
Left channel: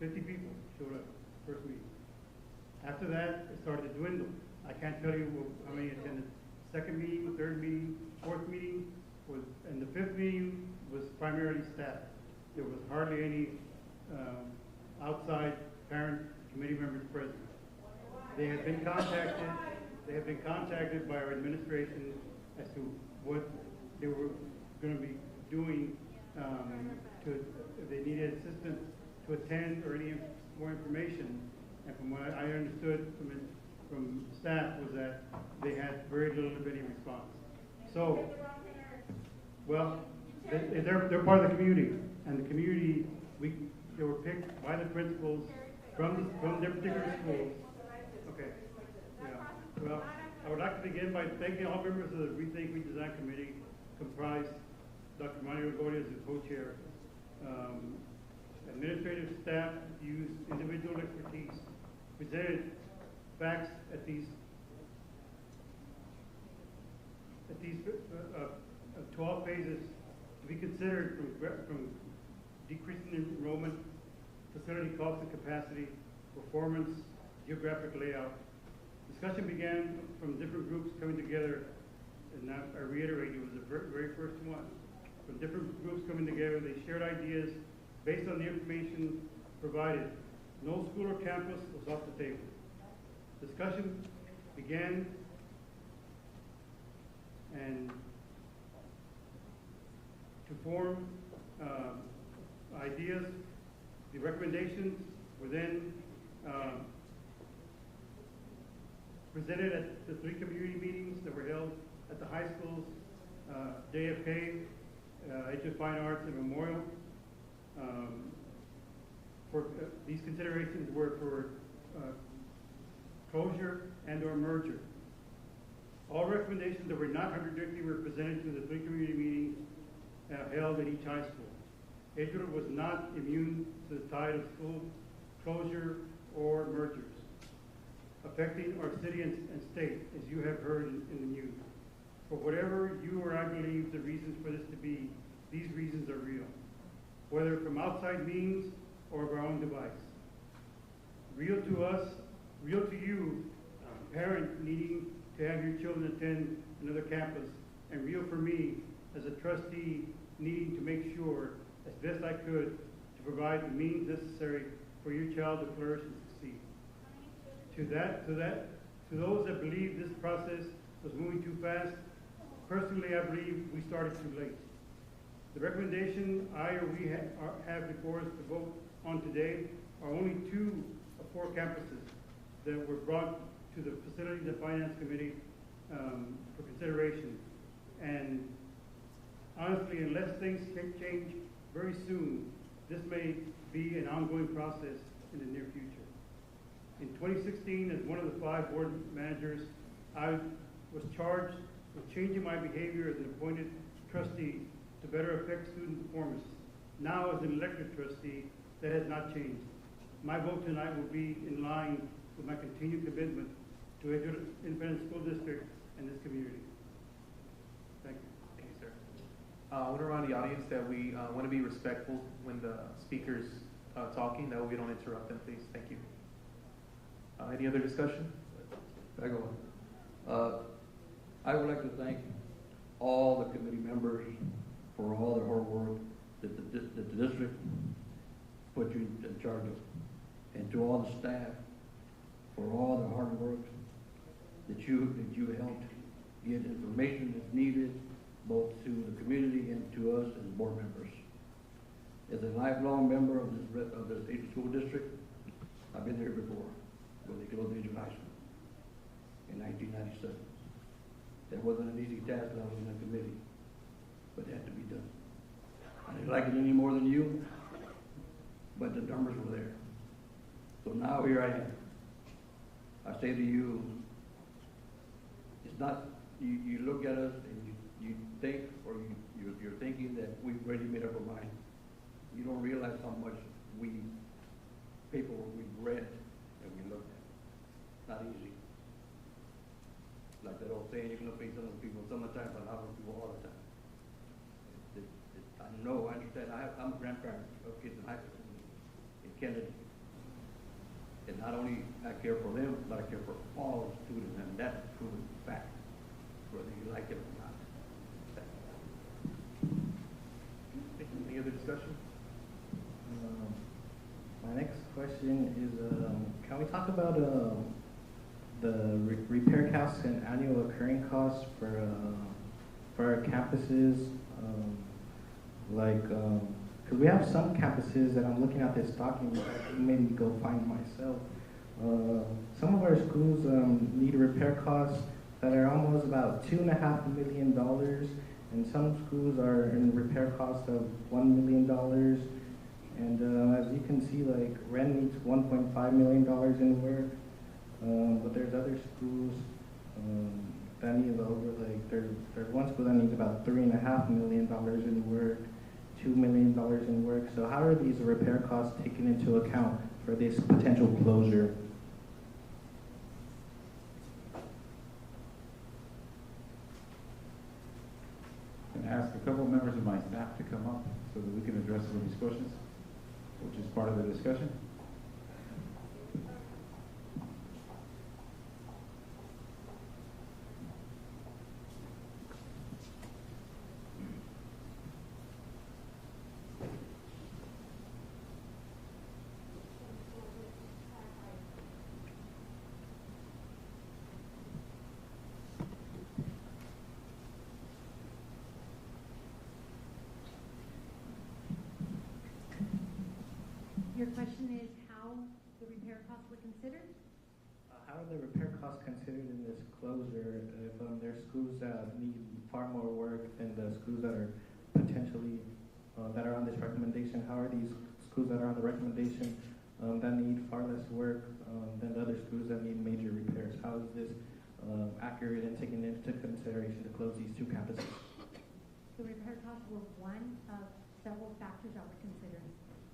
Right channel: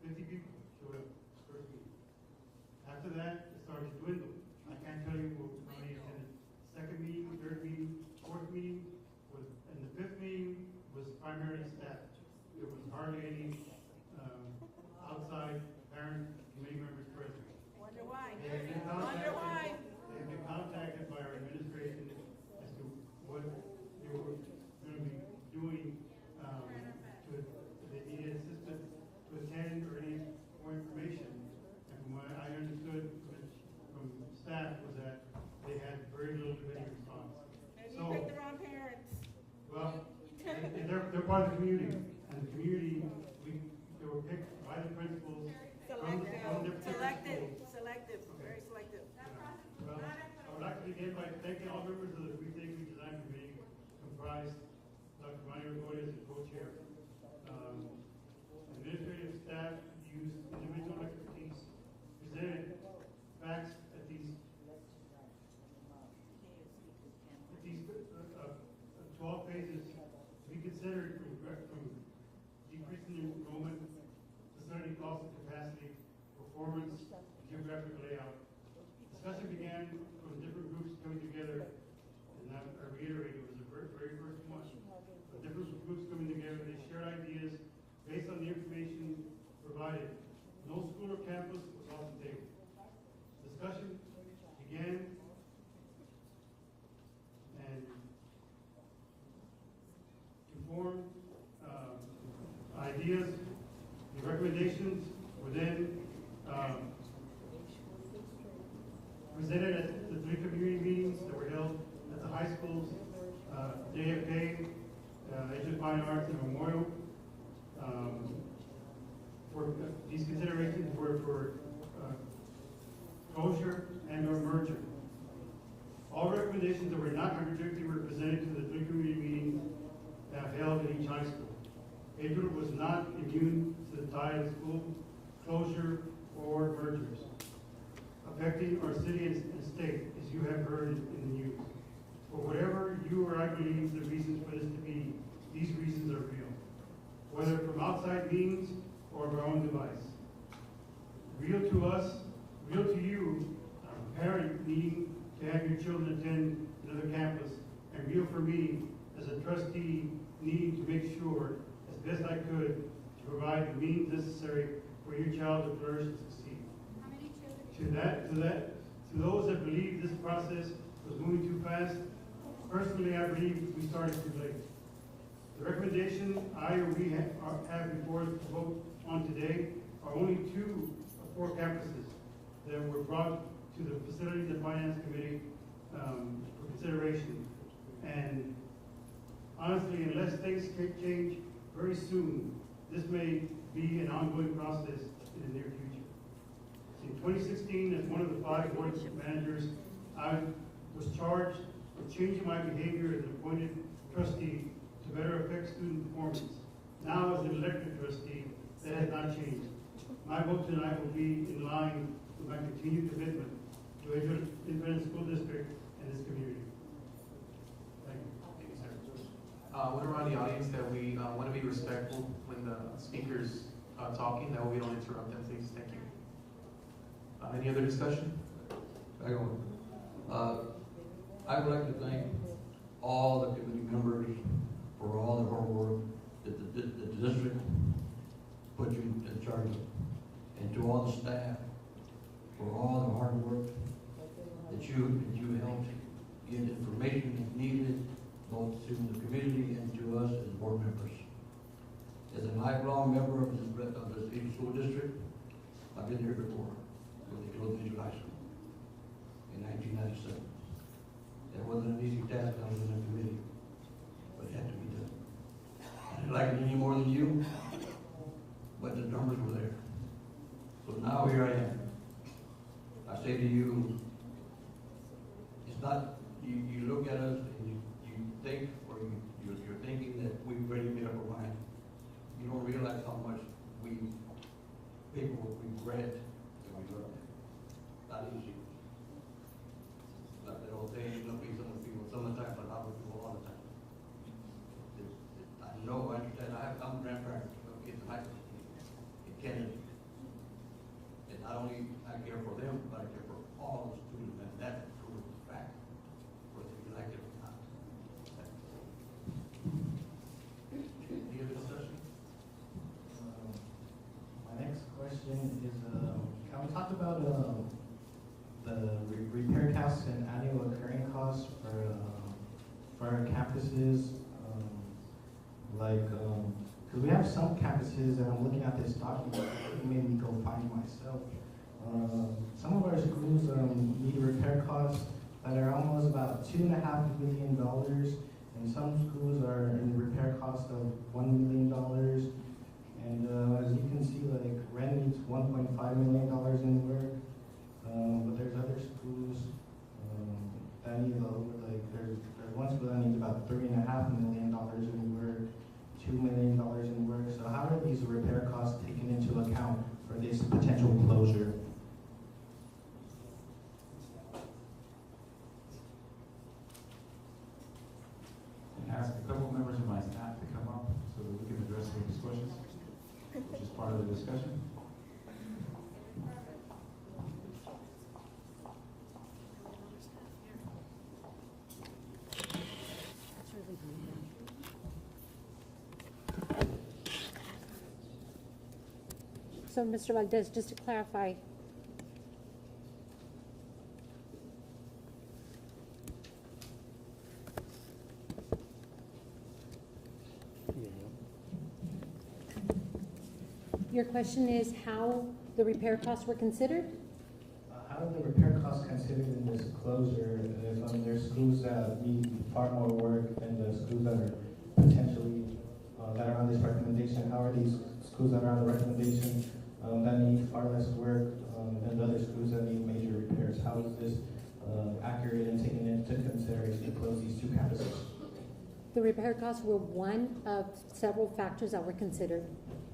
50 people showed up first meeting. After that, it started to dwindle. I can't tell you how many attended. Second meeting, third meeting, fourth meeting, and the fifth meeting was primarily staff. There was hardly any outside parent committee members present. They had been contacted by our administration as to what they were going to be doing if they needed assistance to attend or any more information. And from what I understood from staff was that they had very little to any response. So, well, they're part of the community, and the community, they were picked by the principals from their particular schools. Okay. Yeah. Well, I would like to begin by thanking all members of the Rethink Redesign Committee, comprised Dr. Mario Longoria as the co-chair. Administrative staff used individual expertise, presented facts at these 12 phases to be considered from decreasing enrollment, facility cost and capacity, performance, geographic layout. Discussion began from different groups coming together, and I reiterate, it was the very first one. From different groups coming together, they shared ideas based on the information provided. No school or campus was off the table. Discussion began, and to form ideas, the recommendations were then presented at the 3 community meetings that were held at the high schools, JFK, Edgewood Fine Arts, and Memorial. These considerations were for closure and or merger. All recommendations that were not contradictory were presented to the 3 community meetings held in each high school. Edgewood was not immune to the tide of school closure or mergers affecting our city and state, as you have heard in the news. For whatever you or I believe the reasons for this to be, these reasons are real, whether from outside means or of our own device. Real to us, real to you, a parent needing to have your children attend another campus, and real for me, as a trustee, needing to make sure, as best I could, to provide the means necessary for your child to flourish and succeed. To those that believe this process was moving too fast, personally, I believe we started too late. The recommendation we have before us to vote on today are only 2 of 4 campuses that were brought to the Facilities and Finance Committee for consideration. And honestly, unless things change very soon, this may be an ongoing process in the near future. In 2016, as one of the 5 board managers, I was charged with changing my behavior as an appointed trustee to better affect student performance. Now, as an elected trustee, that has not changed. My vote tonight will be in line with my continued commitment to Edgewood Independent School District and this community. Thank you. Thank you, sir. I want to remind the audience that we want to be respectful when the speaker's talking, that way we don't interrupt them, please. Thank you. Any other discussion? I go. I would like to thank all the committee members for all the hard work that the district put you in charge of, and to all the staff for all the hard work that you helped get information that's needed both to the community and to us as board members. As a lifelong member of the state school district, I've been here before with the Edgewood High School in 1997. That wasn't an easy task when I was in the committee, but it had to be done. I didn't like it any more than you, but the numbers were there. So now here I am. I say to you, it's not, you look at us and you think, or you're thinking that we've already made up our mind. You don't realize how much paperwork we've read and we learned. Not easy. Like that old saying, you look at some people sometimes, but not people all the time. I know, I understand, I'm a grandparent of kids in high school in Kennedy. And not only I care for them, but I care for all the students, and that's a proven fact, whether you like it or not. Any other discussion? My next question is, can we talk about the repair costs and annual occurring costs for our campuses? Because we have some campuses that I'm looking at this document that made me go find myself. Some of our schools need repair costs that are almost about $2.5 million, and some schools are in repair costs of $1 million. And as you can see, like Ren needs $1.5 million in work, but there's other schools that need over, like there's one school that needs about $3.5 million in work, $2 million in work. So how are these repair costs taken into account for this potential closure? And ask a couple members of my staff to come up so that we can address some of these questions, which is part of the discussion. So, Mr. Valdez, just to clarify, your question is how the repair costs were considered? How are the repair costs considered in this closure? There's schools that need far more work than the schools that are potentially, that are on this recommendation. How are these schools that are on the recommendation that need far less work than the other schools that need major repairs? How is this accurate and taken into consideration to close these 2 campuses? The repair costs were one of several factors that were considered,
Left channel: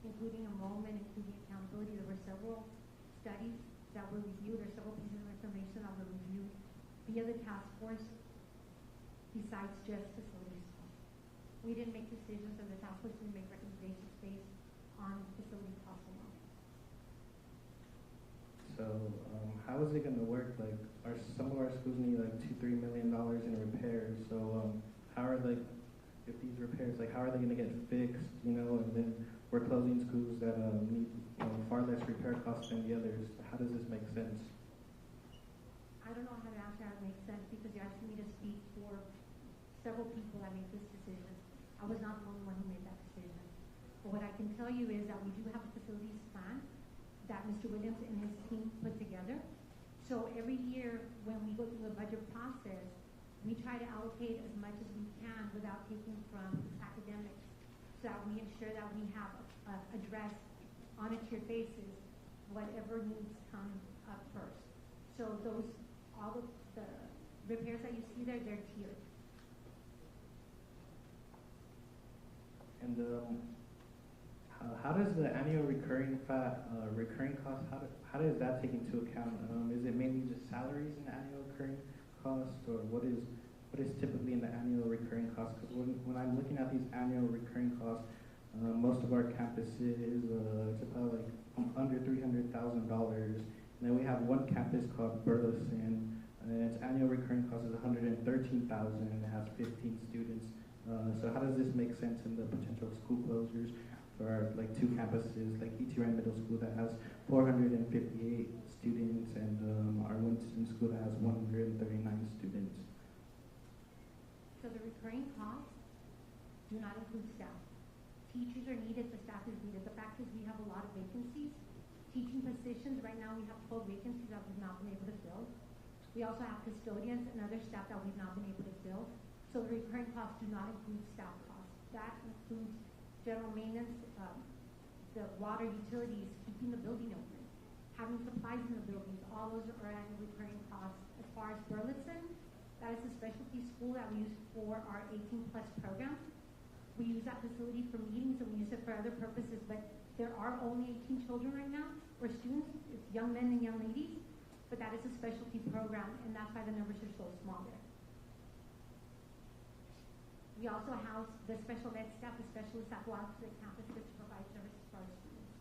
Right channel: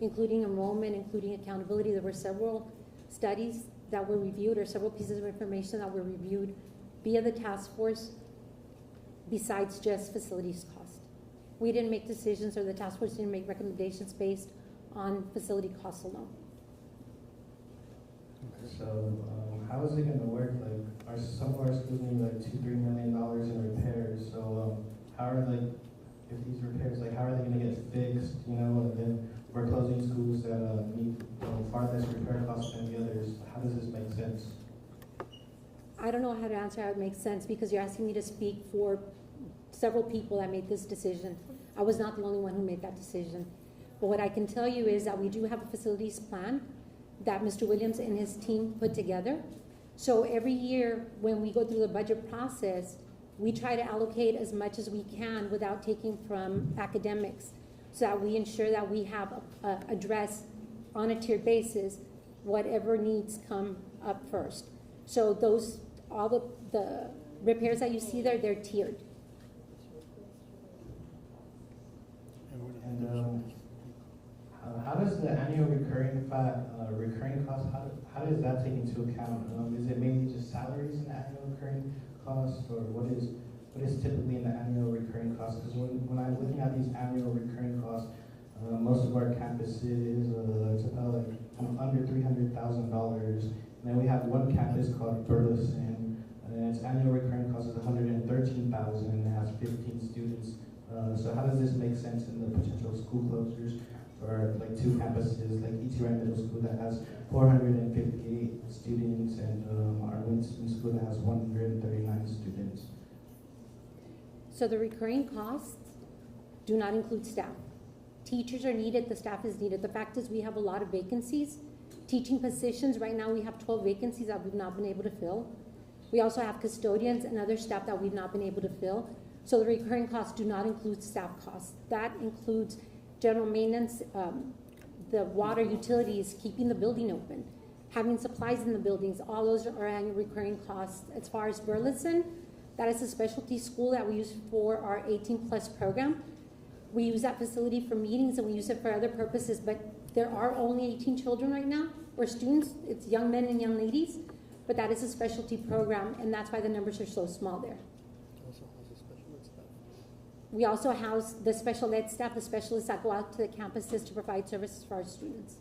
including enrollment, including accountability. There were several studies that were reviewed, or several pieces of information that were reviewed via the task force besides just facilities cost. We didn't make decisions, or the task force didn't make recommendations based on facility costs alone. So how is it going to work? Like, some of our schools need like $2-3 million in repairs. So how are if these repairs, how are they gonna get fixed? And then we're closing schools that need far less repair costs than the others. How does this make sense? I don't know how to answer how it makes sense because you're asking me to speak for several people that made this decision. I was not the only one who made that decision. But what I can tell you is that we do have a facilities plan that Mr. Williams and his team put together. So every year when we go through the budget process, we try to allocate as much as we can without taking from academics so that we ensure that we have address on a tiered basis whatever needs come up first. So all the repairs that you see there, they're tiered. And how does the annual recurring cost, how does that take into account? Is it mainly just salaries and annual recurring costs, or what is typically in the annual recurring costs? Because when I'm looking at these annual recurring costs, most of our campuses, it's about under $300,000. And then we have one campus called Burleson, and its annual recurring cost is $113,000 and it has 15 students. So how does this make sense in the potential school closures for two campuses, like ETRI Middle School that has 458 students and our Winston School that has 139 students? So the recurring costs do not include staff. Teachers are needed, the staff is needed. The fact is we have a lot of vacancies. Teaching positions, right now we have 12 vacancies that we've not been able to fill. We also have custodians and other staff that we've not been able to fill. So the recurring costs do not include staff costs. That includes general maintenance, the water utilities, keeping the building open, having supplies in the buildings. All those are annual recurring costs. As far as Burleson, that is a specialty school that we use for our 18+ program. We use that facility for meetings and we use it for other purposes, but there are only 18 children right now, or students. It's young men and young ladies, but that is a specialty program, and that's why the numbers are so small there. We also house the special ed staff, the specialists that go out to the campuses to provide services for our students.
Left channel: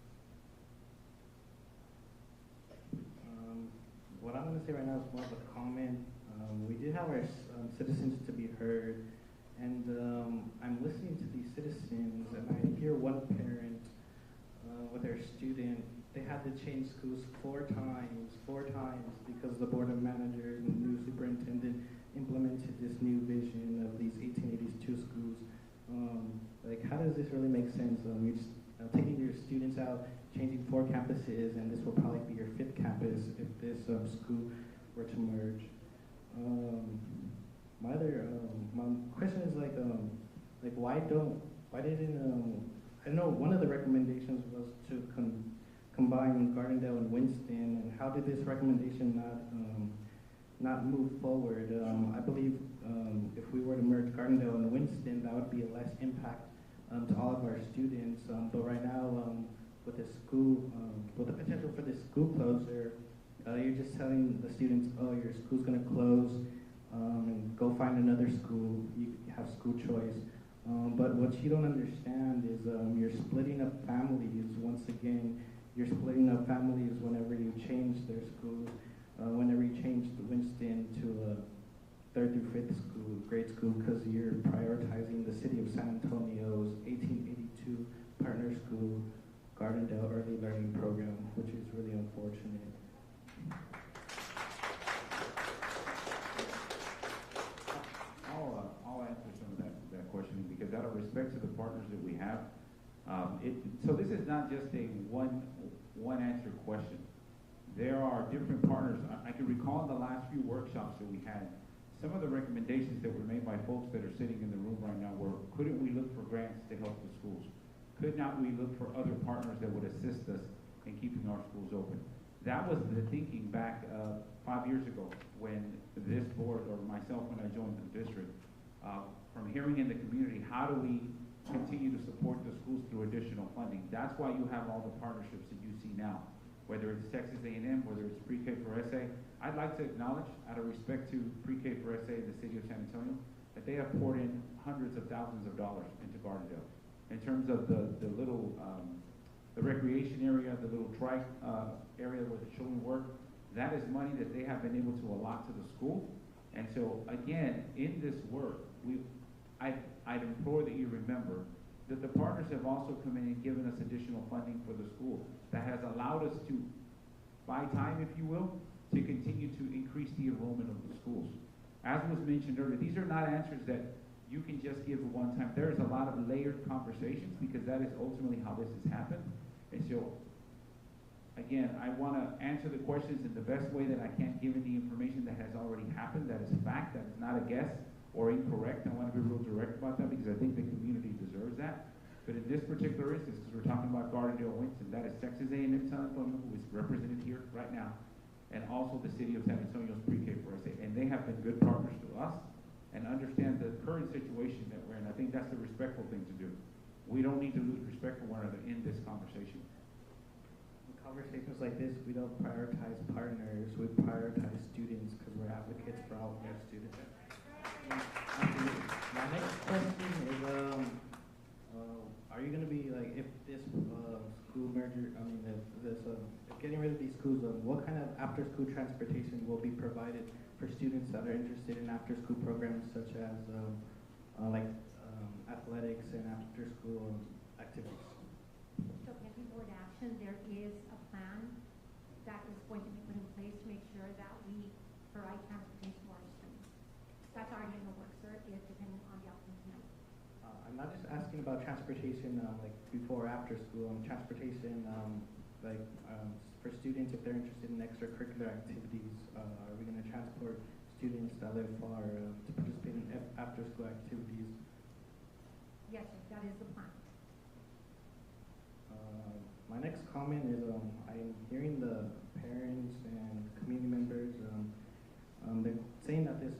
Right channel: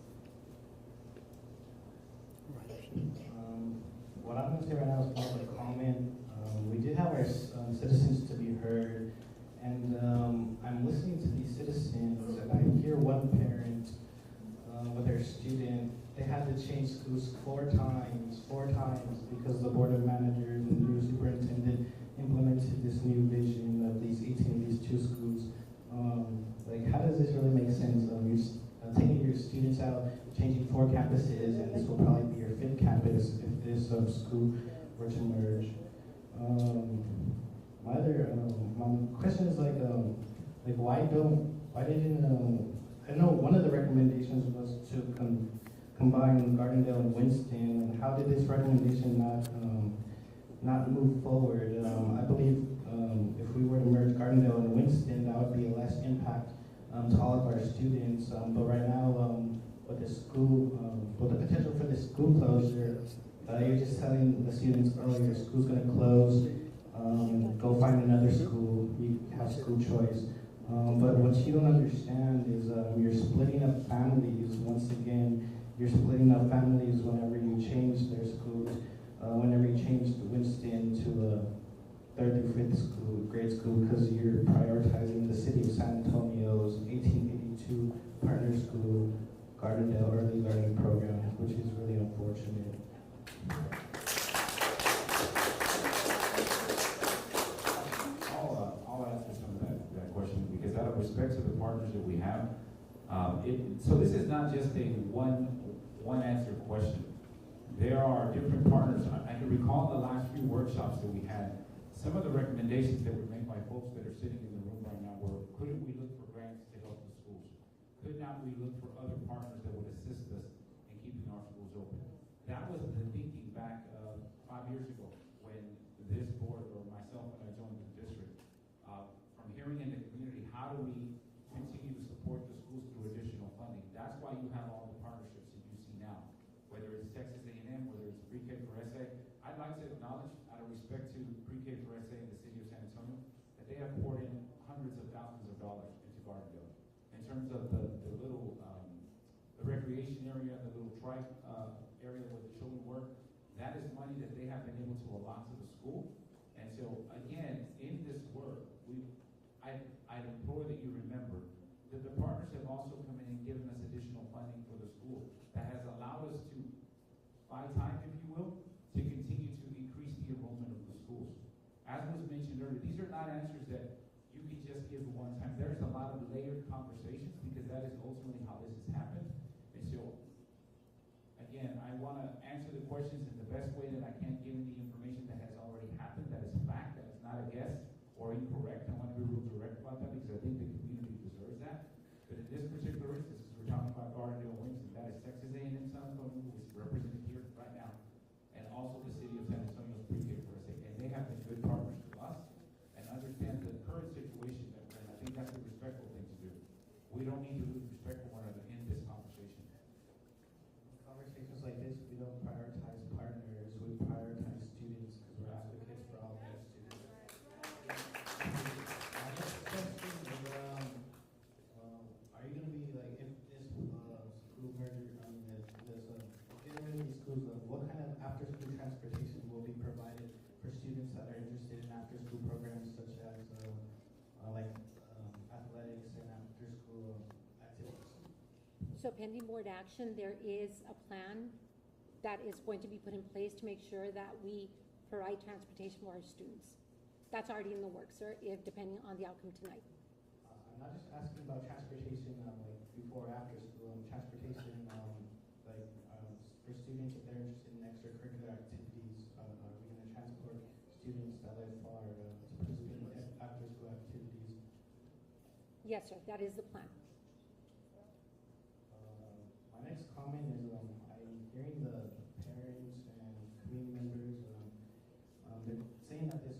What I'm going to say right now is more of a comment. We did have our citizens to be heard, and I'm listening to these citizens, and I hear one parent with their student, they had to change schools four times, because the board of managers and the new superintendent implemented this new vision of these 18 of these two schools. How does this really make sense? You're taking your students out, changing 4 campuses, and this will probably be your 5th campus if this school were to merge. My question is why didn't I know one of the recommendations was to combine Gardendale and Winston, and how did this recommendation not move forward? I believe if we were to merge Gardendale and Winston, that would be less impact to all of our students. But right now, with the school, with the potential for the school closure, you're just telling the students, oh, your school's going to close, go find another school, you have school choice. But what you don't understand is you're splitting up families. Once again, you're splitting up families whenever you change their schools, whenever you change Winston to a 3rd through 5th grade school, because you're prioritizing the city of San Antonio's 1882 partner school, Gardendale Early Learning Program, which is really unfortunate. I'll answer some of that question, because out of respect to the partners that we have, so this is not just a one answer question. There are different partners. I can recall the last few workshops that we had, some of the recommendations that were made by folks that are sitting in the room right now were, couldn't we look for grants to help the schools? Could not we look for other partners that would assist us in keeping our schools open? That was the thinking back 5 years ago when this board, or myself when I joined the district, from hearing in the community, how do we continue to support the schools through additional funding? That's why you have all the partnerships that you see now, whether it's Texas A&M, whether it's Pre-K for SA. I'd like to acknowledge, out of respect to Pre-K for SA in the city of San Antonio, that they have poured in hundreds of thousands of dollars into Gardendale. In terms of the little, the recreation area, the little trike area where the children work, that is money that they have been able to allot to the school. And so, again, in this work, I'd implore that you remember that the partners have also come in and given us additional funding for the school that has allowed us to buy time, if you will, to continue to increase the enrollment of the schools. As was mentioned earlier, these are not answers that you can just give at one time. There is a lot of layered conversations because that is ultimately how this has happened. And so, again, I want to answer the questions in the best way that I can, given the information that has already happened. That is fact. That is not a guess or incorrect. I want to be real direct about that because I think the community deserves that. But in this particular instance, because we're talking about Gardendale Winston, that is Texas A&M San Antonio, who is represented here right now, and also the city of San Antonio's pre-K for SA. And they have been good partners to us and understand the current situation that we're in. I think that's the respectful thing to do. We don't need to lose respect for one another in this conversation. In conversations like this, we don't prioritize partners, we prioritize students because we're advocates for all of our students. My next question is, are you going to be like, if this school merger, getting rid of these schools, what kind of after-school transportation will be provided for students that are interested in after-school programs such as athletics and after-school activities? So pending board action, there is a plan that is going to be put in place to make sure that we provide transportation for our students. That's already in the works, sir, depending on the outcome tonight. I'm not just asking about transportation like before or after school, transportation for students if they're interested in extracurricular activities. Are we going to transport students that live far to participate in after-school activities? Yes, sir, that is the plan. My next comment is I'm hearing the parents and community members, they're saying that this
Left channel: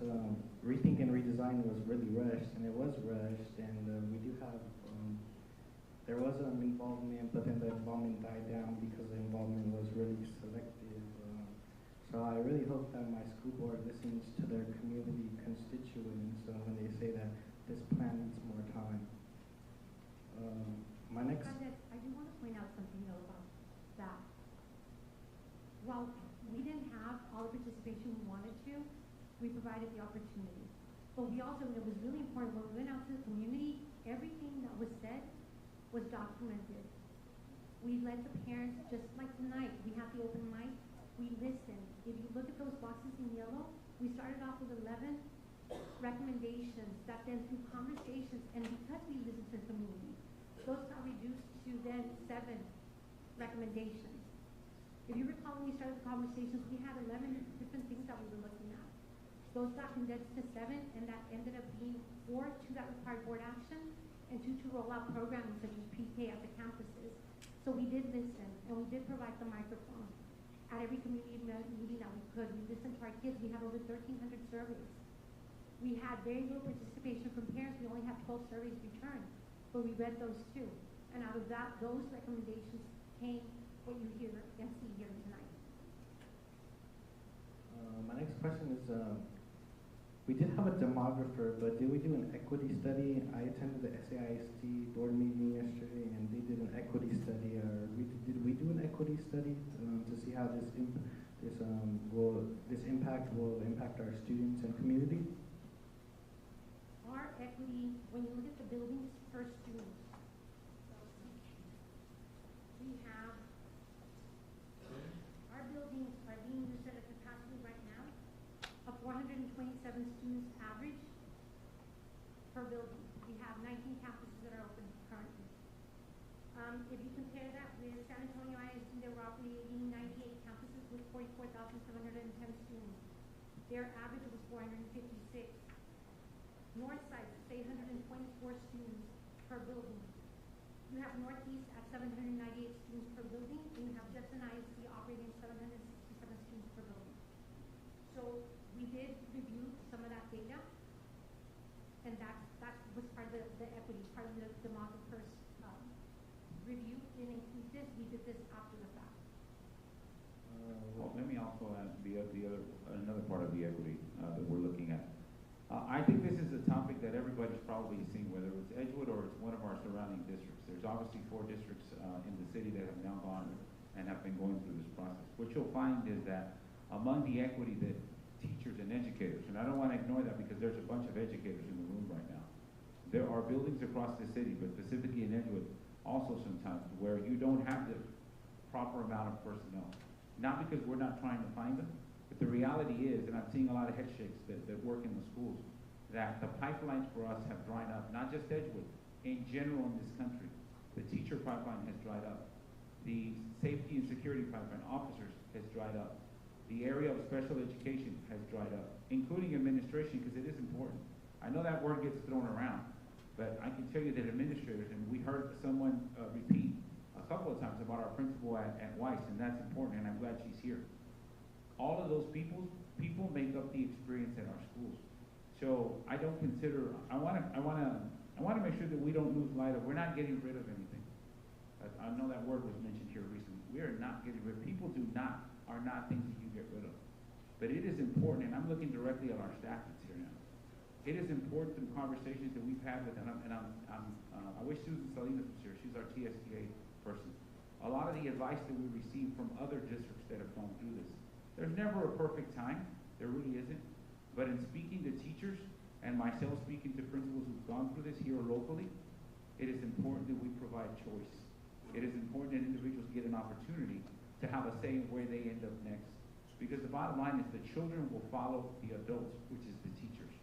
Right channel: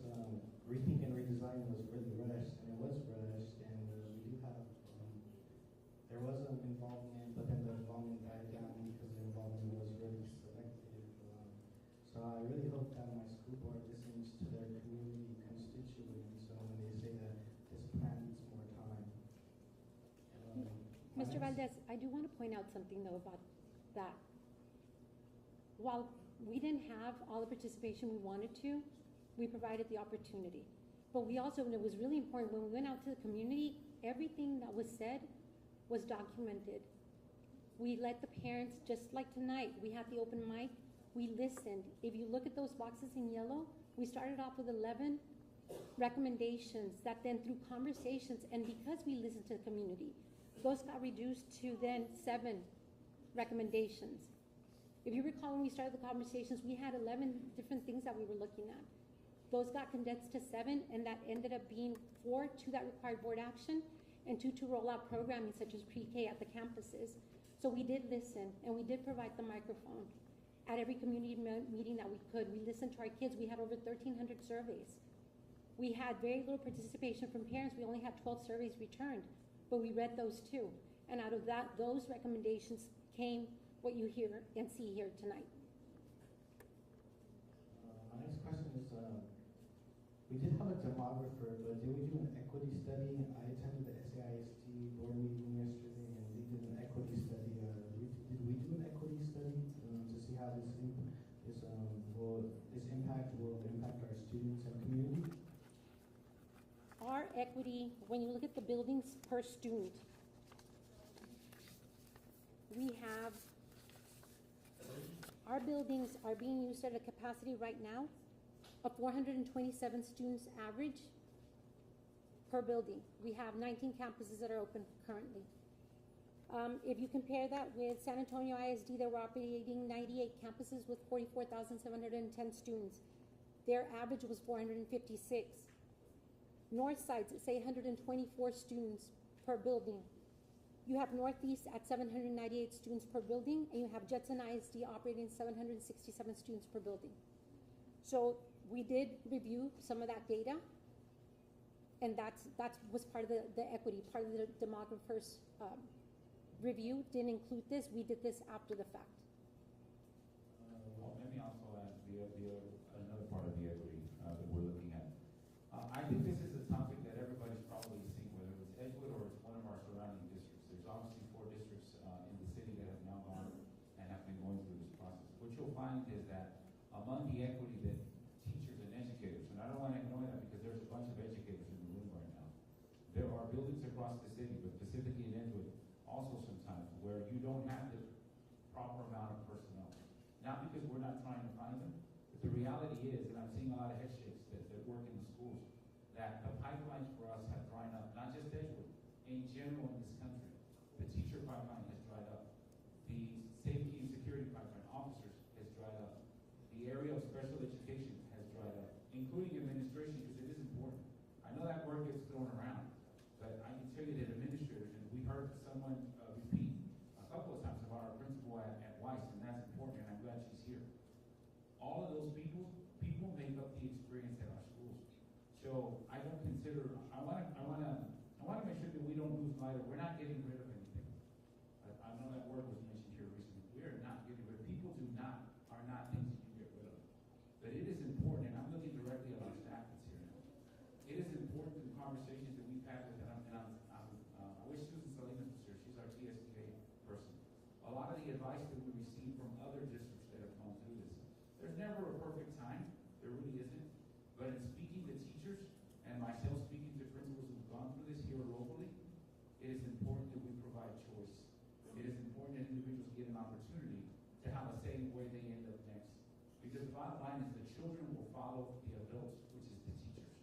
rethink and redesign was really rushed, and it was rushed, and we do have, there was an involvement, but then the involvement died down because the involvement was really selective. So I really hope that my school board listens to their community constituents when they say that this plan needs more time. Mr. Valdez, I do want to point out something though about that. While we didn't have all the participation we wanted to, we provided the opportunity. But we also, it was really important, when we went out to the community, everything that was said was documented. We let the parents, just like tonight, we have the open mic, we listened. If you look at those boxes in yellow, we started off with 11 recommendations that then through conversations, and because we listened to the community, those got reduced to then 7 recommendations. If you recall, when we started the conversations, we had 11 different things that we were looking at. Those got condensed to 7, and that ended up being 4 to that required board action, and 2 to roll out programming such as pre-K at the campuses. So we did listen, and we did provide the microphone at every community meeting that we could. We listened to our kids. We had over 1,300 surveys. We had very little participation from parents. We only had 12 surveys returned, but we read those too. And out of that, those recommendations came what you hear and see here tonight. My next question is, we did have a demographer, but did we do an equity study? I attended the SAISD board meeting yesterday, and they did an equity study. Did we do an equity study to see how this impact will impact our students and community? Our equity, when you look at the buildings per student, we have, our buildings are being used at a capacity right now of 427 students average per building. We have 19 campuses that are open currently. If you compare that with San Antonio ISD, they're operating 98 campuses with 44,710 students. Their average was 456. Northside's at 824 students per building. You have Northeast at 798 students per building, and you have Judson ISD operating 767 students per building. So we did review some of that data, and that was part of the equity, part of the demographer's review. Didn't include this. We did this after the fact. Well, let me also add another part of the equity that we're looking at. I think this is a topic that everybody's probably seen, whether it's Edgewood or it's one of our surrounding districts. There's obviously 4 districts in the city that have now gone and have been going through this process. What you'll find is that a among the equity that teachers and educators, and I don't want to ignore that because there's a bunch of educators in the room right now. There are buildings across the city, but specifically in Edgewood, also sometimes where you don't have the proper amount of personnel. Not because we're not trying to find them, but the reality is, and I'm seeing a lot of head shakes that work in the schools, that the pipelines for us have dried up, not just Edgewood, in general in this country. The teacher pipeline has dried up. The safety and security pipeline, officers, has dried up. The area of special education has dried up, including administration, because it is important. I know that word gets thrown around, but I can tell you that administrators, and we heard someone repeat a couple of times about our principal at Weiss, and that's important, and I'm glad she's here. All of those people make up the experience at our schools. So I don't consider, I want to make sure that we don't lose light of, we're not getting rid of anything. I know that word was mentioned here recently. We are not getting rid of, people are not things that you get rid of. But it is important, and I'm looking directly at our staff that's here now. It is important through conversations that we've had with, I wish Susan Salinas was here, she's our TSTA person. A lot of the advice that we receive from other districts that have gone through this, there's never a perfect time, there really isn't. But in speaking to teachers, and myself speaking to principals who've gone through this here locally, it is important that we provide choice. It is important that individuals get an opportunity to have a say in where they end up next. Because the bottom line is the children will follow the adults, which is the teachers.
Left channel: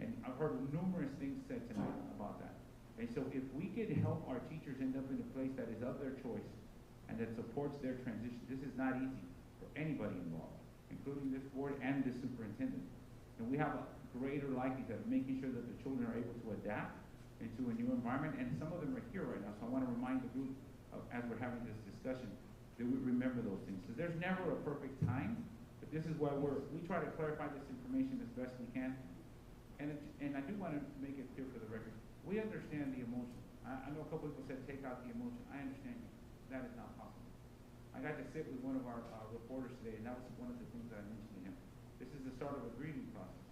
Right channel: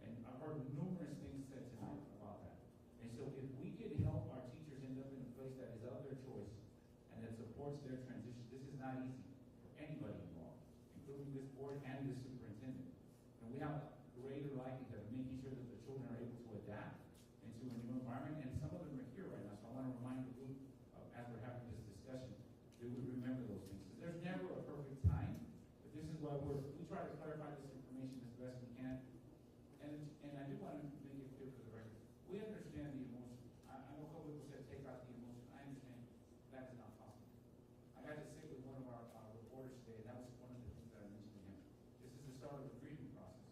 And I've heard numerous things said tonight about that. And so if we could help our teachers end up in a place that is of their choice and that supports their transition, this is not easy for anybody involved, including this board and this superintendent. And we have a greater likelihood of making sure that the children are able to adapt into a new environment, and some of them are here right now, so I want to remind the group, as we're having this discussion, that we remember those things. Because there's never a perfect time, but this is why we try to clarify this information as best we can. And I do want to make it clear for the record, we understand the emotion. I know a couple people said take out the emotion. I understand you. That is not possible. I got to sit with one of our reporters today, and that was one of the things that I mentioned to him. This is the start of a grieving process.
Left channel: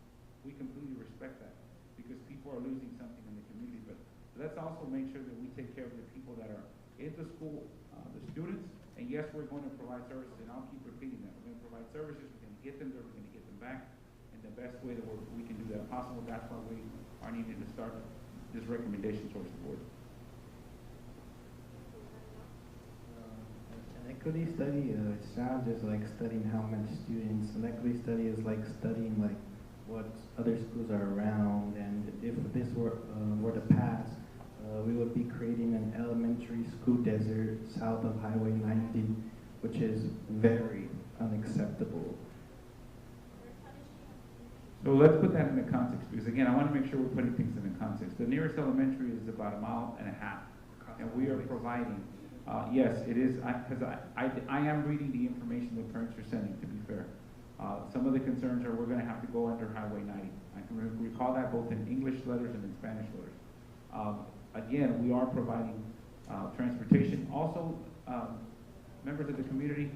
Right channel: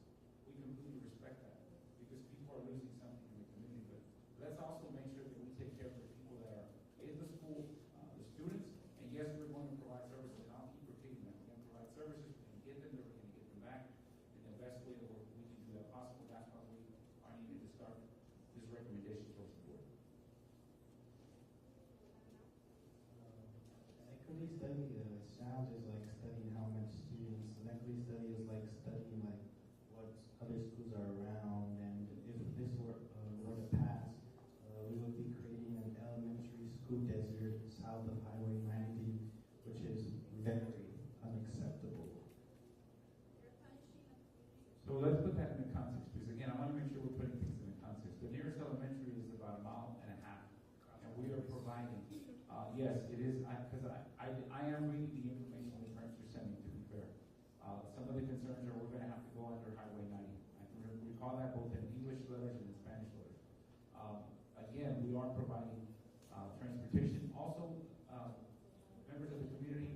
We completely respect that because people are losing something in the community. But let's also make sure that we take care of the people that are in the school, the students. And yes, we're going to provide services, and I'll keep repeating that. We're going to provide services. We're going to get them there. We're going to get them back in the best way that we can do that possible. That's why we are needing to start this recommendation towards the board. An equity study, it's not just like studying how many students. An equity study is like studying like what other schools are around, and if this were to pass, we would be creating an elementary school desert south of Highway 90, which is very unacceptable. So let's put that in the context, because again, I want to make sure we're putting things in the context. The nearest elementary is about 1.5 miles, and we are providing, yes, it is, because I am reading the information that parents are sending, to be fair. Some of the concerns are we're going to have to go under Highway 90. I can recall that both in English letters and in Spanish letters. Again, we are providing transportation. Also, members of the community,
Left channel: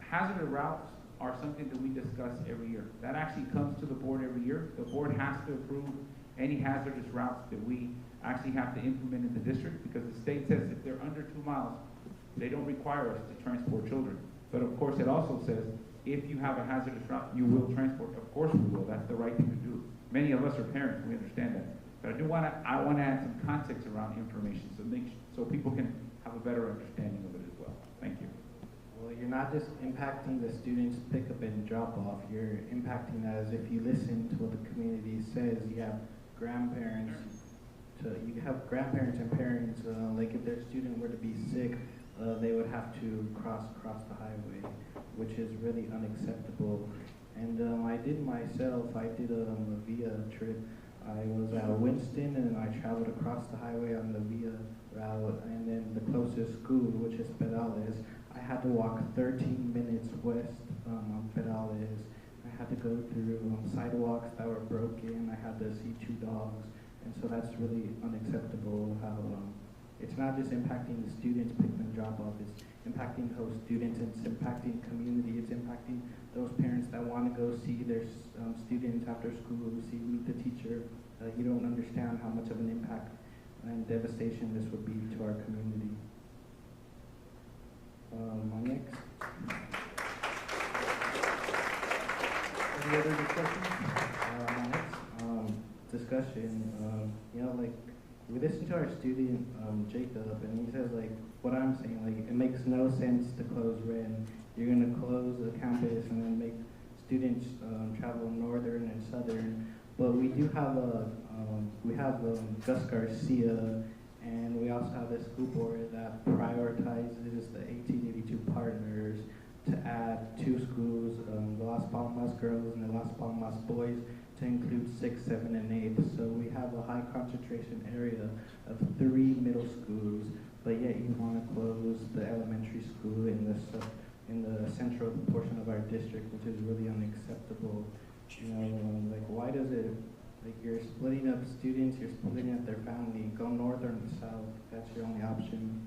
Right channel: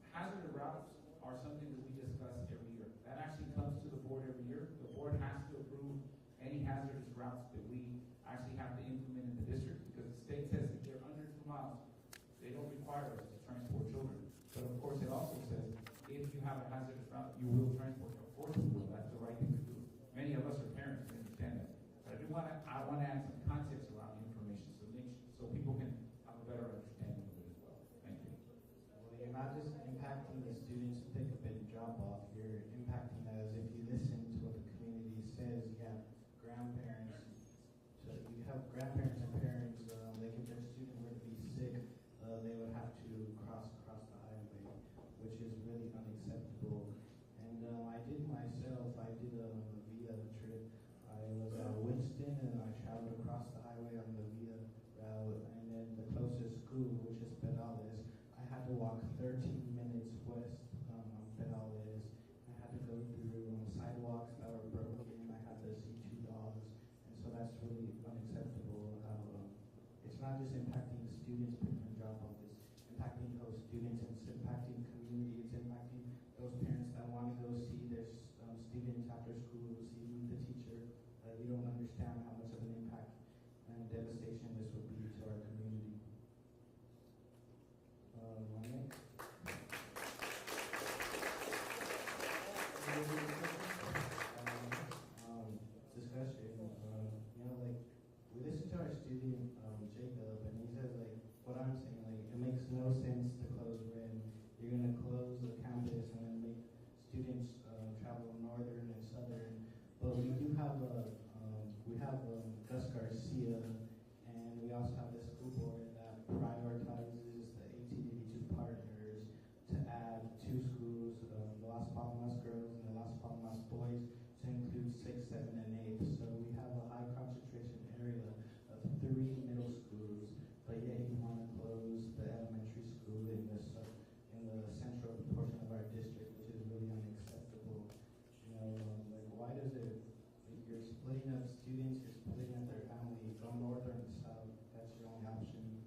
hazardous routes are something that we discuss every year. That actually comes to the board every year. The board has to approve any hazardous routes that we actually have to implement in the district, because the state says if they're under 2 miles, they don't require us to transport children. But of course, it also says if you have a hazardous route, you will transport. Of course we will. That's the right thing to do. Many of us are parents. We understand that. But I want to add some context around information so people can have a better understanding of it as well. Thank you. Well, you're not just impacting the students' pickup and drop off. You're impacting as if you listen to what the community says. You have grandparents. You have grandparents and parents. Like if their student were to be sick, they would have to cross the highway, which is really unacceptable. And I did a VIA trip. I was at Winston, and I traveled across the highway on the VIA route, and then the closest school, which is Pedales, I had to walk 13 minutes west on Pedales. I had to go through sidewalks that were broken. I had to see 2 dogs, and so that's really unacceptable. How it's not just impacting the students picking and drop off, it's impacting host students, it's impacting community, it's impacting those parents that want to go see their students after school, meet the teacher. You don't understand how much of an impact and devastation this would be to our community. My next. question. Like, we listened to our student, Jacob, and he says, like, what I'm saying, like, it makes no sense to close Ren. You're gonna close a campus and then make students travel northern and southern. But we do have Gus Garcia, and we also have a school board that prioritizes the 1882 partners to add 2 schools, the Las Palmas girls and the Las Palmas boys, to include 6, 7, and 8. So we have a high concentration area of 3 middle schools, but yet you want to close the elementary school in the central portion of our district, which is really unacceptable. Like, why does it, like, you're splitting up students, you're splitting up their family, go north or south, that's your only option.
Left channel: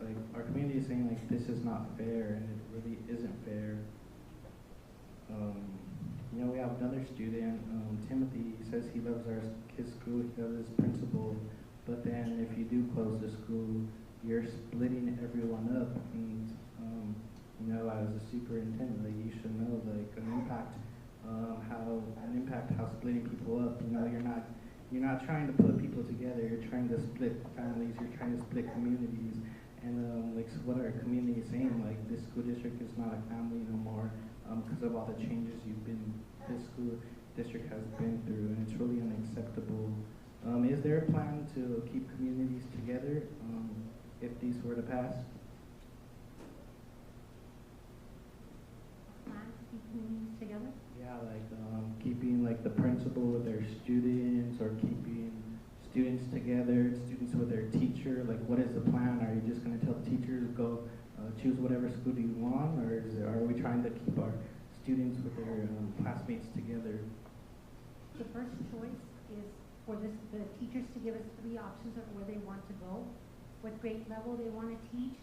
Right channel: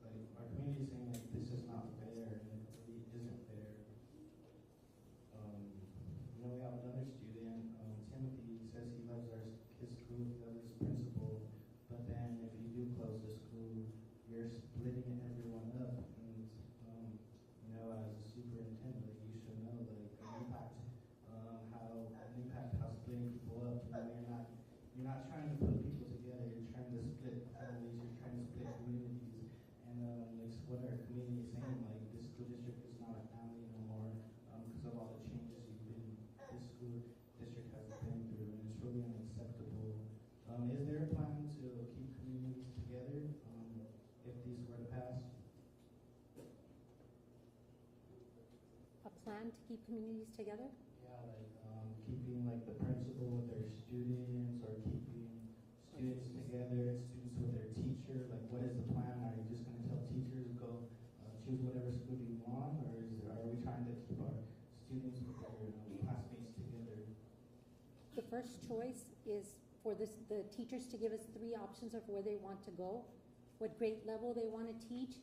Like, our community is saying, like, this is not fair, and it really isn't fair. We have another student, Timothy, he says he loves his school, he loves his principal, but then if you do close the school, you're splitting everyone up, and as a superintendent, like, you should know, like, how splitting people up. You're not trying to put people together. You're trying to split families. You're trying to split communities. And so what our community is saying, like, this school district is not a family no more because of all the changes this school district has been through, and it's really unacceptable. Is there a plan to keep communities together if these were to pass? A plan to keep communities together? Yeah, like keeping, like, the principal with their students, or keeping students together, students with their teacher. Like, what is the plan? Are you just going to tell teachers go choose whatever school you want, or are we trying to keep our students with their classmates together? The first choice is for the teachers to give us 3 options of where they want to go, what grade level they want to teach,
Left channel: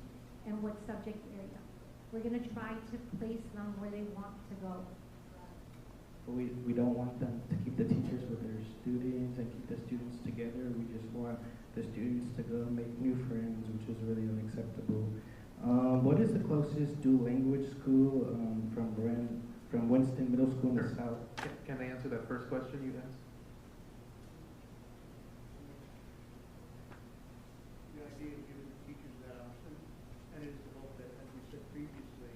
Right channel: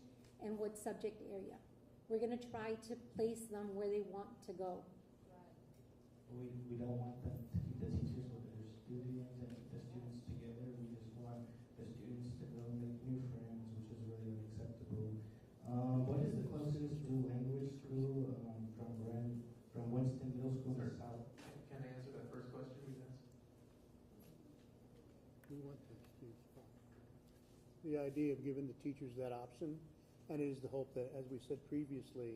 and what subject area. We're going to try to place them where they want to go. We don't want them to keep the teachers with their students and keep the students together. We just want the students to go make new friends, which is really unacceptable. What is the closest dual language school from Winston Middle School in the south? Can I answer that first question you asked? The idea of giving the teachers that option, and it is the hope that, as we said previously,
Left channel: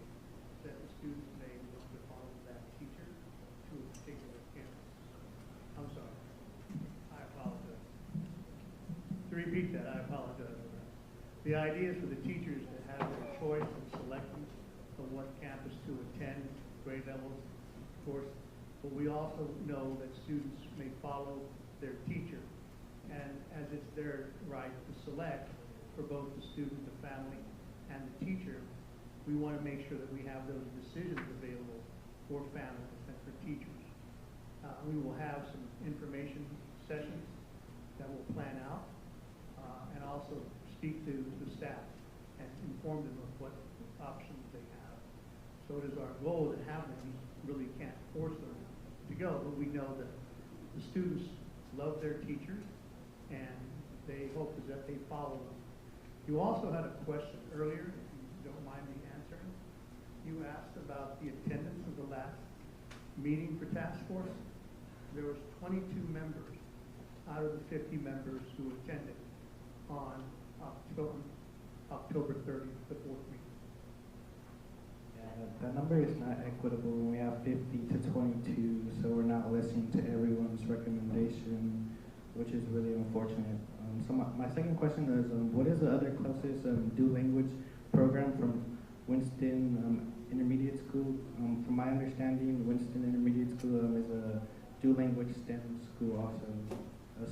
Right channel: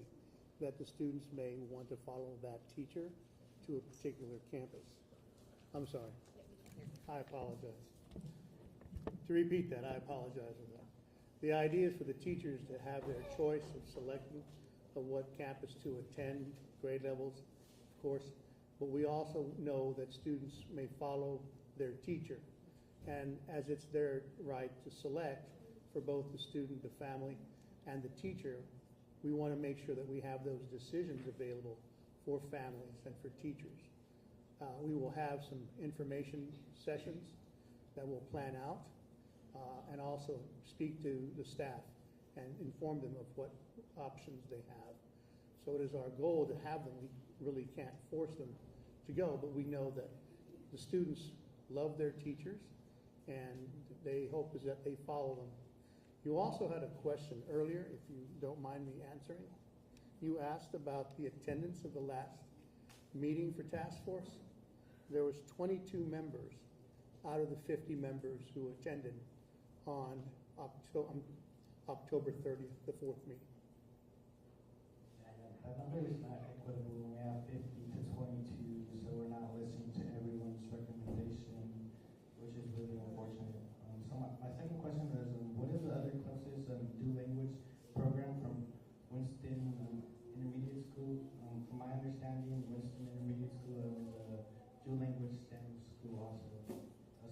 that the students may want to follow that teacher to a particular campus. I'm sorry. I apologize. To repeat that, I apologize for that. The idea is for the teachers to have their choice of selecting of what campus to attend, grade levels, of course, but we also know that students may follow their teacher. And as it's their right to select for both the student, the family, and the teacher, we want to make sure that we have those decisions available for families and for teachers. We will have some information sessions that we'll plan out and also speak to the staff and inform them of what options they have. So it is our goal to have them. We really can't force them to go, but we know that the students love their teachers, and they hope is that they follow them. You also had a question earlier, if you don't mind me answering. You asked about the attendance of the last meeting for task force. There was 22 members out of the 50 members who attended on October 30th, the 4th meeting. That number is not equitable. We have 50 to 22, so we're not listening to everyone's recommendation, which is really unfortunate. So my second question is, what is the other closest dual language program from Winston Intermediate School? From my understanding, Winston Intermediate School is a dual language STEM school also.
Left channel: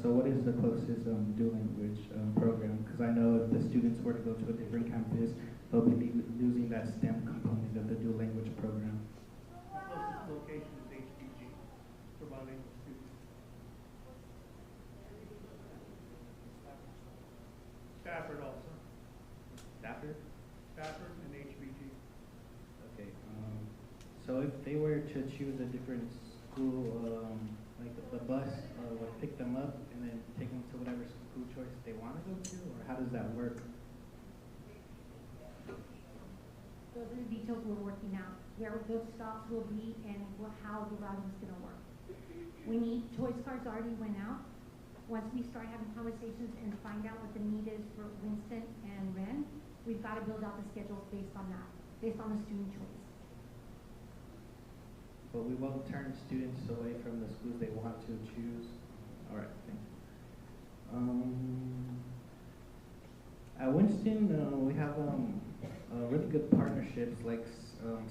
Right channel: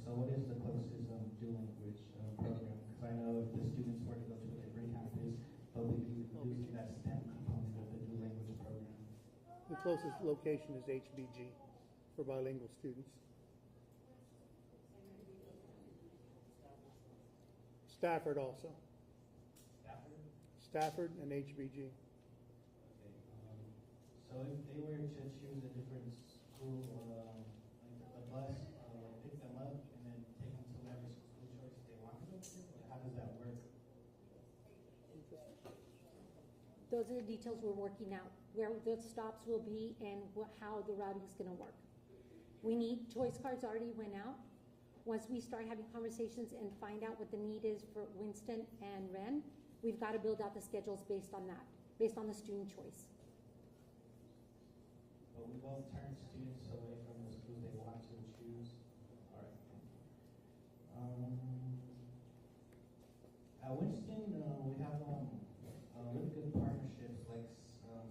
So what is the closest dual language program? Because I know if the students were to go to a different campus, they'll be losing that STEM component of the dual language program. The closest location is HBG for bilingual students. Stafford also. Stafford? Stafford and HBG. Okay. So if they were to choose a different school, like the bus would pick them up and then take them to whatever school choice they want to go to, or how does that work? Those are the details we're working out, where those stops will be and how the routing is going to work. choice cards already went out. Once we start having conversations and find out what the need is for Winston and Ren, we've got to build out the schedules based on that, based on the student choice. But we won't turn students away from the schools they want to choose. All right, thank you. At Winston, we have really good partnerships like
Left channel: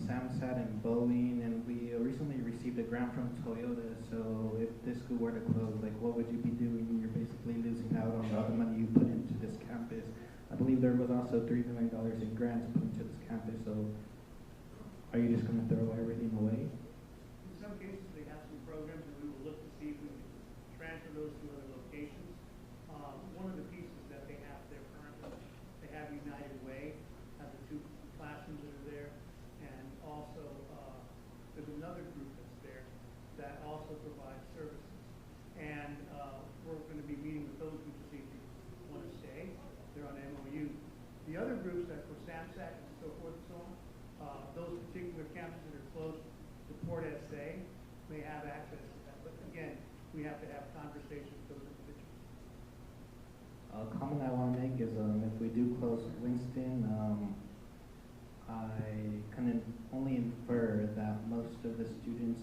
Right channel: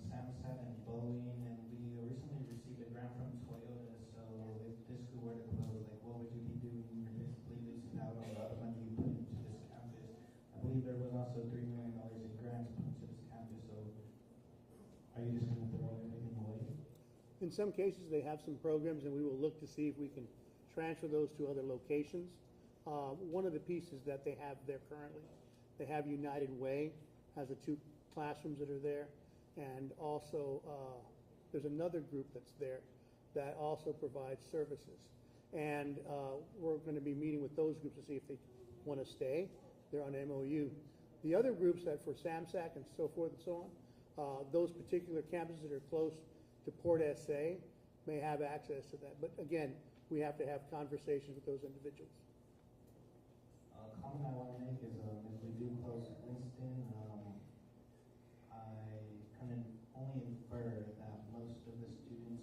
SAMSAT and Boeing, and we recently received a grant from Toyota. So if this school were to close, like what would you be doing? You're basically losing out on all the money you put into this campus. I believe there was also $3 million in grants put into this campus. So are you just going to throw everything away? In some cases, they have some programs, and we will look to see if we can transfer those to other locations. One of the pieces that they have there currently, they have United Way, has the 2 classrooms that are there, and also there's another group that's there that also provides services. And we're going to be meeting with those groups to see if they want to stay. They're on MOU. The other groups that for SAMSAC and so forth and so on, those particular campuses that are close to Port SA may have access to that. But again, we have to have conversations with those individuals. A comment I want to make is if we do close Winston, I can only infer that most of the students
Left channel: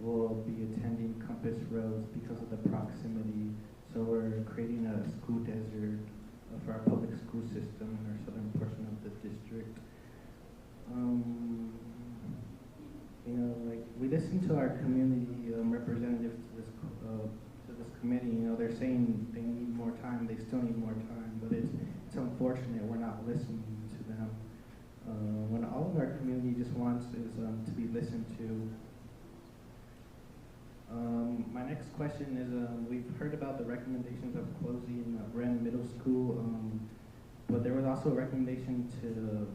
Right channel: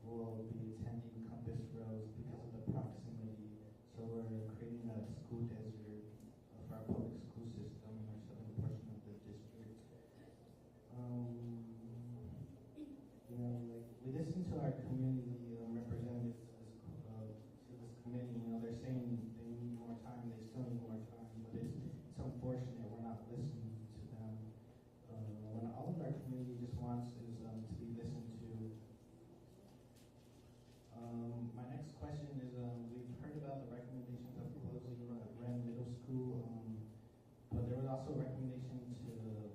will be attending Compass Rose because of the proximity. So we're creating a school desert for our public school system in our southern portion of the district. You know, like we listen to our community representatives to this committee. You know, they're saying they need more time. They still need more time, but it's unfortunate we're not listening to them. When all of our community just wants is to be listened to. My next question is, we've heard about the recommendations of closing Wren Middle School, but there was also a recommendation to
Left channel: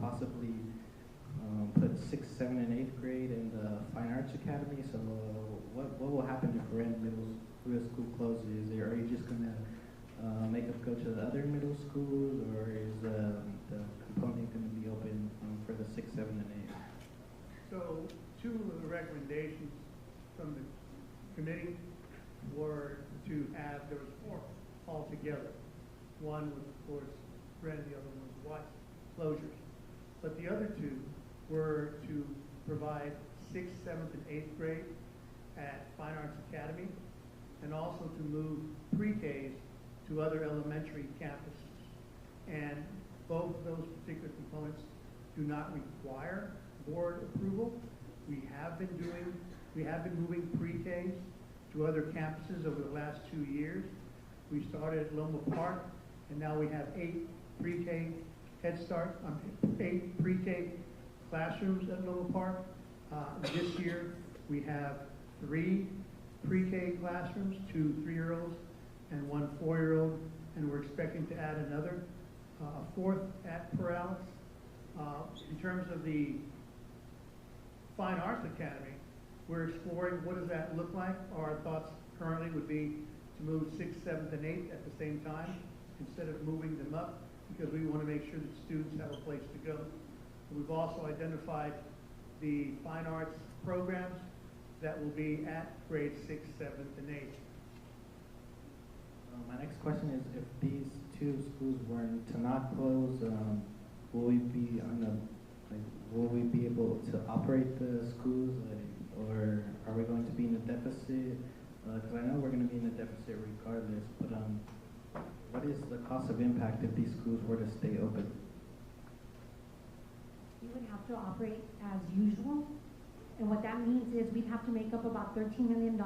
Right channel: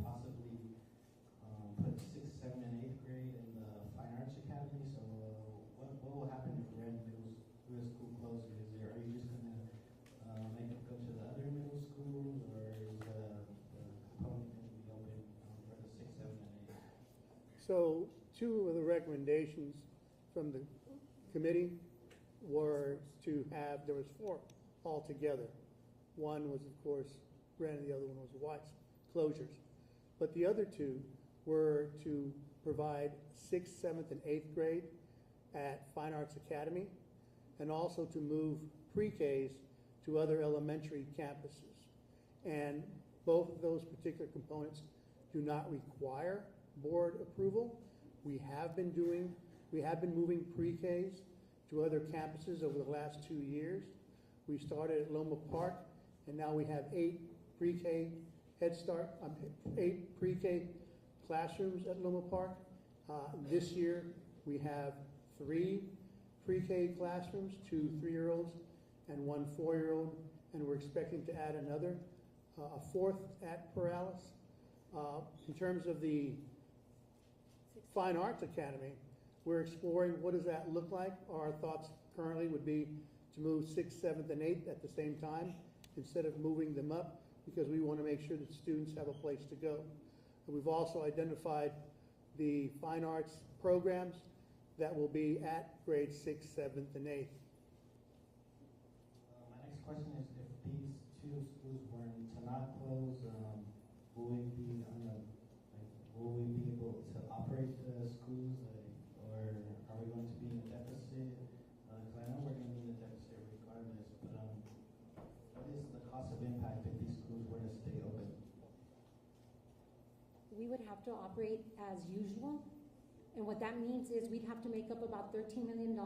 possibly put 6th, 7th, and 8th grade in the Fine Arts Academy. So what will happen if Wren Middle School closes? Are you just going to make us go to the other middle schools, or is the component going to be open for the 6th, 7th, and 8th? So 2 of the recommendations from the committee were to have, there was 4 altogether. One was, of course, Wren, the other one was Watson, closures. But the other 2 were to provide 6th, 7th, and 8th grade at Fine Arts Academy, and also to move pre-Ks to other elementary campuses. And both of those particular components do not require board approval. We have been moving pre-Ks to other campuses over the last 2 years. We started at Loma Park, and now we have 8 pre-K Head Start, 8 pre-K classrooms at Loma Park. This year, we have 3 pre-K classrooms, 2 3-year-olds and 1 4-year-old, and we're expecting to add another, a 4th at Perales. In terms of the Fine Arts Academy, we're exploring what does that look like. Our thoughts currently would be to move 6th, 7th, and 8th at the same time instead of moving them up, because we want to make sure that students have a place to go. And we've also identified the fine arts programs that will be at grade 6th, 7th, and 8th. My next question is, if these 2 schools were to not close, will we be will we be able to operate the schools, or are we going to be in a deficit? Because I know we're going to be in a deficit regardless, but what is the cost of impact if these schools were to stay open? We would have to operate as usual. And what that means is we'd have to make up about $13 million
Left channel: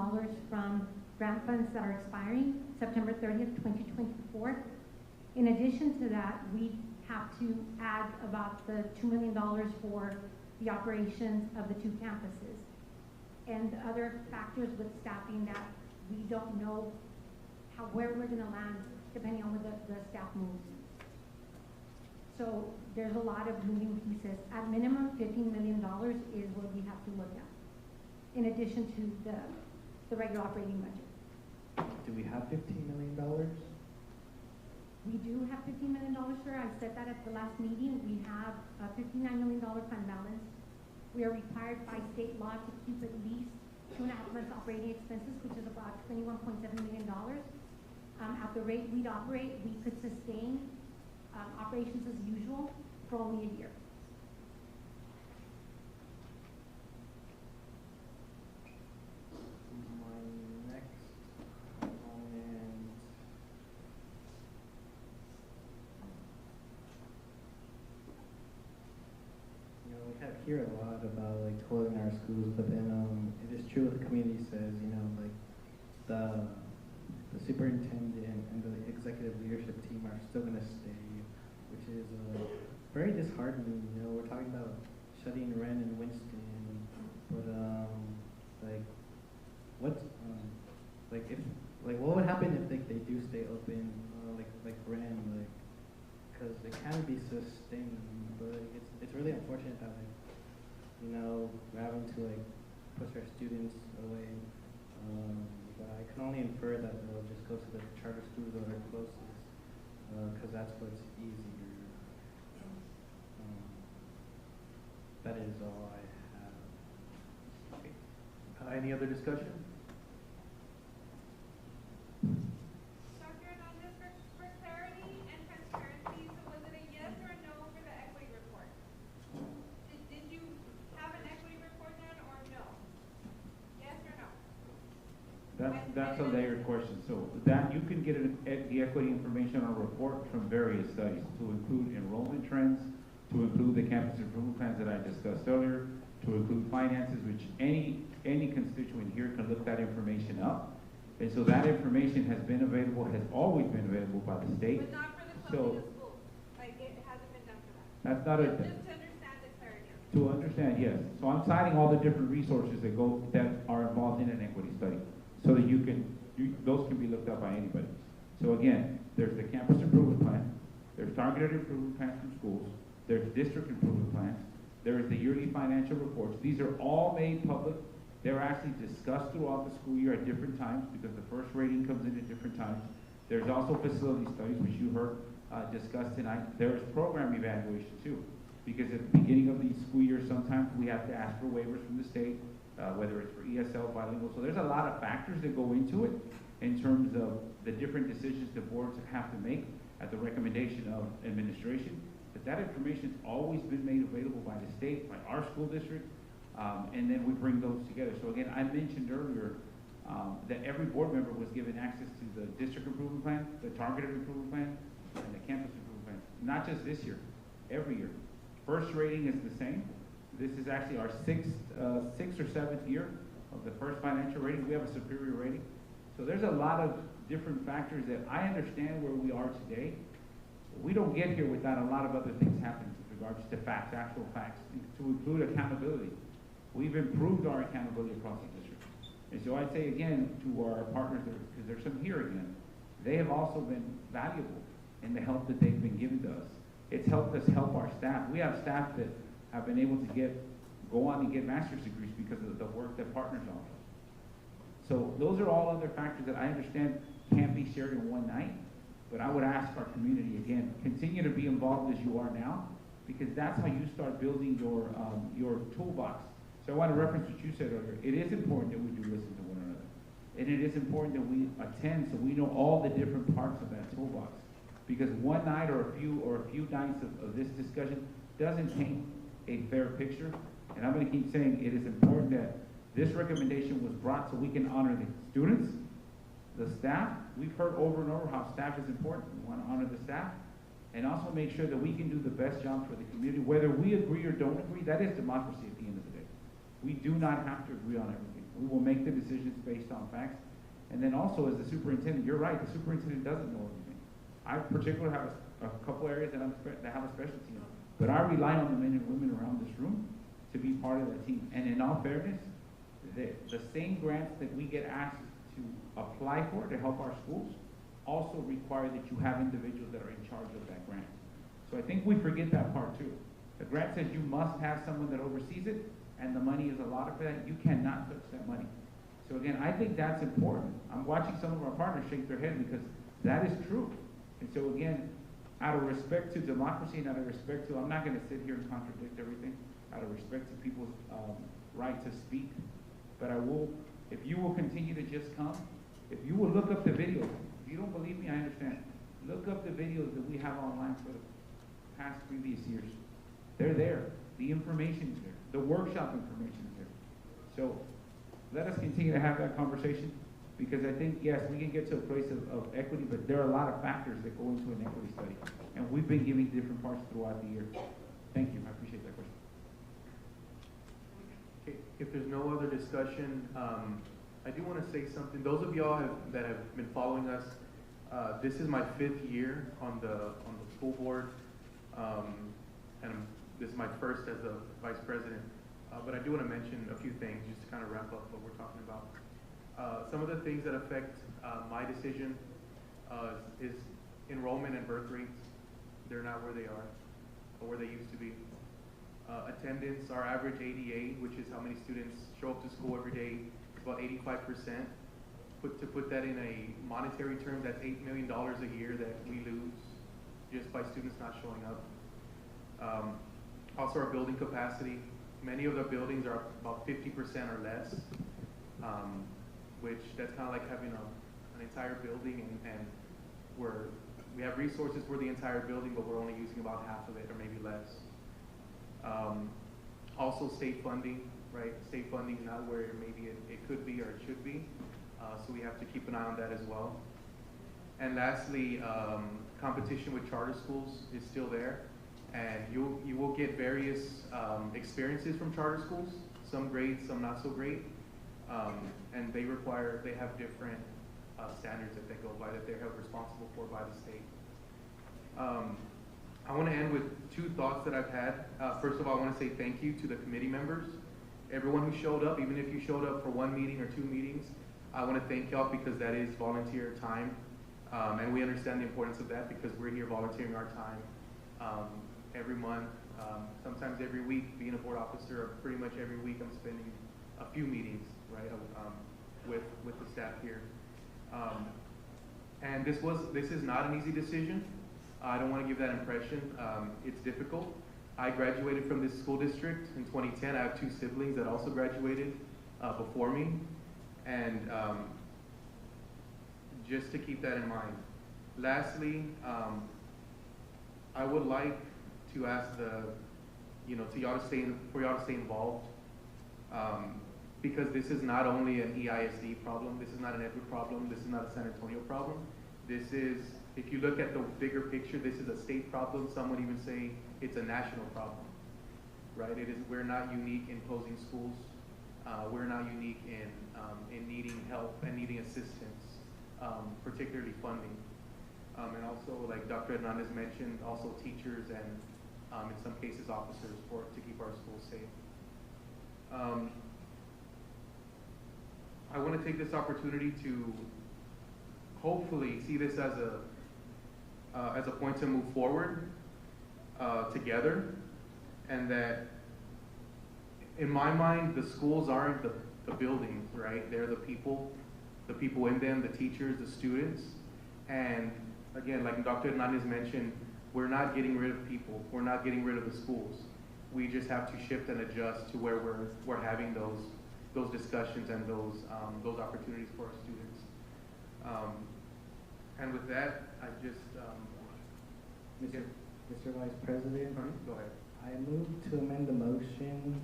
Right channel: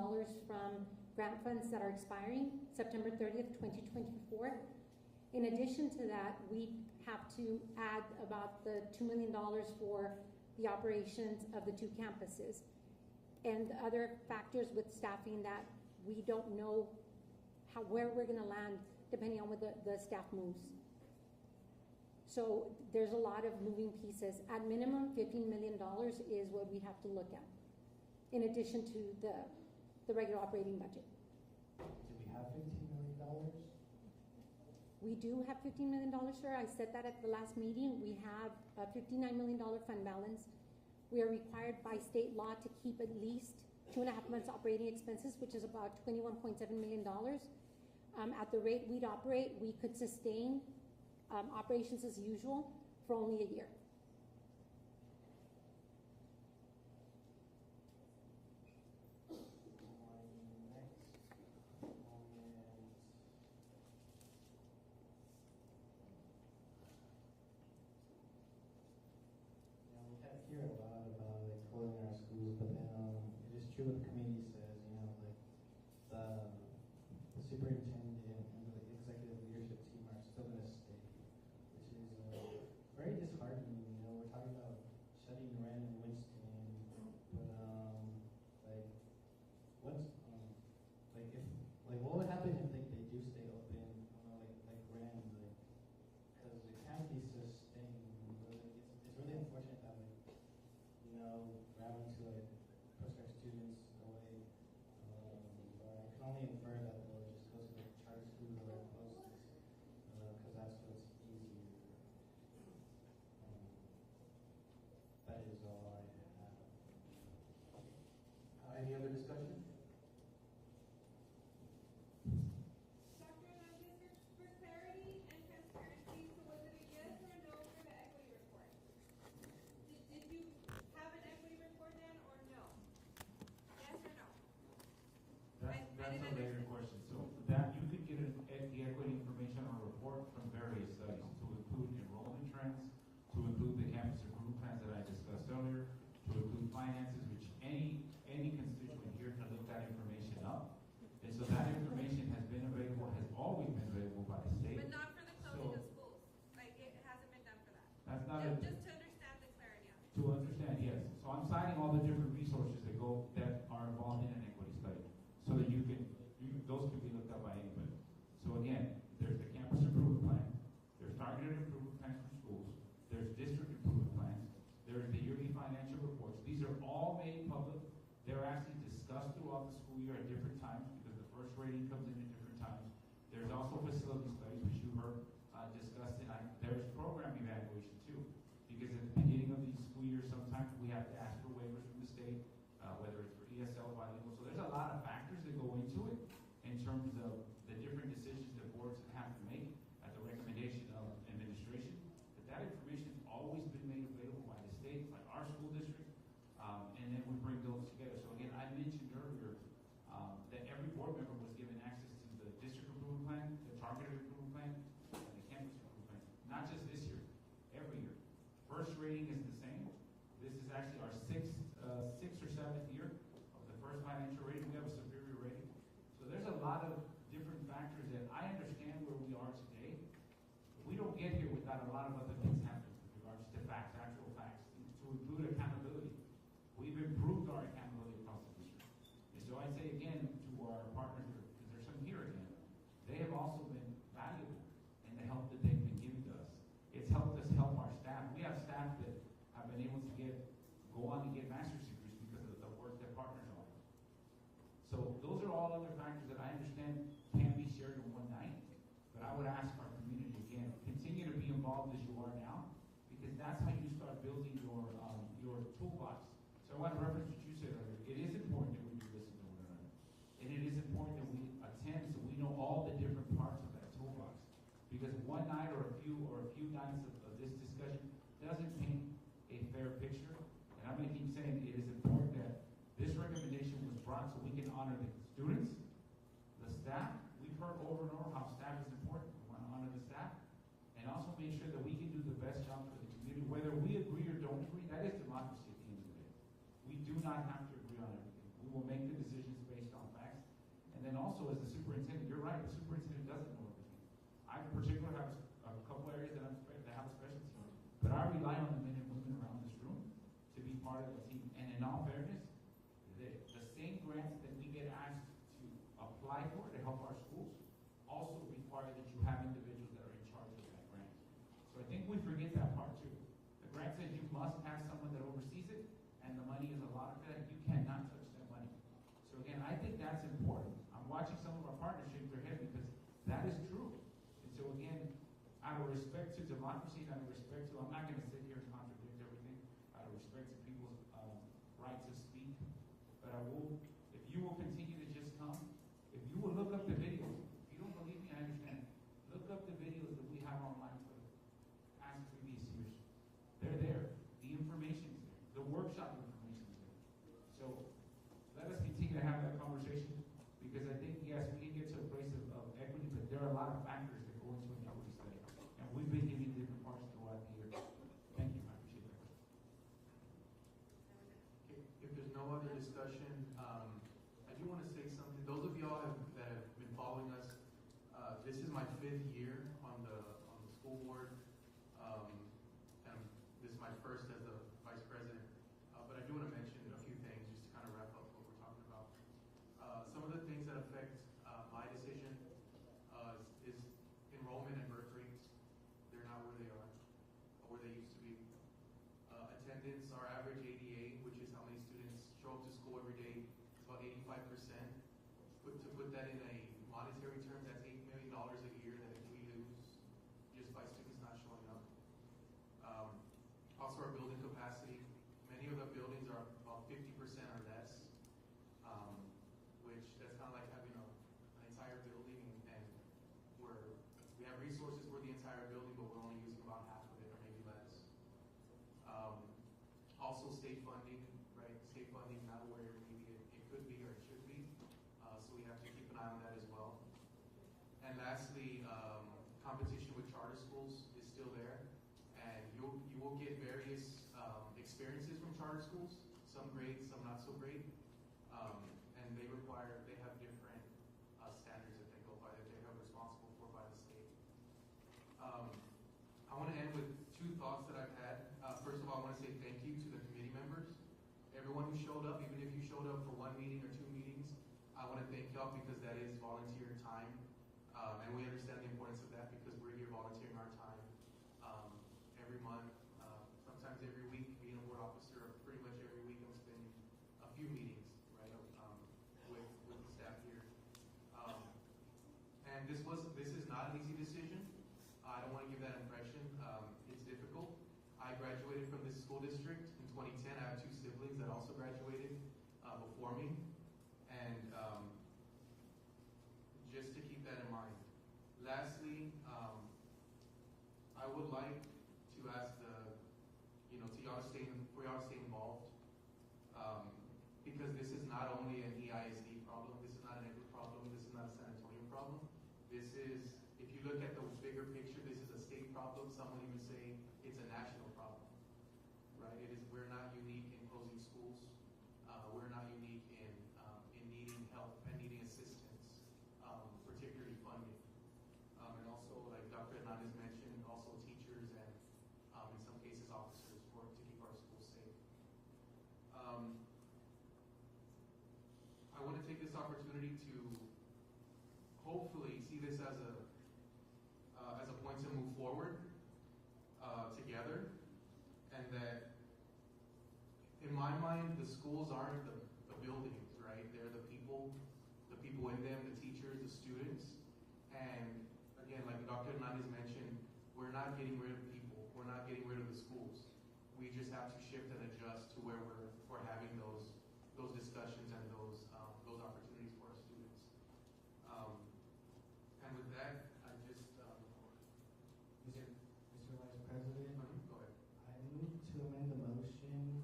from grant funds that are expiring September 30th, 2024. In addition to that, we have to add about the $2 million for the operations of the 2 campuses. And other factors with staffing that we don't know where we're going to land depending on where the staff moves. So there's a lot of moving pieces. At minimum, $15 million is what we have to look at, in addition to the regular operating budget. Do we have $15 million? We do have $15 million, sir. I said that at the last meeting. We have a $59 million fund balance. We are required by state law to keep at least student applicants operating expenses, which is about $21.7 million. At the rate we'd operate, we could sustain operations as usual for only a year. My next comment. You know, we hear a lot about like closing our schools, but then it is true what the community says. You know, like the superintendent and the executive leadership team are still going to stay, which is very disheartening. You know, we're talking about shutting Wren and Winston, but like what like if like what would happen if they do stay open, like Wren, like because it can be sustained, but it's really unfortunate that like you know we're having to like push our students away. But I can only infer that they'll just go to the charter schools that are closest, because that's what's easier. That is all I have. Okay. Any other discussion? Dr. Hernandez, for clarity and transparency, so was it a yes or a no for the equity report? Did you have an equity report then or no? Yes or no? That's a layered question. So that you can get the equity information on a report from various studies to include enrollment trends, to include the campus improvement plans that I discussed earlier, to include finances, which any constituent here can look that information up. And so that information has been available, has always been available by the state. But not for the closing of schools. Like it hasn't been done for that. That's not a. Just to understand the clarity. To understand, yes. So I'm citing all the different resources that are involved in an equity study, so that those can be looked up by anybody. So again, there's the campus improvement plan, there's targeted improvement plans from schools, there's district improvement plans, there is the yearly financial reports. These are all made public. They're actually discussed throughout the school year at different times because the first rating comes in at different times. There's also facility studies, which you heard discussed tonight. There's program evaluation too, because at the beginning of the school year, sometimes we have to ask for waivers from the state, whether it's for ESL, bilingual. So there's a lot of factors that go into it in terms of the different decisions the boards have to make at the recommendation of administration. But that information's always been made available by the state, by our school district, and then we bring those together. So again, I mentioned earlier that every board member was given access to the district improvement plan, the targeted improvement plan, and the campus improvement plan. Not just this year, every year. First rating is the same. This is actually our sixth or seventh year of the first financial rating. We have a superior rating. So there's a lot of different factors that I understand where we are today. We don't get here without a lot of other things happening with regards to facts, actual facts, to include accountability. We've improved our accountability across the district. And so I'd say again to our partners, because there's some here again, they have also been valuable in the help that they've been given to us. It's helped us help our staff. We have staff that have been able to go on and get master's degrees because of the work that partners offer. So those are all other factors that I understand can't be shared in one night, but I would ask our community again, continue to be involved as you are now, because that's how you start building your toolbox. So I want to reference what you said earlier. It is important that we do listen to one another. And it is important that we attend so we know all the different parts of that toolbox. Because one night or a few nights of this discussion doesn't paint a fair picture. And I'm going to keep saying it is important that this recommendation was brought so we can honor the students, the staff. We've heard over and over how staff is important. We want to honor the staff. And also make sure that we can do the best job for the community. Whether we agree or don't agree, that is democracy at the end of the day. We do not have to agree on everything. We will make the decisions based on facts. And then also as the superintendent, you're right, the superintendent doesn't know everything. I particularly have a couple areas that have a specialty in, but I rely on the men and women around this room to be part of that team. And in all fairness, the same grants that we get asked to apply for to help our schools also require that you have individuals that are in charge of that grant. So I think we forget that part too. The grant says you must have someone that oversees it, and the money is allotted for that. You cannot touch that money. So again, I think that's important. I'm watching some of our partners shake their head because that is true. And so again, out of respect to democracy and out of respect to, I'm not going to sit here and contradict everything, out of respect to people's right to speak But if you will continue to just come, if you will look up the videos, if you don't believe me, I understand. Look up the videos that we have online for the past previous years. They're there. The information's there. The workshop information's there. So let us continue to have that conversation, because I think, yes, we can get to a place of equity, but there are a lot of factors that go into an equity study. And we've been giving different parts throughout the year. Thank you. I appreciate that question. Okay, if there's no other discussion, I do want to say something. Those of y'all that have been following us, this is my 5th year on the school board, and this is my first as a vice president. But I do want to mention a few things just to kind of wrap up what we're talking about. Some of the things that affect my decision is enrollment and birth rates. They're not where they are or where they used to be. Attendance, our average ADA, which is how many students show up to school every day, is about 85%. To put that in a monetary term, that's $8 million a year that we lose just by students not showing up. Also, our building capacity. Many of the buildings are about 50% or less, which that's kind of like having an entire building, and we have resources for the entire building, but we're only using about half of it or maybe less. Also, state funding, right? State funding is not where maybe it could be or it should be. So we have to keep an eye on that as well. And lastly, competition with charter schools is still there. And you will get various experiences from charter schools, some great, some not so great. And they have different standards that they go by, that they're held responsible for by the state. I want to end with 2 thoughts that I've had. First of all, I want to say thank you to the committee members. Everyone who showed up, even if you showed up for 1 meeting or 2 meetings, I want to thank y'all, because that is volunteer time. And we understand the importance of that, because we're here volunteering our time every month, sometimes every week. Being a board officer, pretty much every week I'm spending a few meetings, right, with the staff here. And this is not an easy decision. I don't want to give that impression. It's difficult. I graduated from this school district in 2010. I have 2 siblings that also graduated before me. And just to keep that in mind. Lastly, I would like to ask for y'all to stay involved, because this is not only an EISD problem. This is not an Edgewood problem. This is not a San Antonio problem. This is, if you look at the bigger picture, this is a state problem. Some would even say it's a national problem, right? We're not unique in closing schools. We're not unique in needing help and needing assistance, particularly funding. And also, like Dr. Hernandez mentioned, also teachers and in some cases officers to keep our schools safe. I want to take this opportunity to hopefully see this as a point to move forward together, and that in my mind, the schools aren't the buildings, right? They're the people in them, the teachers, the students. And again, like Dr. Hernandez mentioned, we're not getting rid of people. We're not getting rid of the schools. We just have to shift and adjust to where we're having those discussions and those opportunities for our students. And with that, I just Mr. Vice President, go ahead. I move to amend the motion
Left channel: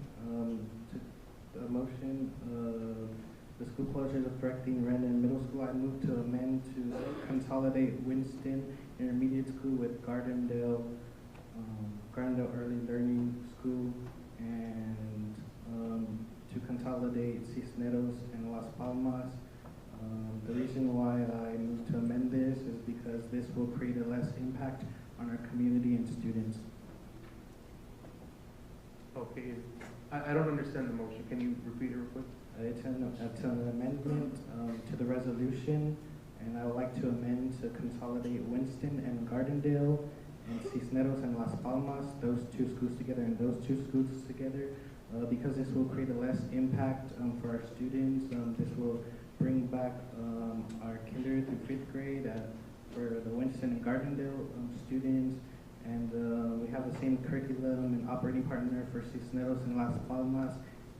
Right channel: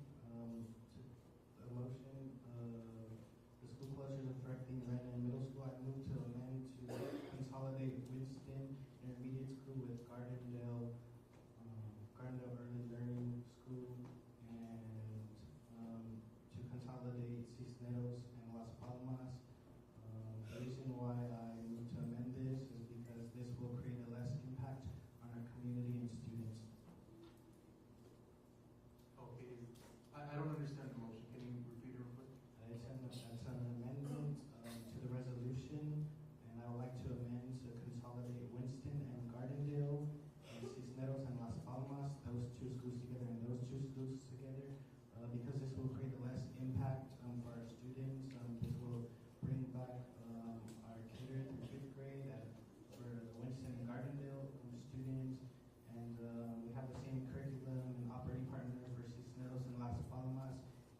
the school closures affecting Rendon Middle School. I move to amend to consolidate Winston Intermediate School with Gardendale Early Learning School, and to consolidate Cisneros and Las Palmas. The reason why I move to amend this is because this will create a less impact on our community and students. Okay, I don't understand the motion. Can you repeat it real quick? It's an amendment to the resolution, and I would like to amend to consolidate Winston and Gardendale and Cisneros and Las Palmas, those 2 schools together and those 2 schools together, because this will create a less impact for our students. This will bring back our kinder through 5th grade for the Winston and Gardendale students, and we have the same curriculum and operating partner for Cisneros and Las Palmas,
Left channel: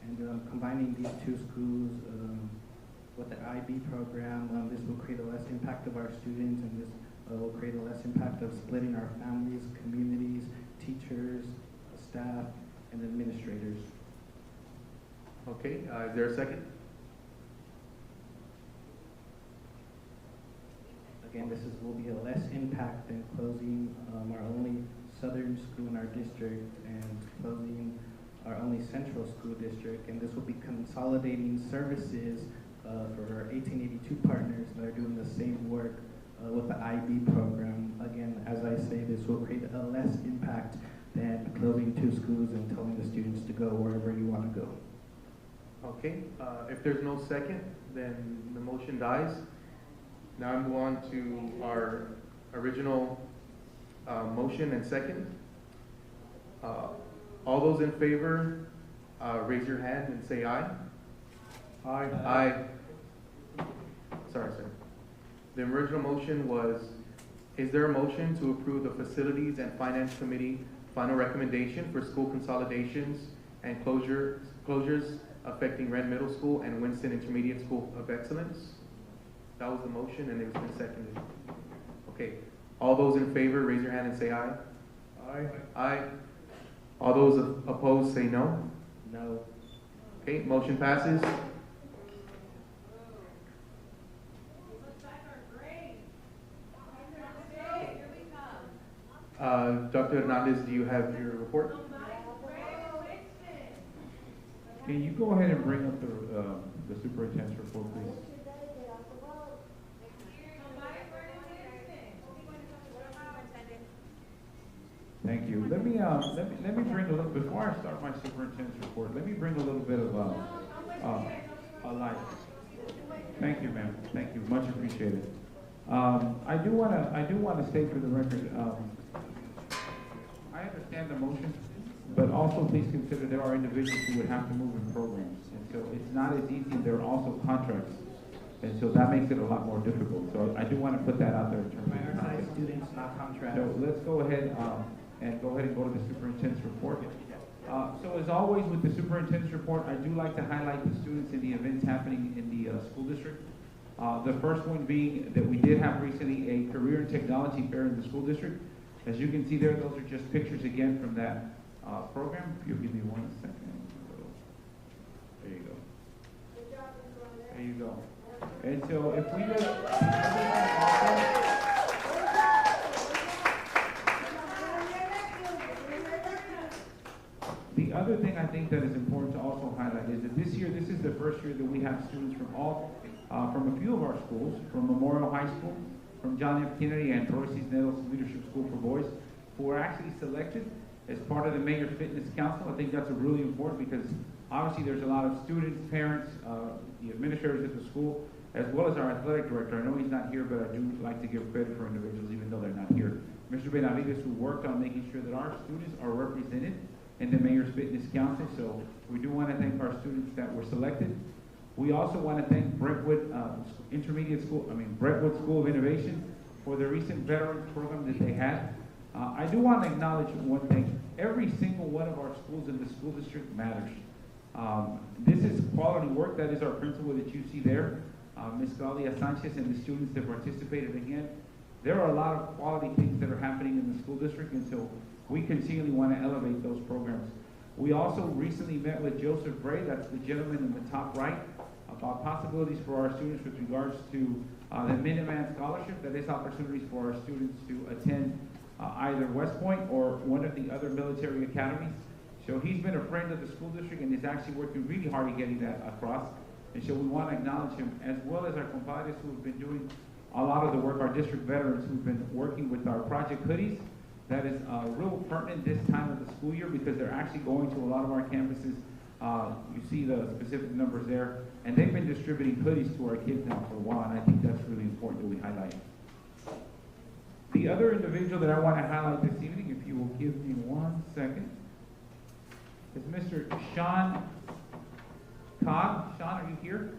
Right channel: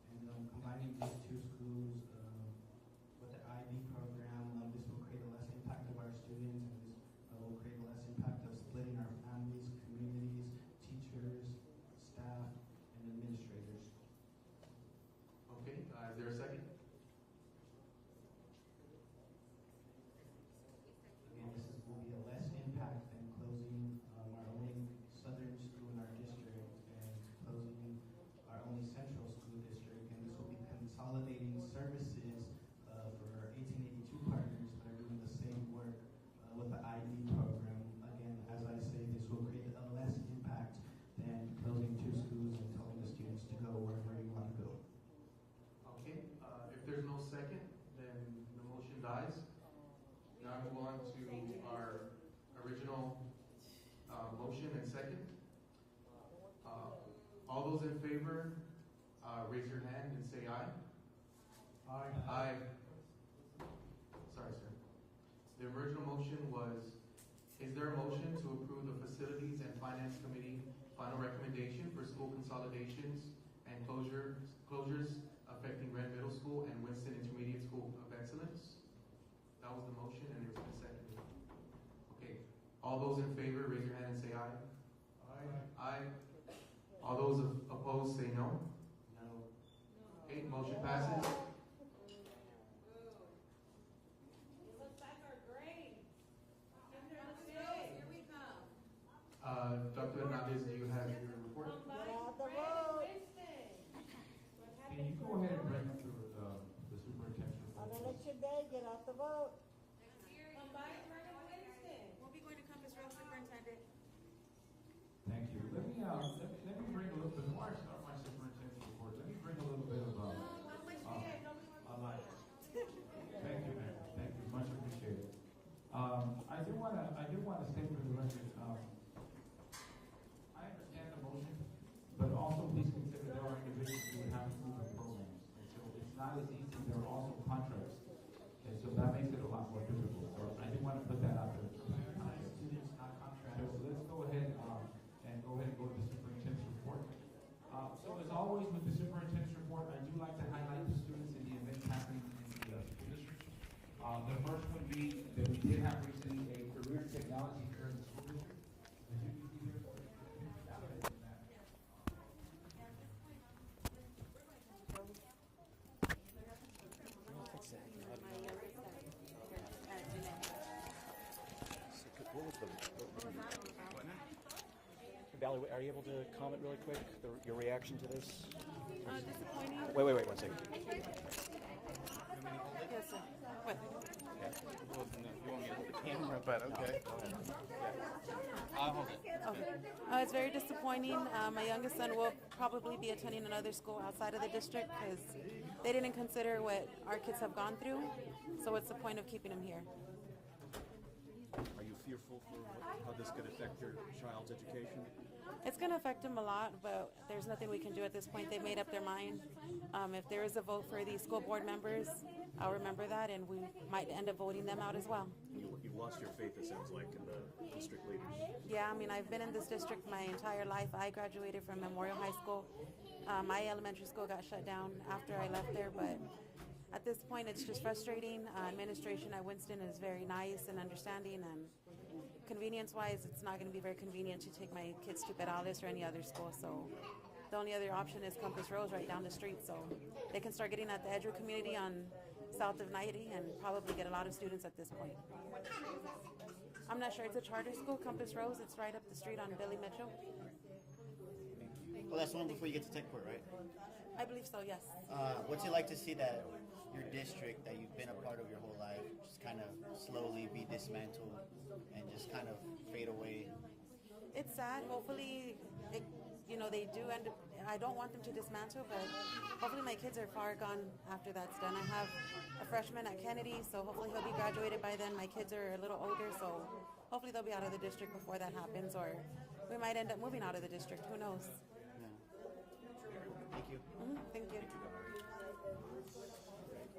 And combining these two schools with the IB program, this will create a less impact of our students, and this will create a less impact of splitting our families, communities, teachers, staff, and administrators. Okay, is there a second? Again, will be a less impact than closing our only southern school in our district and closing our only central school district. And this will be consolidating services for our 1882 partners that are doing the same work with the IB program. Again, as I say, this will create a less impact than closing two schools and telling the students to go wherever you want to go. Okay, if there's no second, then the motion dies. Now I move on to our original motion and second. All those in favor, raise your hand and say aye. Aye. Aye. Sorry, sir. The original motion was, is there a motion to approve the Facilities and Finance Committee final recommendation for school consolidations and closures affecting Wren Middle School and Winston Intermediate School of Excellence? That was the motion, and it was been seconded. Okay. All those in favor, raise your hand and say aye. Aye. Aye. All those opposed, say no. No. Okay, motion passes. Dr. Hernandez, do you have your report? Can you go ahead and bring up the superintendent's report, please? Thank you. Let me bring a little, before I start my superintendent's report, let me bring a little bit of a light. Thank you, ma'am. Thank you. Much appreciated. I do want to state for the record, I understand the motion, but also please consider there are individuals who would have to move in programs, and so it's not as easy. There are also contracts, and so that makes it a lot more difficult. So I do want to put that out there in terms of contracts. Students, not contracts. So let's go ahead and go to the superintendent's report. So as always with the superintendent's report, I do like to highlight the students and the events happening in the school district. The first one being that we did have recently a career and technology fair in the school district. As you can see there, those are just pictures again from that program. If you'll give me 1 second. There you go. There you go. And so if we look, the other thing I think that is important to also highlight is this year, this is the first year that we have students from from a few of our schools, from Memorial High School, from John F. Kennedy and Torres Cisneros Leadership School for Boys, who are actually selected as part of the Mayor Fitness Council. I think that's really important because obviously there's a lot of students, parents, the administrators of the school, as well as our athletic director. I know he's not here, but I do like to give credit for individuals even though they're not here. Mr. Benavides, we worked on making sure that our students are represented in the Mayor's Fitness Council, so we do want to thank our students that were selected. We also want to thank Brentwood Brentwood School of Innovation for the recent veterans program that they had. I do want to acknowledge one thing. Every single one of our schools in the school district matters. This is quality work. That is our principal that you see there, Ms. Claudia Sanchez, and the students that participated again. There are a lot of quality things that are happening in the school district, and so we continually want to elevate those programs. We also recently met with Joseph Bray, that's the gentleman in the top right, about possibilities for our students with regards to the Minuteman Scholarship, that is opportunities for our students to attend either West Point or one of the other military academies. So he's been a friend of the school district and is actually working really hard at getting that across. And so we want to acknowledge him, as well as our compadres who've been doing a lot of the work, our district veterans who've been working with our Project Hoodies. That is real pertinent this time of the school year because they're actually going to a lot of our campuses. You see the specific numbers there. And they've been distributing hoodies to our kids now for a while, and I think that's really important that we highlight. The other individual that I want to highlight this evening, if you will give me 1 second, is Mr. Sean Cobb. Sean, are you here?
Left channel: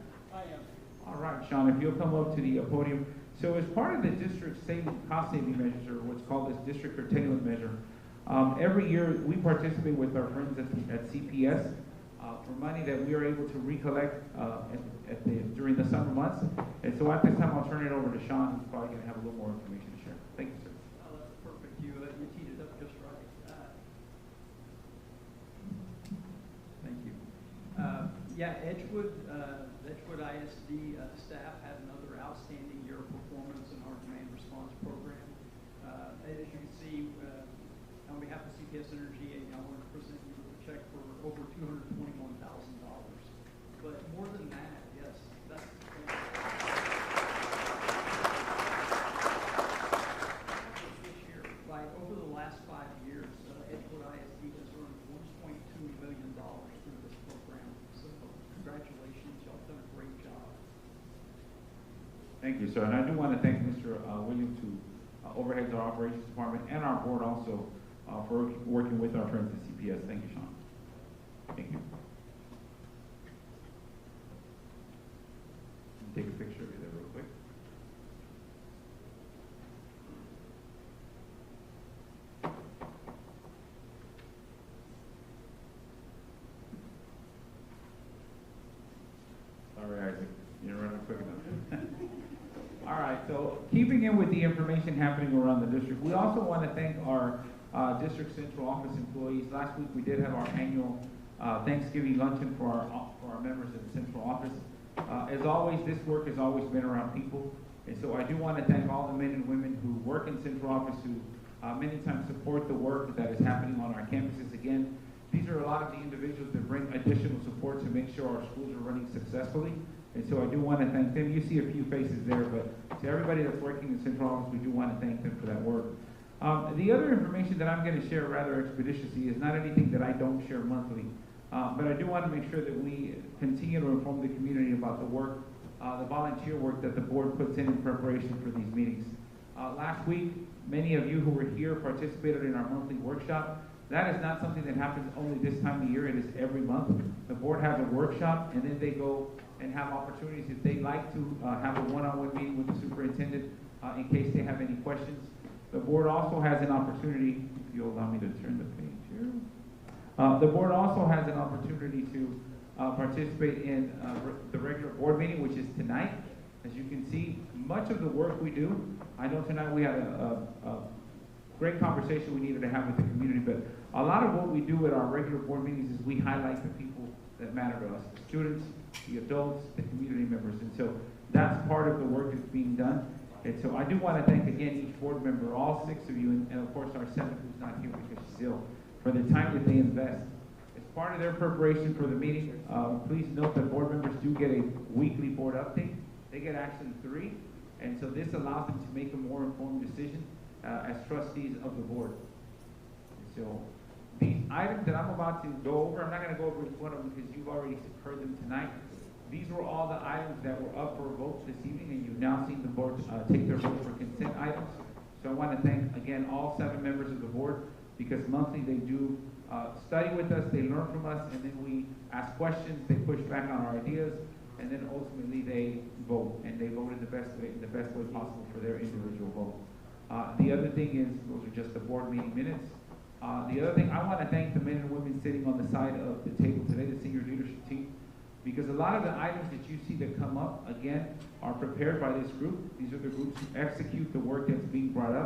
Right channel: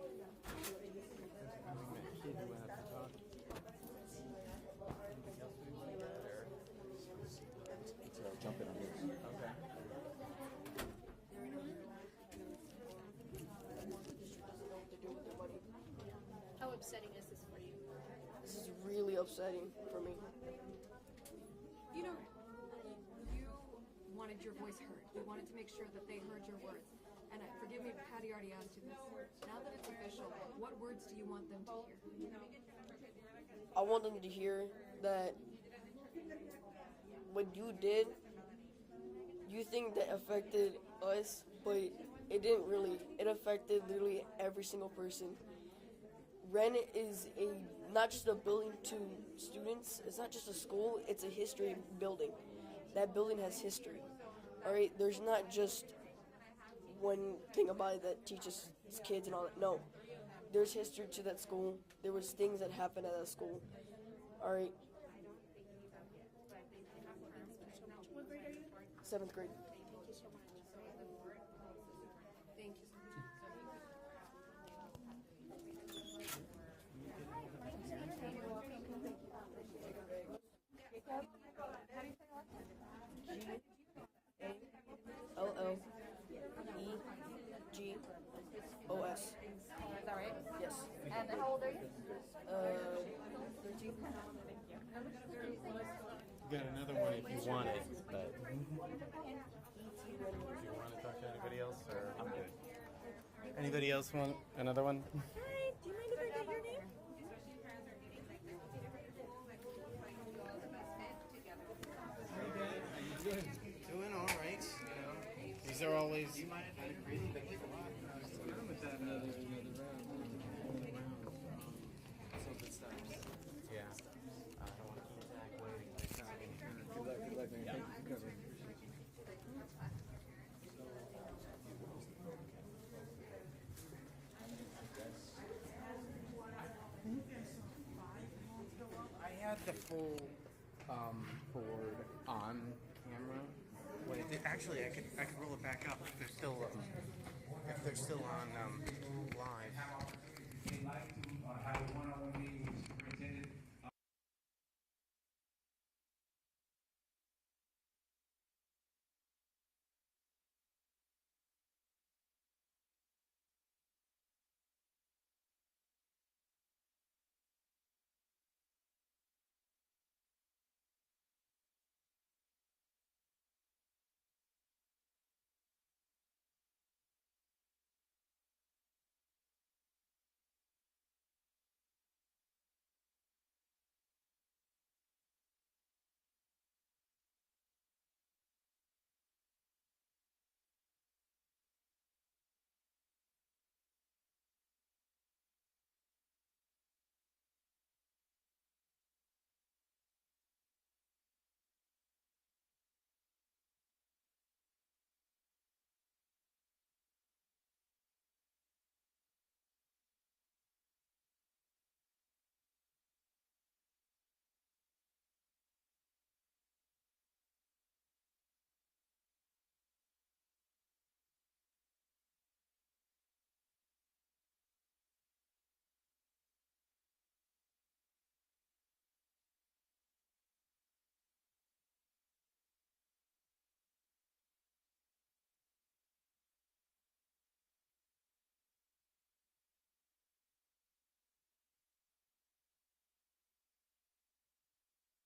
All right, Sean, if you'll come up to the podium. So as part of the district cost-saving measures, or what's called this district curtailment measure, every year we participate with our friends at CPS for money that we are able to recollect during the summer months. And so at this time, I'll turn it over to Sean, who's probably going to have a little more information to share. Thank you, sir. Perfect. You teed it up just right. Wanted your voice heard. We wanted to make sure that they heard your voice. Thank you. Yeah, Edgewood ISD staff had another outstanding year of performance. I wanted to hear that as you can see, what you did, on behalf of CPS Energy, you think that affected us, but it didn't really. It affected literally every single person. Then is not just a building, it's not just a school, it's a history building. That building has history. Alright, there's not just one thing about it that teaches kids and all that. No. There's history to that school. There was things. Thank you, sir. And I do want to thank Mr. Williams, who overheads our operations department, and our board also for working with our friends at CPS. Thank you, Sean. Thank you. Take a picture of that real quick. All right, so keeping in with the information happening around the district, we also want to thank our district central office employees. Last week we did have our annual Thanksgiving luncheon for our members of the central office. Another one? As always, this work has always been around people, and so I do want to thank all the men and women who work in central office who many times support the work that is happening on our campuses. Again, these are a lot of individuals that bring additional support to make sure our schools are running successfully. And so I do want to thank them. You see a few faces there, but to everybody that's working in central office, we do want to thank them for that work. The other information that I'm going to share rather expeditiously is not anything that I don't share monthly, but I do want to make sure that we continue to inform the community about the work, the volunteer work that the board puts in preparation for these meetings. Last week, many of you who were here participated in our monthly workshop. That is not something that happens only this time of year, it is every month. The board has a workshop, and then they go and have opportunities if they like to have a one-on-one meeting with the superintendent in case they have any questions. The board also has an opportunity, if you'll allow me to turn the page here. The board also has an opportunity to participate in the regular board meeting, which is tonight. As you can see, much of the work we do, I know tonight we had a great conversation we needed to have with the community, but a lot of what we do at our regular board meetings is we highlight the people that matter to us, the students, the adults, the community members, and so that's part of the work that's being done. And so I do want to thank again each board member, all 6 of you, and of course our 7th who's not here because she's ill, for the time that they invest. As part of their preparation for the meeting, please note that board members do get a weekly board update. They get actually 3, and so this allows them to make a more informed decision as trustees of the board. So these items that I'm about to go over, I'm not going to go over each one of them because you've already heard them tonight. These were all the items that were up for a vote this evening, and you've now seen the board take their vote for consent items. So I want to thank, again, all 7 members of the board because monthly they do study with us, they learn from us, and then we ask questions, they push back on our ideas, and then ultimately they vote, and they vote in the best way possible for their individual vote. The other thing is, those are just the board meeting minutes. The other thing, I want to thank the men and women sitting on the side of the table today, the senior leadership team, because a lot of the items that you see that come up, again, are prepared by this group. These are the groups who execute the work that's being brought up.